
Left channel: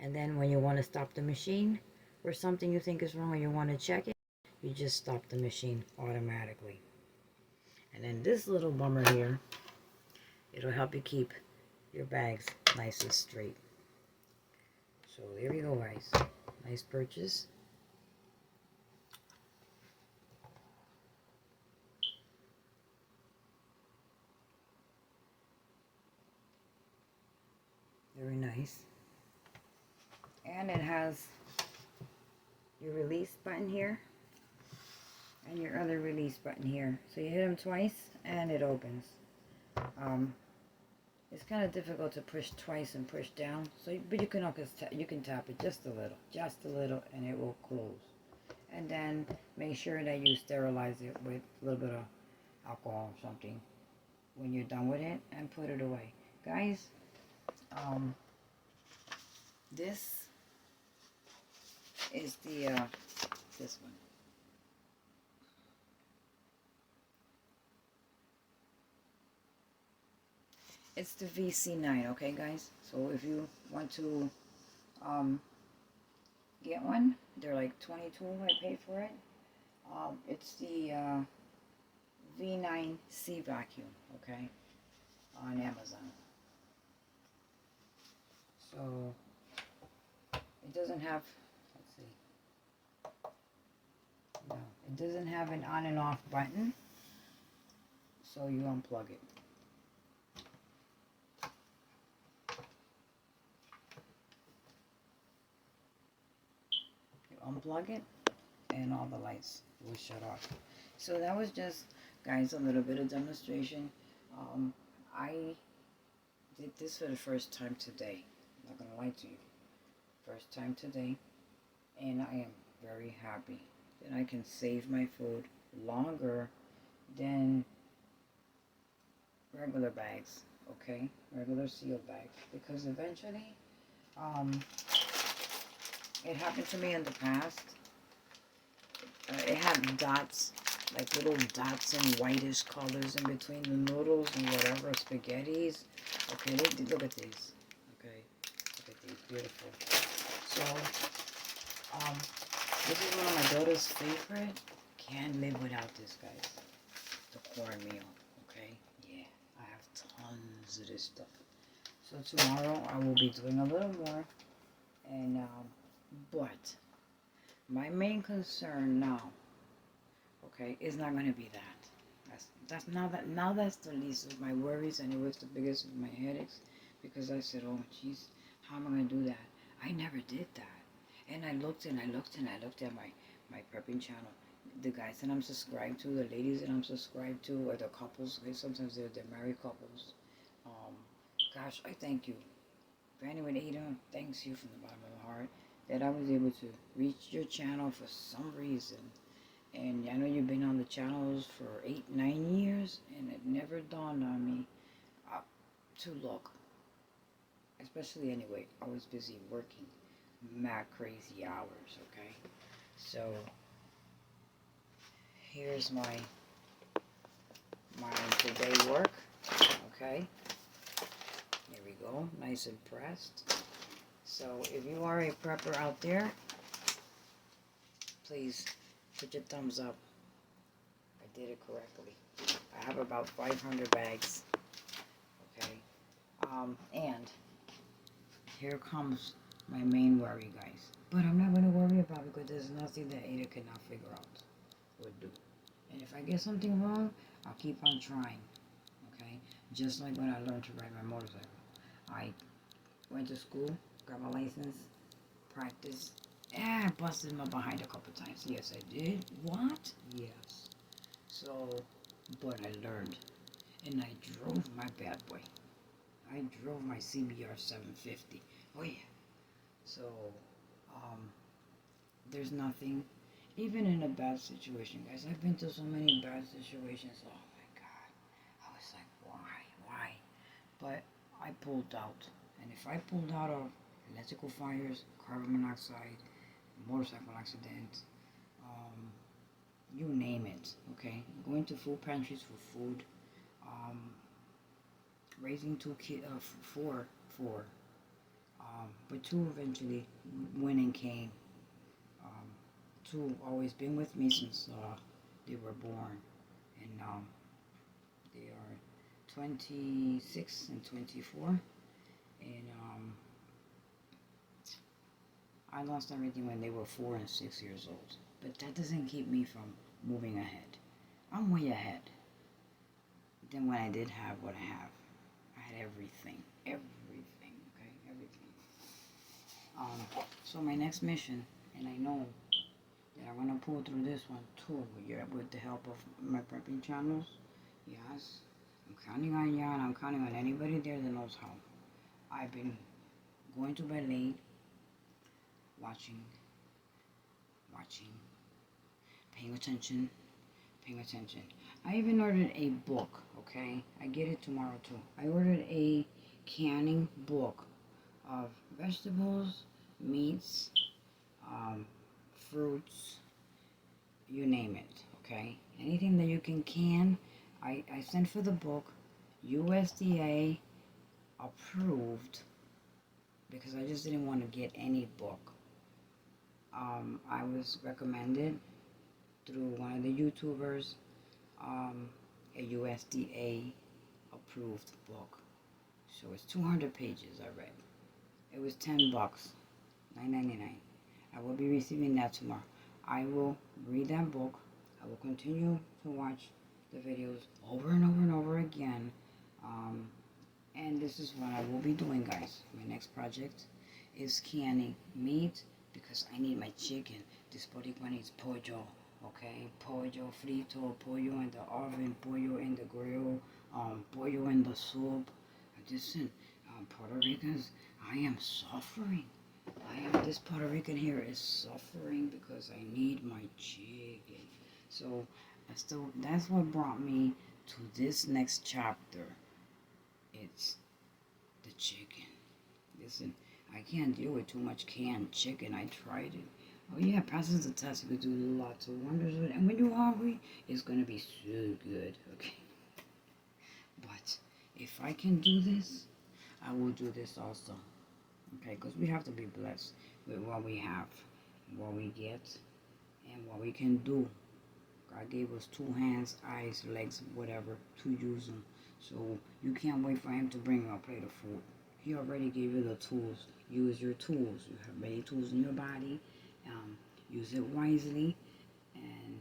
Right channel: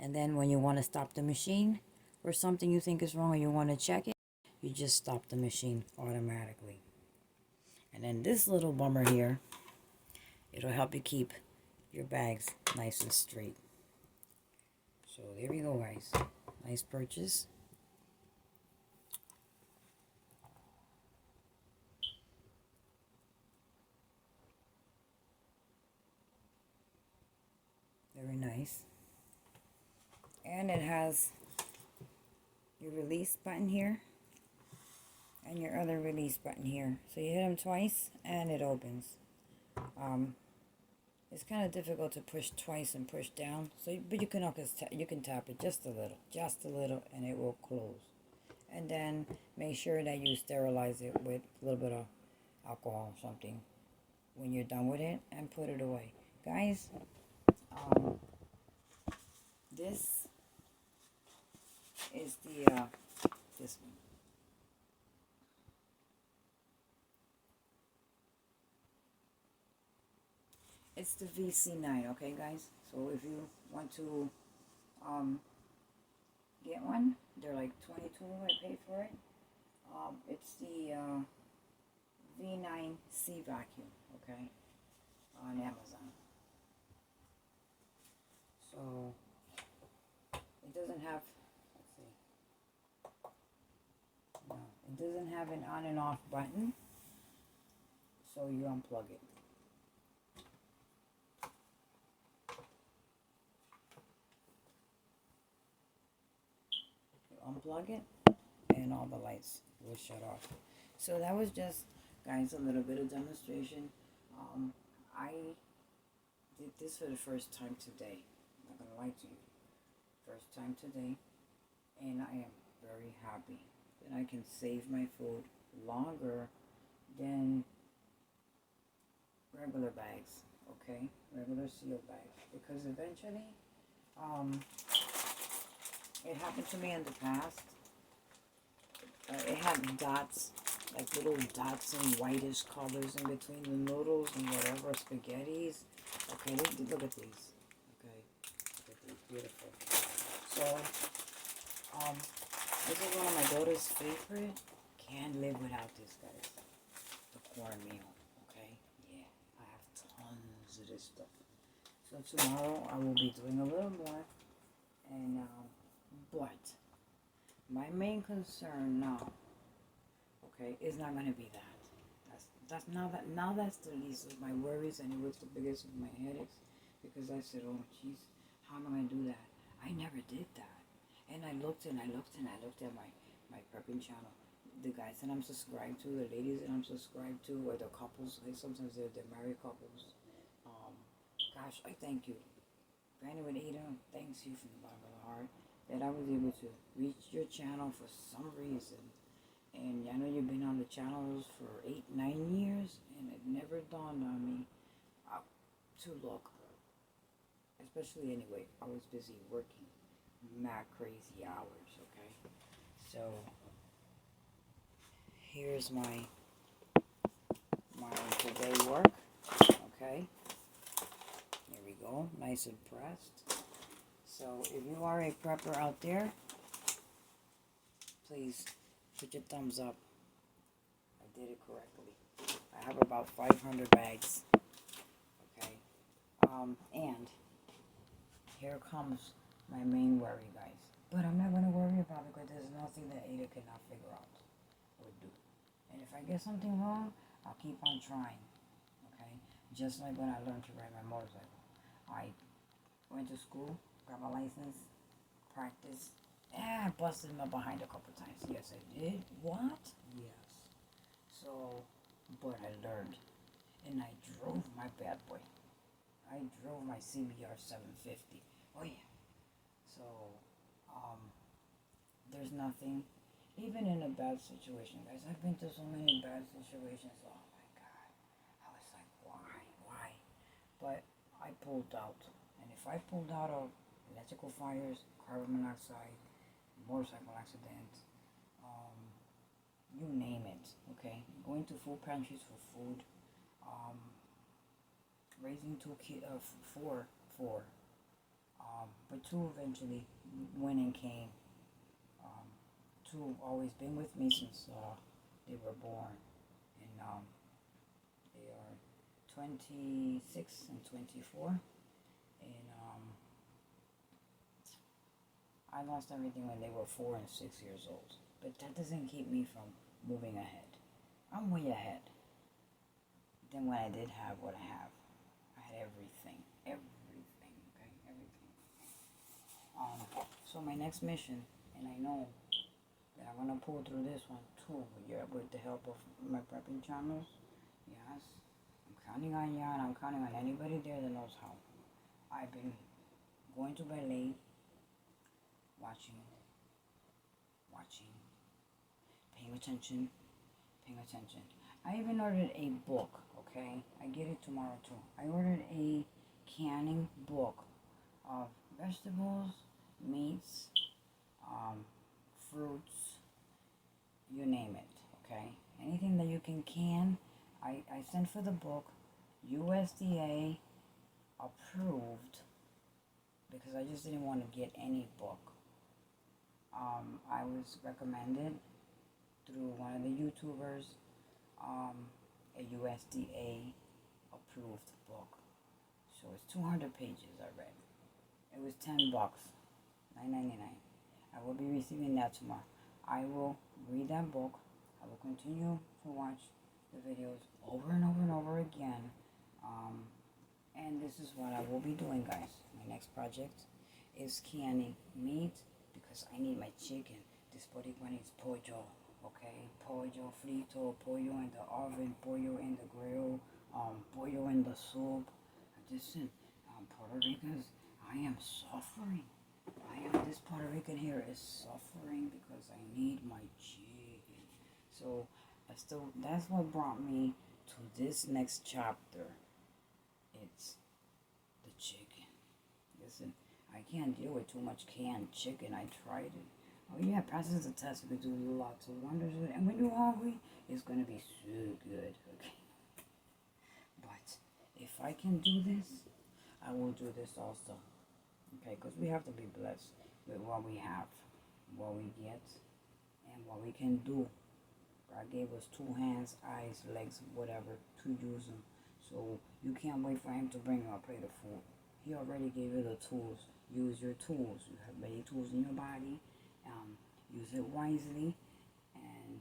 And then when you want to stop the machine or something you think is wrong or you want to check it, you just stop the machine automatically. And then this little bummer here, it'll help you keep your bags nice and straight. So there we go, guys. Nice purchase. Very nice. And it has your release button here and your other release button here. So you hit them twice and it opens. It's kind of difficult to push twice and push down. So, but you can tap it just a little, and it will close. And then make sure that you sterilize it with a little bit of alcohol or something when you're done with it, and put it away, guys. This is the this one. It's the VC9, okay, guys? So if you want to get one, they're like $22. I paid for it. It's the V9C vacuum, okay, on Amazon. So it doesn't have, let's see, no, it doesn't have an on and off button, so you unplug it. Unplug it and all the lights will shut off. So that was just, guys, a little bit of demonstration. I did this for the first time today. I'm not gonna lie to you, first time today, and I am very happy that I can save my food longer than regular bags, okay, regular sealed bags, because eventually it happened to me in the past. It had dots, like little dots and whitish colors in between the noodles and whatever, spaghettis. Okay, look at these. Okay, look at these, beautiful. So, this is one of my daughter's favorite. Can't live without this, guys. The cornmeal, okay? Yeah, I have tons of this stuff. So tomorrow I will be doing a little more, and but my main concern now, okay, is not going to be that. That's the least of my worries, and it was the biggest of my headaches, because I said, oh jeez, how am I going to do that? I never did that. And I looked at my prepping channel, the guys that I'm subscribed to, the ladies that I'm subscribed to, or the couples. Okay, sometimes they're married couples. Gosh, I thank you. Granny with Ada, thanks you from the bottom of the heart that I was able to reach your channel for some reason. And I know you've been on the channels for 8-9 years, and it never dawned on me to look. Especially anyway, I was busy working mad crazy hours, okay? So here's my today work, okay? Here we go, nice and pressed. So if you are a prepper out there, please put your thumbs up. I did it correctly. I have about 500 bags. Okay. And here comes my main worry, guys. But I'm not going to worry about it because there's nothing that Ada cannot figure out or do. And if I get something wrong, I'll keep on trying. Okay. Just like when I learned to ride my motorcycle. I went to school, got my license, practiced. I busted my behind a couple times. Yes, I did. What? Yes. So, but I learned. And I drove my bad boy. I drove my CBR 750. Oh yeah. So, um, there's nothing, even in a bad situation, guys. I've been through so many bad situations. Oh my God. I was like, why? But I pulled out. And if I pulled out of electrical fires, carbon monoxide, motorcycle accidents, you name it, okay? Going to food pantries for food, um, raising two kids, four, but two eventually went and came. Um, Two always been with me since they were born, and they are 26 and 24, and I lost everything when they were 4 and 6 years old. But that doesn't keep me from moving ahead. I'm way ahead than when I did have what I have. I had everything, okay, everything. So my next mission, and I know that I'm gonna pull through this one too, with the help of my prepping channels. Yes, I'm counting on you, and I'm counting on anybody there that knows how. I've been going to bed late, watching, paying attention, I even ordered a book, okay? I get it tomorrow too. I ordered a canning book of vegetables, meats, fruits, you name it, okay? Anything that you can can. I sent for the book, USDA approved, because I just didn't want to get any book. I was recommended through one of the YouTubers, a USDA approved book. So it's 200 pages I read. It was $10, $9.99. I will be receiving that tomorrow. I will read that book. I will continue to watch the videos over and over and over again. And this is what I will be doing, guys. My next project is canning meat because I need my chicken. This Boricua needs pollo, okay? Pollo frito, pollo in the oven, pollo in the grill, pollo in the soup. Listen, Puerto Ricans, I am suffering. This Puerto Rican here is suffering because I need my chicken. So, that's what brought me to this next chapter. It's the chicken. Listen, I can't deal with too much canned chicken. I tried it. Oh yeah, passes the test. You could do lots of wonders with it. And when you're hungry, it's gonna be so good. Okay. But if I can do this, I will do this also. Okay, because we have to be blessed with what we have, what we get, and what we can do. God gave us 2 hands, eyes, legs, whatever, to use them. So you can't wait for him to bring you a plate of food. He already gave you the tools. Use your tools. You have many tools in your body. Use it wisely. And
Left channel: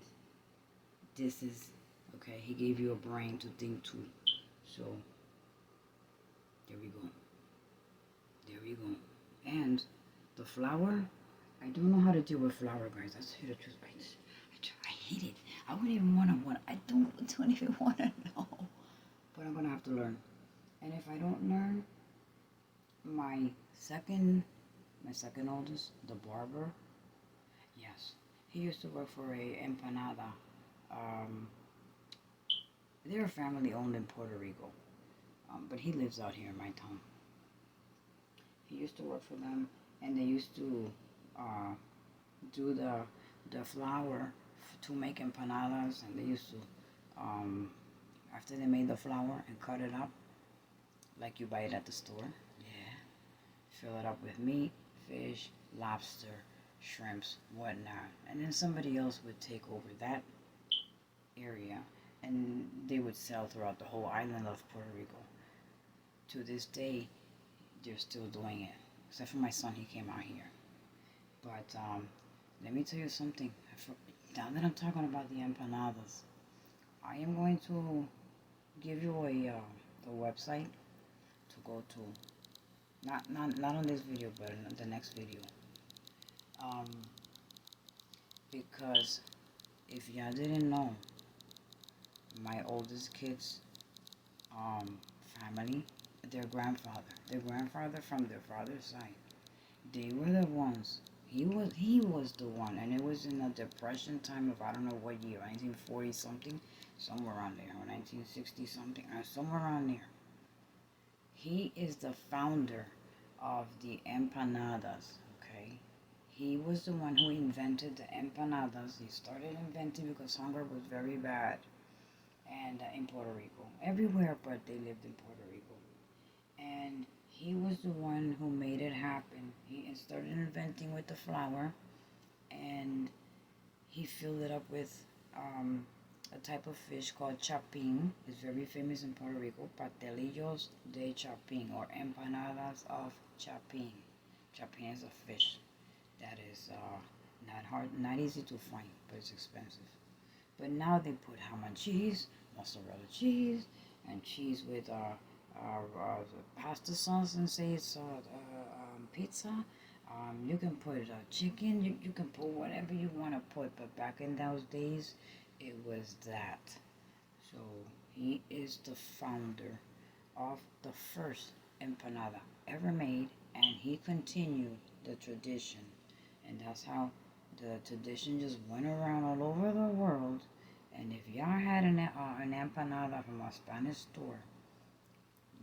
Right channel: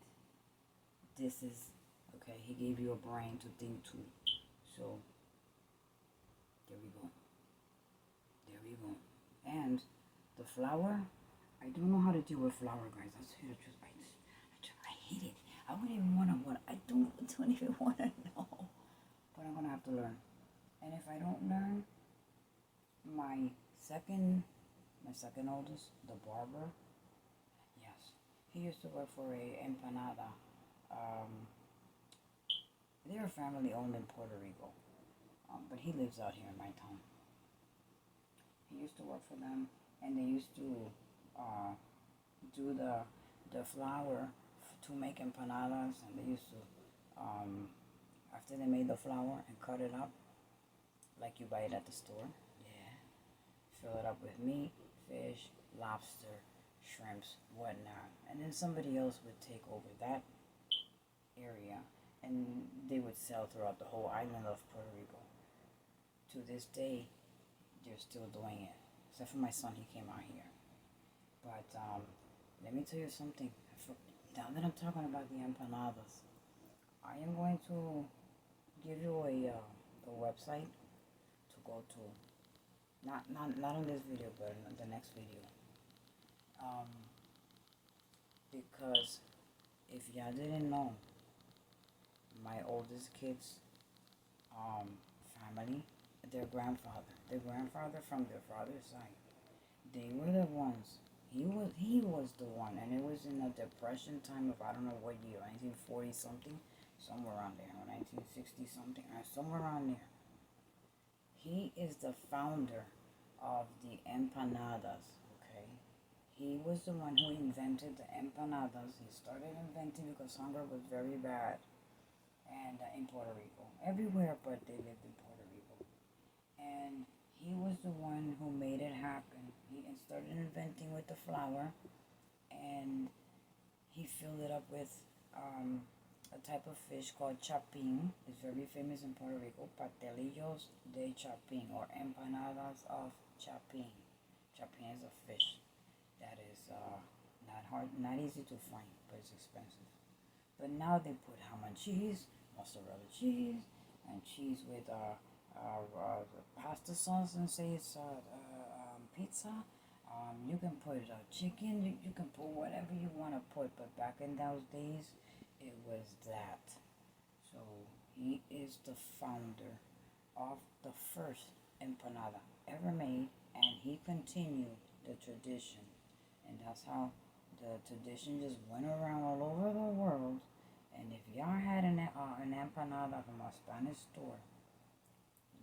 this is, okay, he gave you a brain to think too. So, there we go. And the flour, I don't know how to deal with flour, guys. That's the truth. I hate it. I wouldn't even want to. I don't even want to know. But I'm gonna have to learn. And if I don't learn, my second oldest, the barber, yes, he used to work for a empanada. They're family owned in Puerto Rico, but he lives out here in my town. He used to work for them, and they used to do the flour to make empanadas, and they used to after they made the flour and cut it up like you buy it at the store. Yeah, fill it up with meat, fish, lobster, shrimps, whatnot, and then somebody else would take over that area, and they would sell throughout the whole island of Puerto Rico. To this day, they're still doing it, except for my son. He came out here. But let me tell you something. Now that I'm talking about the empanadas, I am going to give you the website to go to. Not on this video, but in the next video. Because if y'all didn't know, my oldest kid's family, their grandfather from their father's side, they were the ones. He was the one, and it was in a depression time of I don't know what year, 1940 something, somewhere around there, or 1960 something, or somewhere around there. He is the founder of the empanadas. Okay, he was the one who invented the empanadas. He started inventing because hunger was very bad, and in Puerto Rico, everywhere but they lived in Puerto Rico, and he was the one who made it happen. He started inventing with the flour, and he filled it up with a type of fish called chapin. It's very famous in Puerto Rico. Pastelillos de chapin, or empanadas of chapin. Chapin is a fish that is not easy to find, but it's expensive. But now they put ham and cheese, mozzarella cheese, and cheese with pasta sauce, and say it's pizza. You can put chicken. You can put whatever you want to put. But back in those days, it was that. So he is the founder of the first empanada ever made, and he continued the tradition. And that's how the tradition just went around all over the world. And if y'all had an empanada from a Spanish store,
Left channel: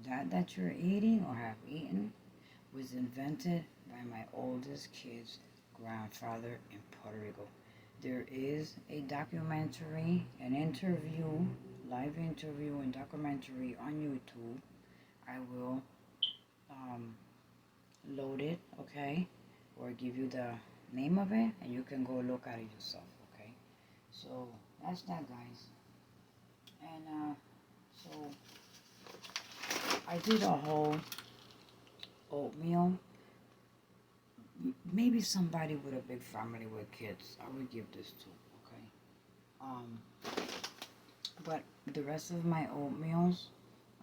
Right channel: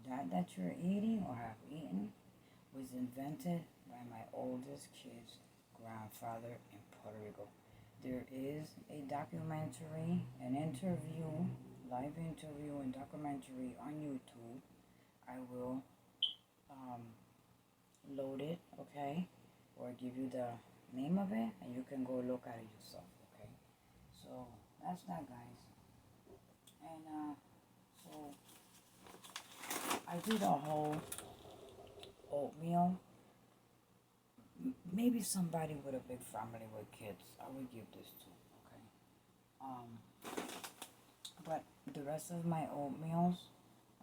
that you're eating or have eaten was invented by my oldest kid's grandfather in Puerto Rico. There is a documentary, an interview, live interview and documentary on YouTube. I will load it, okay, or give you the name of it, and you can go look at it yourself, okay? So that's that, guys. And so I did a whole oatmeal. Maybe somebody with a big family with kids, I would give this to, okay? But the rest of my oatmeals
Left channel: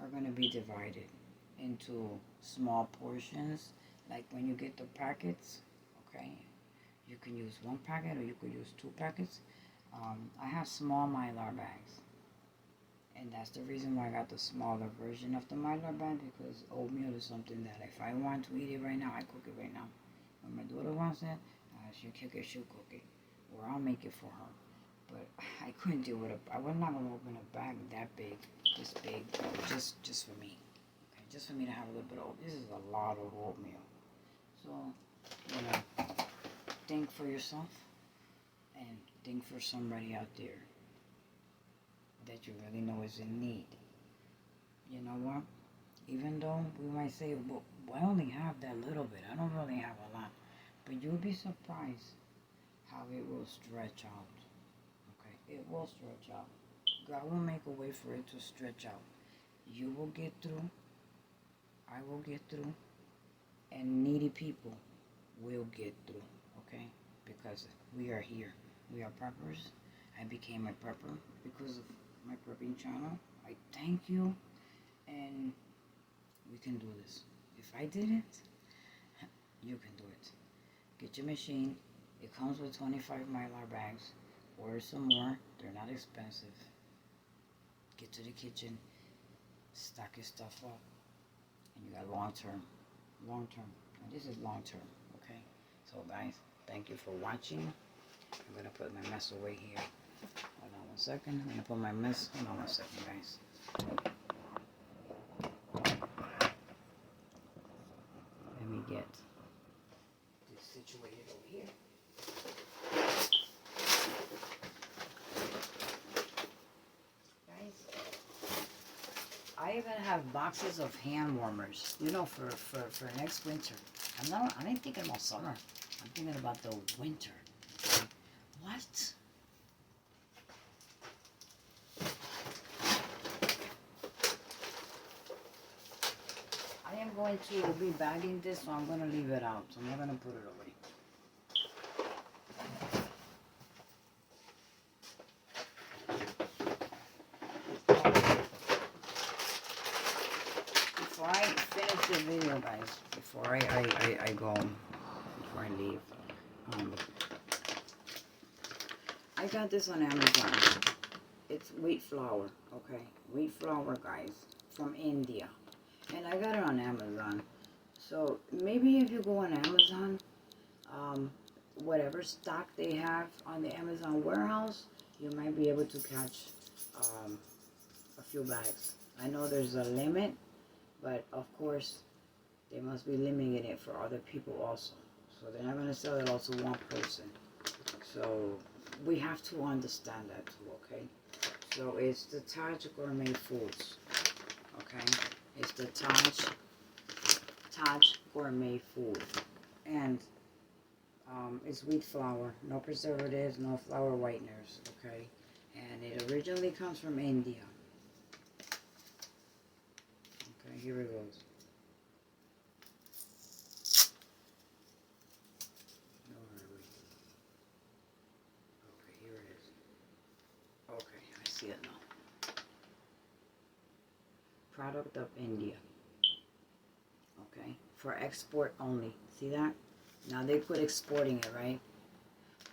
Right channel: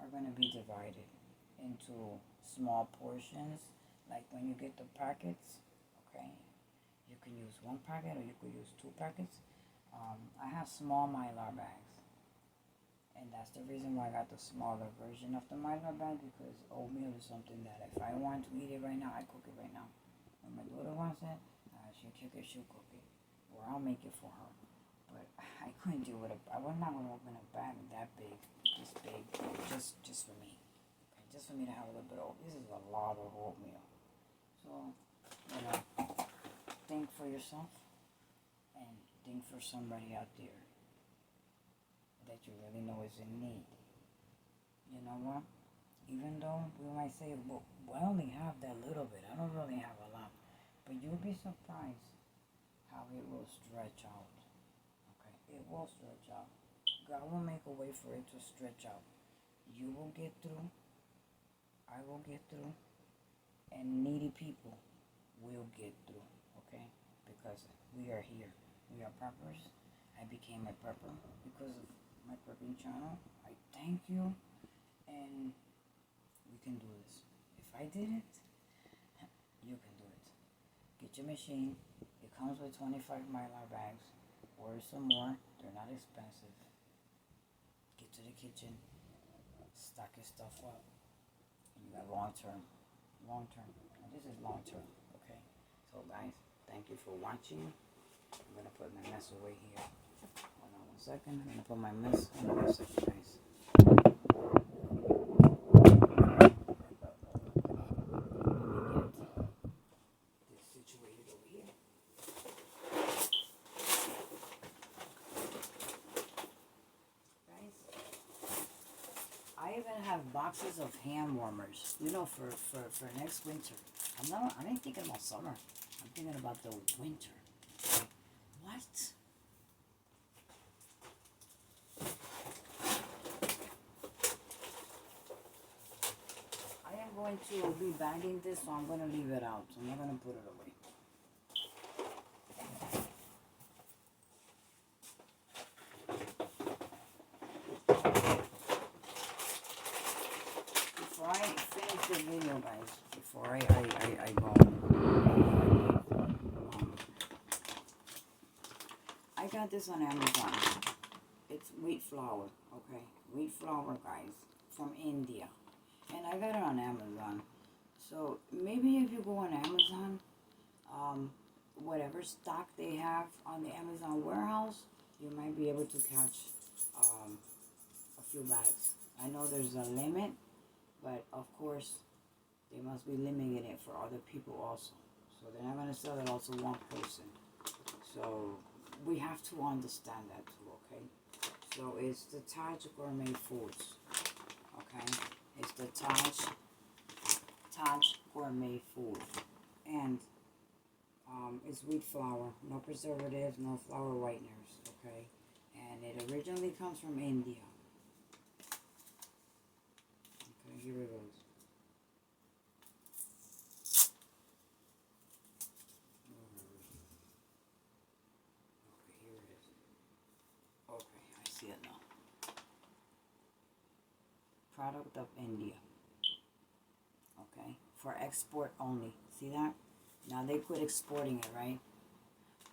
are going to be divided into small portions. Like when you get the packets, okay, you can use one packet or you could use 2 packets. I have small Mylar bags, and that's the reason why I got the smaller version of the Mylar bag, because oatmeal is something that if I want to eat it right now, I cook it right now. When my daughter wants it, she'll cook it, or I'll make it for her. But I couldn't deal with it. I was not going to open a bag that big, this big, just for me. Okay, just for me to have a little bit of. This is a lot of oatmeal. So, think for yourself, and think for somebody out there that you really know is in need. You know what? Even though we might say, well, I only have that little bit. I don't really have a lot. But you'll be surprised how it will stretch out. Okay? It will stretch out. God will make a way for it to stretch out. You will get through. I will get through. And needy people will get through. Okay? Because we are here. We are preppers. I became a prepper because of my prepping channel. I thank you. And we can do this. If I did it, you can do it. Get your machine. It comes with 25 Mylar bags. Order some more. They're not expensive. Get to the kitchen. Stock your stuff up. And you got long term. Long term. And this is long term. Okay? So guys, thank you for watching. I'm going to put my mess away here. Hold on 1 second. I'm going to put my mess. Hold on 1 second, guys. I even have boxes of hand warmers, for next winter. I ain't thinking about summer. I'm thinking about the winter. What? I am going to be bagging this, so I'm going to leave it out. So I'm not going to put it away. the video, guys, before I go. Before I leave. I got this on Amazon. It's wheat flour, okay? Wheat flour, guys, from India. And I got it on Amazon. So maybe if you go on Amazon, whatever stock they have on the Amazon warehouse, you might be able to catch a few bags. I know there's a limit, but of course, they must be limiting it for other people also. So they're not going to sell it all to one person. So we have to understand that too, okay? So it's the Taj Gourmet Foods, okay? It's the Taj Gourmet Food. And it's wheat flour, no preservatives, no flour whiteners, okay? And it originally comes from India. Okay, here it goes. No hurry. Okay, here it is. Okay, I see it now. Product of India. Okay, for export only. See that? Now they quit exporting it, right?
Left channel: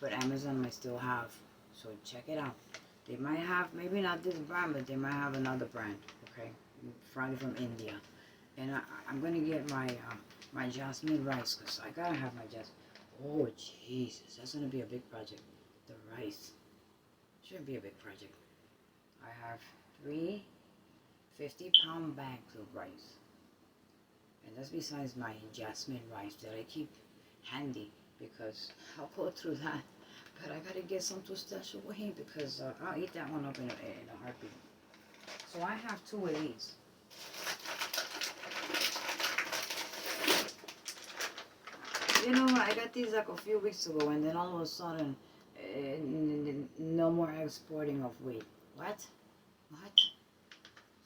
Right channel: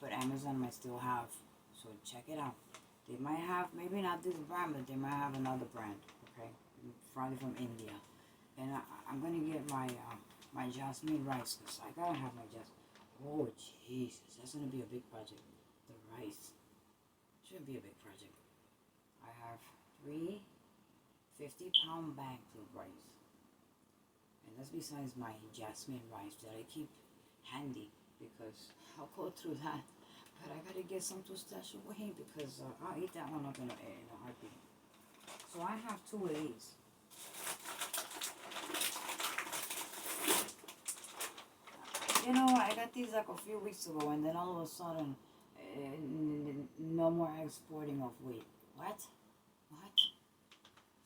But Amazon might still have. So check it out. They might have, maybe not this brand, but they might have another brand. Okay, probably from India. And I'm gonna get my my jasmine rice because I gotta have my jasmine. Oh Jesus, that's gonna be a big project. The rice shouldn't be a big project. I have 3 50-pound bags of rice. And that's besides my jasmine rice that I keep handy because I'll go through that. But I gotta get some to stash away because I'll eat that one up in a heartbeat. So I have 2 of these. You know, I got these like a few weeks ago, and then all of a sudden, no more exporting of wheat. What? What?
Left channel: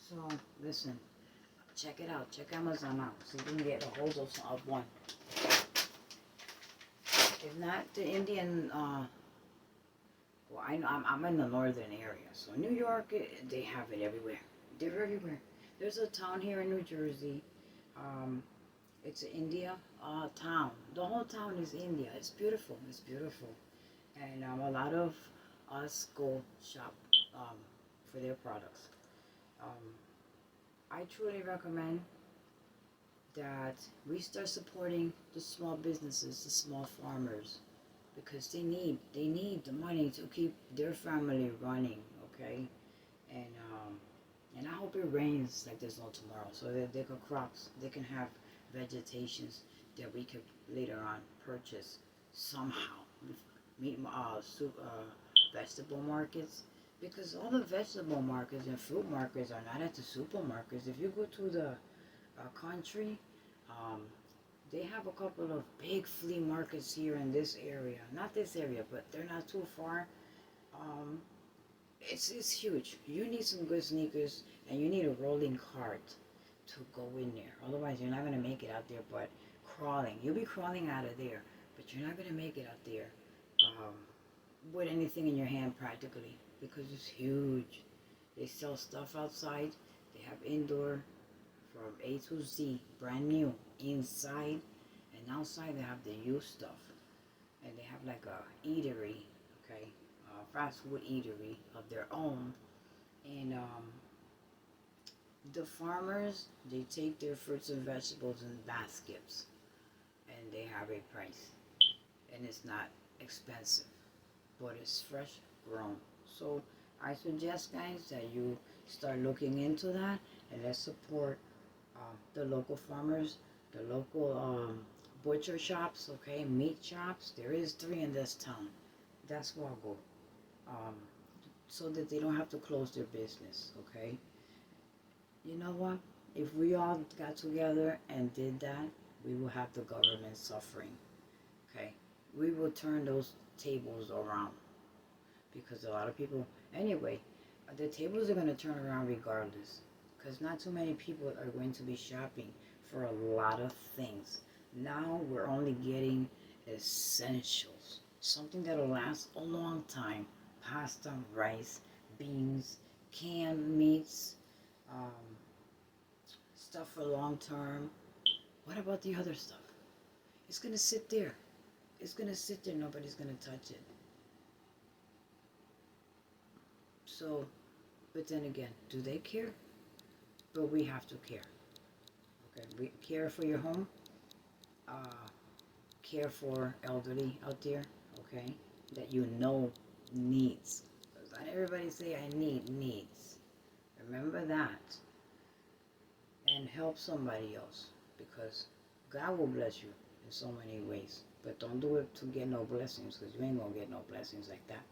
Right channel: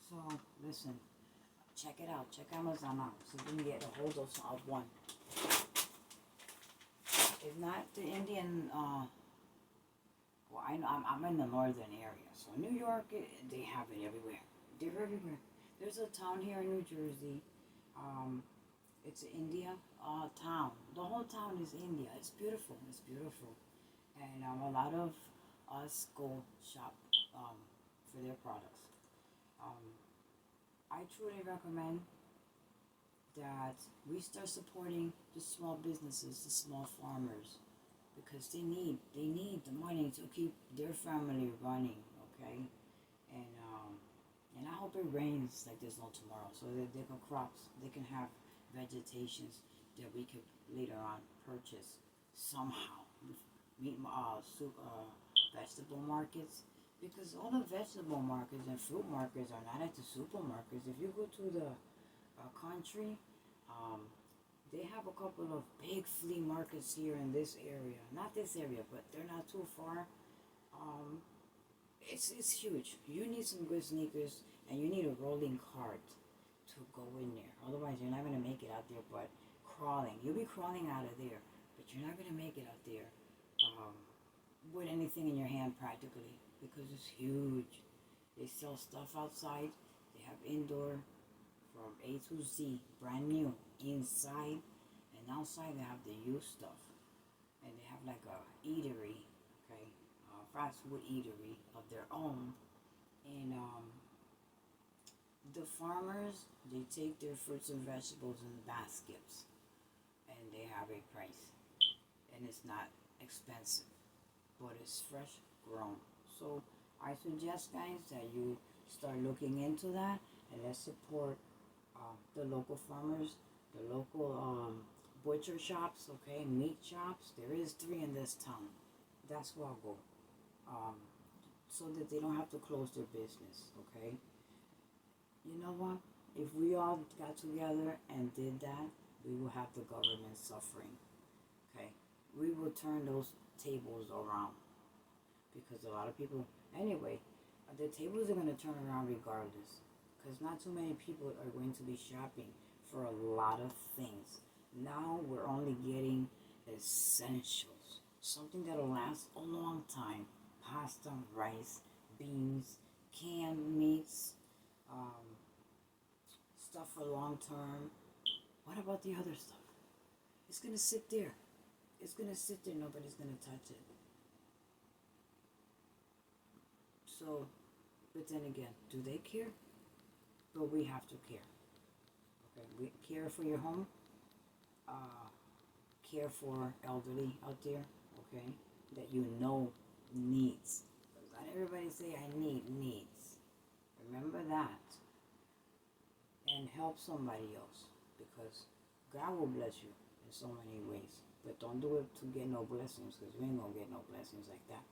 So listen. Check it out. Check Amazon out. So you can get a hold of one. If not the Indian, well, I know I'm in the northern area. So New York, they have it everywhere. They're everywhere. There's a town here in New Jersey. It's an India town. The whole town is India. It's beautiful. It's beautiful. And a lot of us go shop for their products. I truly recommend that we start supporting the small businesses, the small farmers, because they need the money to keep their family running, okay? And I hope it rains like there's no tomorrow, so that they can crops, they can have vegetations that we could later on purchase somehow. Meat, vegetable markets. Because all the vegetable markets and fruit markets are not at the supermarkets. If you go to the country, they have a couple of big flea markets here in this area. Not this area, but they're not too far. It's huge. You need some good sneakers, and you need a rolling cart to go in there. Otherwise, you're not going to make it out there, but crawling. You'll be crawling out of there, but you're not going to make it out there with anything in your hand practically. Because it's huge. They sell stuff outside. They have indoor from A to Z, brand new. Inside and outside they have the used stuff. And they have like a eatery, okay, fast food eatery of their own. And the farmers, they take their fruits and vegetables in baskets. And they have a price. And it's not expensive. But it's fresh grown. So I suggest, guys, that you start looking into that, and let's support the local farmers, the local butcher shops, okay, meat shops. There is 3 in this town. That's where I'll go, so that they don't have to close their business, okay? You know what? If we all got together and did that, we will have the government suffering, okay? We will turn those tables around. Because a lot of people, anyway, the tables are going to turn around regardless. Because not too many people are going to be shopping for a lot of things. Now we're only getting essentials. Something that'll last a long time. Pasta, rice, beans, canned meats, stuff for long term. What about the other stuff? It's gonna sit there. It's gonna sit there. Nobody's gonna touch it. So, but then again, do they care? But we have to care. Okay, we care for your home. Care for elderly out there. Okay, that you know needs. Not everybody say I needs. Remember that, and help somebody else, because God will bless you in so many ways. But don't do it to get no blessings, because you ain't gonna get no blessings like that.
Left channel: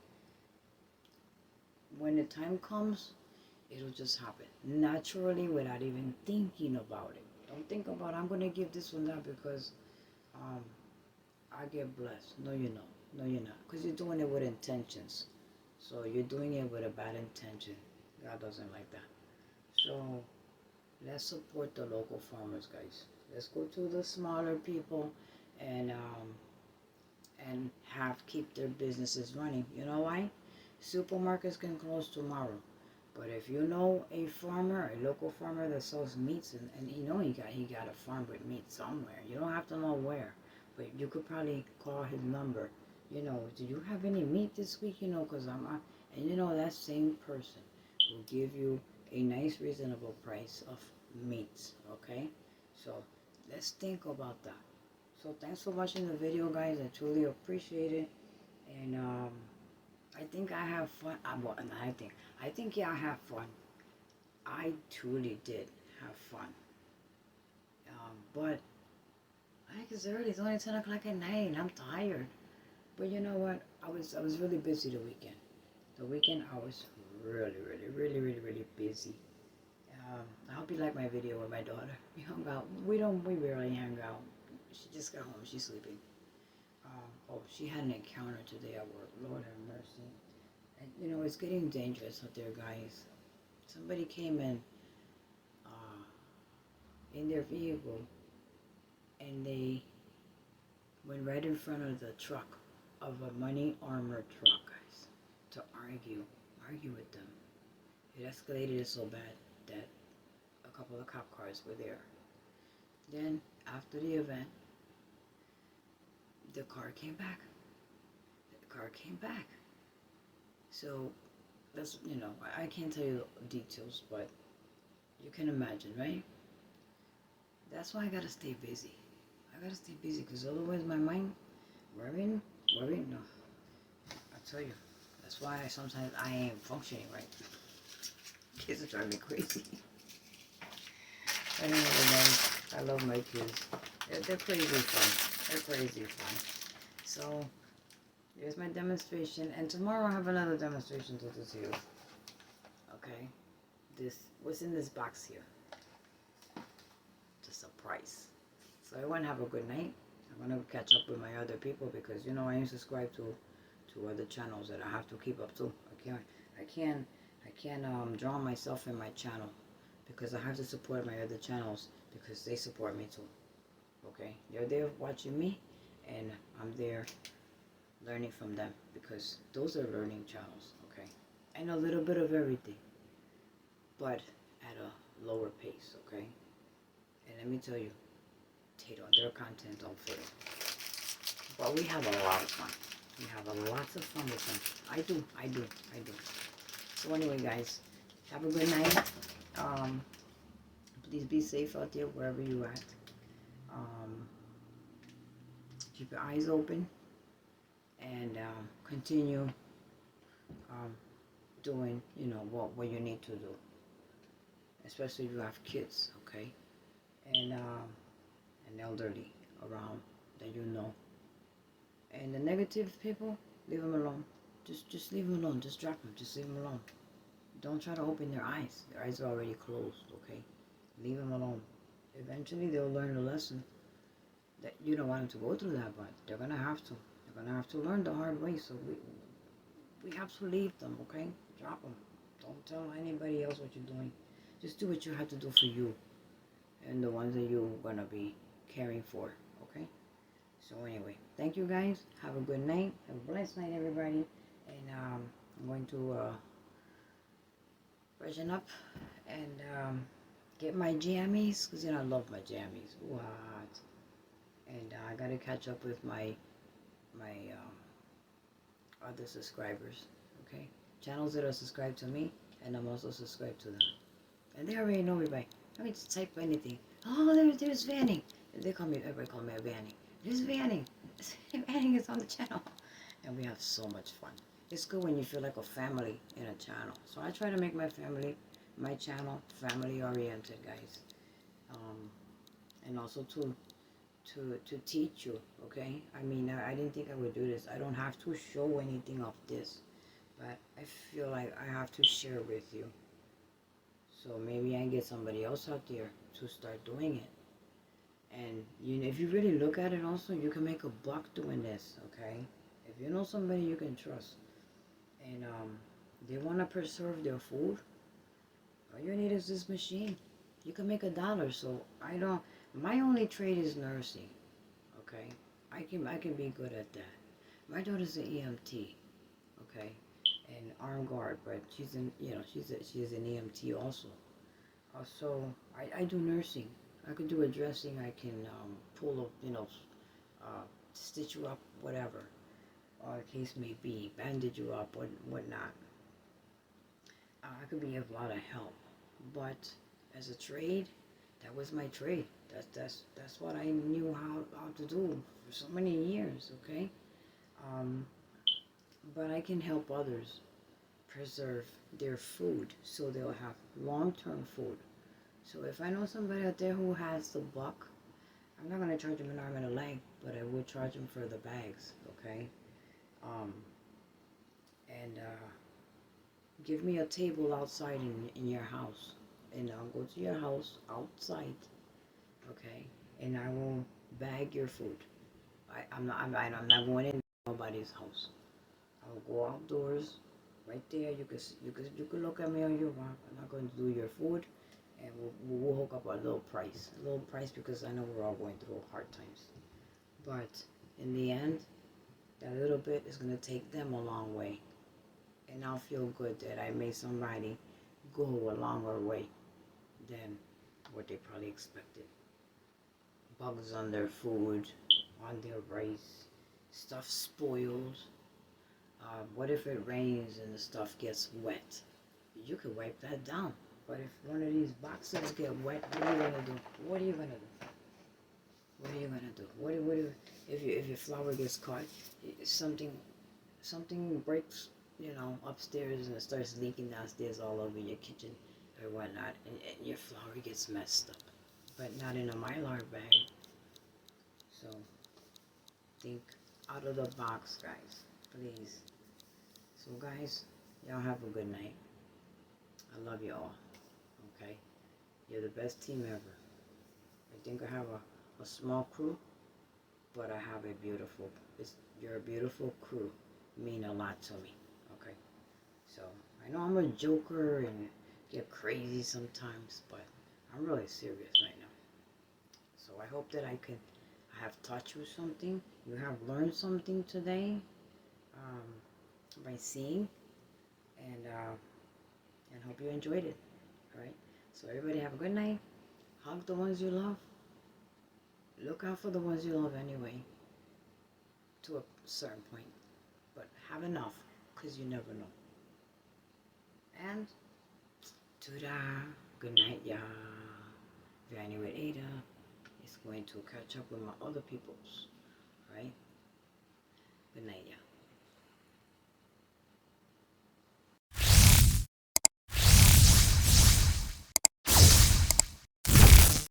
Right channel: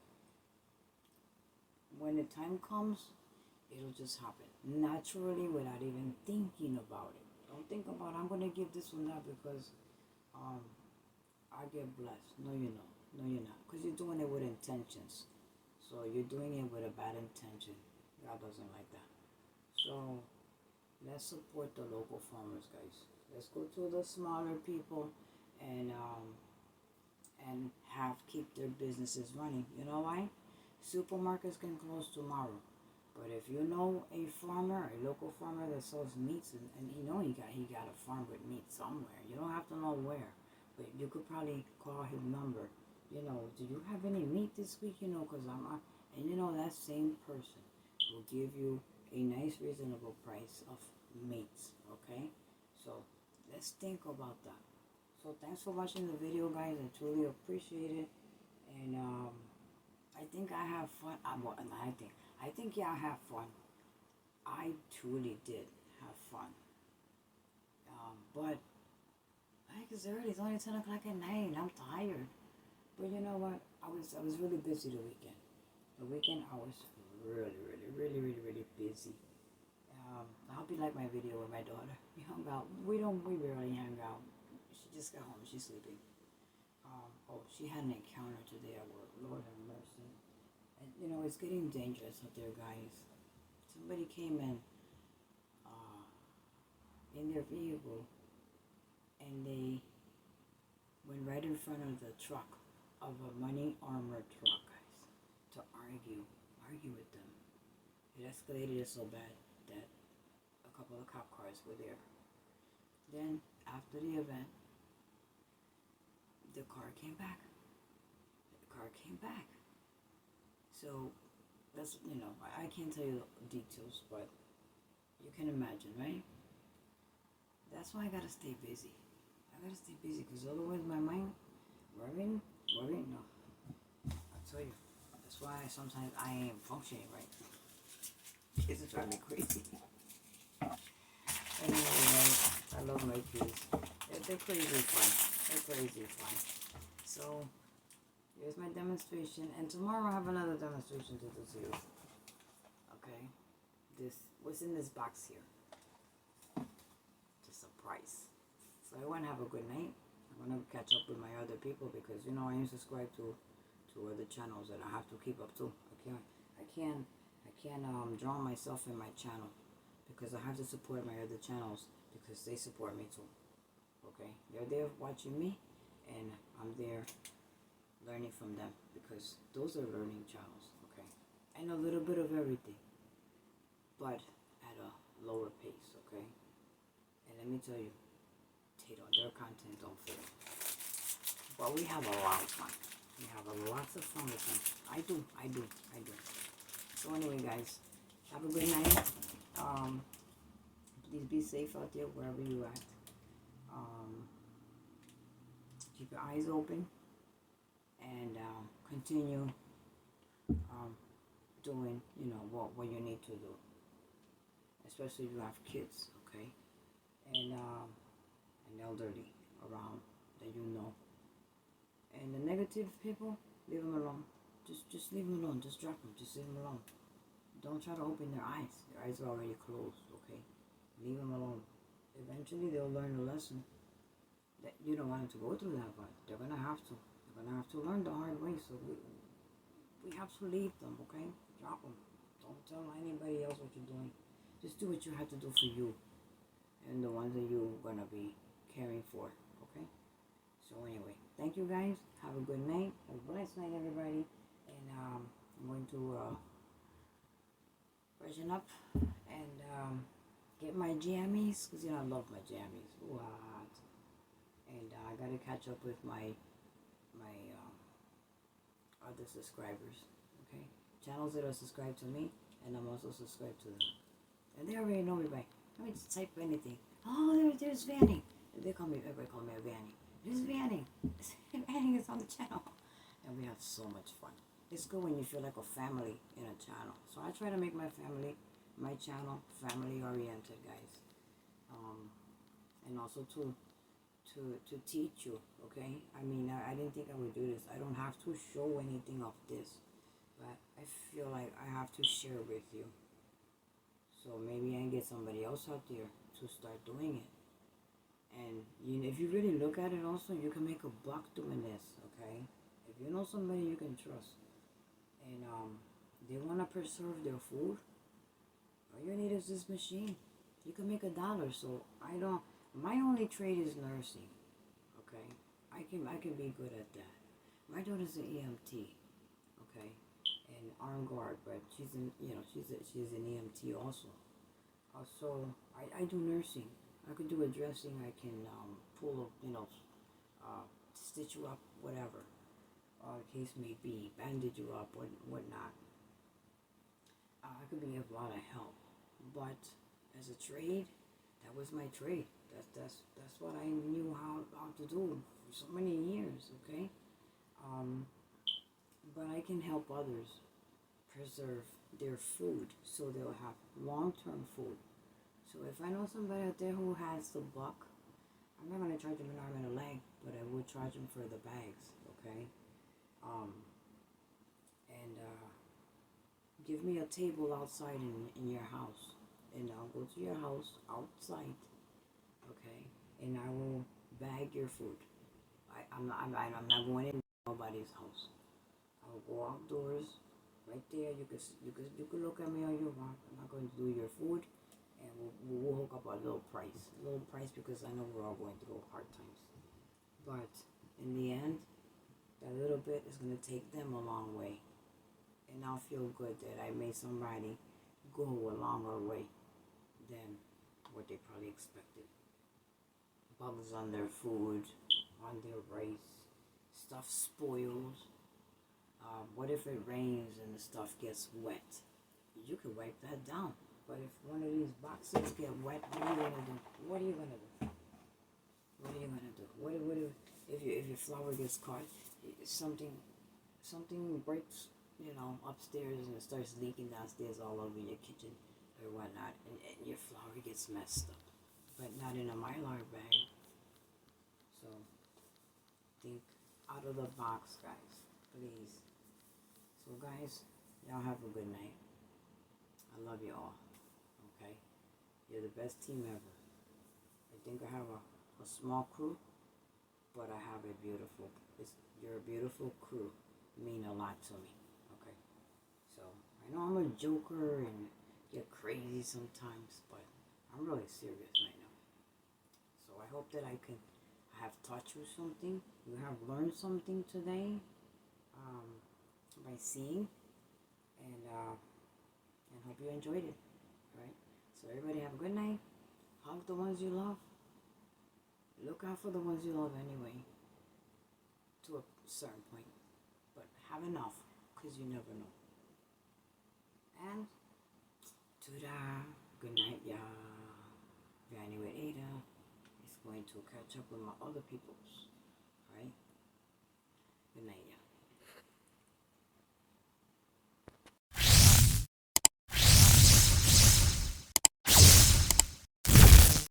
When the time comes, it'll just happen naturally without even thinking about it. Don't think about I'm gonna give this one that because I get blessed. No, you know. No, you're not, because you're doing it with intentions. So you're doing it with a bad intention. God doesn't like that. So let's support the local farmers, guys. Let's go to the smaller people and keep their businesses running. You know why? Supermarkets can close tomorrow, but if you know a farmer, a local farmer that sells meats, and you know he got a farm with meat somewhere. You don't have to know where, but you could probably call his number. You know, do you have any meat this week? You know, because and you know that same person will give you a nice, reasonable price of meats. Okay, so let's think about that. So thanks for watching the video, guys. I truly appreciate it, and I think I have fun. Well, I think y'all have fun. I truly did have fun. But I think it's early. It's only 10 o'clock at night, and I'm tired. But you know what? I was really busy the weekend. The weekend I was really busy. I hope you like my video with my daughter. We hung out. We rarely hang out. She just got home. She's sleeping. She had an encounter today at work. Lord have mercy. And you know, it's getting dangerous out there, guys. Somebody came in their vehicle, and they went right in front of the truck of a money armored truck, guys, to argue with them. It escalated so bad that a couple of cop cars were there. Then after the event, the car came back. So that's, you know, I can't tell you the details, but you can imagine, right? That's why I gotta stay busy. Because otherwise my mind worrying, no. I tell you, that's why sometimes I ain't functioning right. Kids are driving me crazy. Anyway, guys, I love my kids. They're crazy fun. So, here's my demonstration, and tomorrow I have another demonstration to do to you. Okay? What's in this box here? Just a price. So everyone have a good night. I'm gonna catch up with my other people because you know I am subscribed to other channels that I have to keep up to. I can't drown myself in my channel because I have to support my other channels because they support me too. Okay, they're there watching me, and I'm there learning from them because those are learning channels. Okay, I know a little bit of everything, but at a lower pace. Okay, and let me tell you, their content don't fit. But we have a lot of fun. We have lots of fun with them. I do. So anyway, guys, have a good night. Please be safe out there wherever you're at. Keep your eyes open and continue doing, you know, what you need to do. Especially if you have kids, okay? And elderly around that you know. And the negative people, leave them alone. Just leave them alone. Just drop them. Just leave them alone. Don't try to open their eyes. Their eyes are already closed, okay? Leave them alone. Eventually they'll learn the lesson that you don't want them to go through that, but they're gonna have to. They're gonna have to learn the hard way. So we have to leave them, okay? Drop them. Don't tell anybody else what you're doing. Just do what you have to do for you and the ones that you're gonna be caring for, okay? So anyway, thank you guys. Have a good night. Have a blessed night, everybody. And I'm going to freshen up and get my jammies, because you know I love my jammies. What? and I gotta catch up with my other subscribers. Okay, channels that are subscribed to me, and I'm also subscribed to them, and they already know me by. Let me just type anything. Oh, there's Vanny. Everybody call me a Vanny. There's Vanny. Vanny is on the channel, and we have so much fun. It's good when you feel like a family in a channel. So I try to make my channel family oriented, guys, and also to teach you. Okay, I mean, I didn't think I would do this. I don't have to show anything of this, but I feel like I have to share with you. So maybe I get somebody else out there to start doing it. And if you really look at it, also you can make a buck doing this. Okay, if you know somebody you can trust, and they want to preserve their food, all you need is this machine. You can make $1. So I don't. My only trade is nursing. Okay, I can be good at that. My daughter's an EMT. Okay, and armed guard, but she's an EMT also. Also, I do nursing. I could do a dressing. I can pull up, stitch you up, whatever, or the case may be, bandage you up, whatnot. I could be of a lot of help, but as a trade, that was my trade. That's what I knew how to do for so many years. Okay, but I can help others preserve their food so they'll have long-term food. So if I know somebody out there who has the buck, I'm not going to charge them an arm and a leg, but I would charge them for the bags, okay? And give me a table outside in your house, and I'll go to your house outside, okay? And I will bag your food. I'm not going in nobody's house. I'll go outdoors, right there. You can look at me all you want. I'm not going to do your food, and we'll hook up a little price because I know we're all going through hard times. But in the end, that little bit is going to take them a long way, and I'll feel good that I made somebody go a longer way than what they probably expected. Bugs on their food, on their rice, stuff spoils. What if it rains and the stuff gets wet? You could wipe that down. But if one of these boxes get wet, what are you gonna do? What are you gonna do? What are you gonna do? What if your flour gets caught? Something breaks, upstairs and it starts leaking downstairs all over your kitchen or whatnot, and your flour gets messed up. But not in a Mylar bag. So think out of the box, guys, please. So guys, y'all have a good night. I love you all. Okay? You're the best team ever. I think I have a small crew, but I have a beautiful, you're a beautiful crew. Mean a lot to me. Okay? So I know I'm a joker and get crazy sometimes, but I'm really serious right now. So I hope that I have taught you something. You have learned something today by seeing, and hope you enjoyed it. All right. So everybody have a good night. Hug the ones you love. Look out for the ones you love anyway, to a certain point. But have enough, because you never know. And ta-da. Good night, y'all. Vanny with Ada is going to catch up with my other peoples.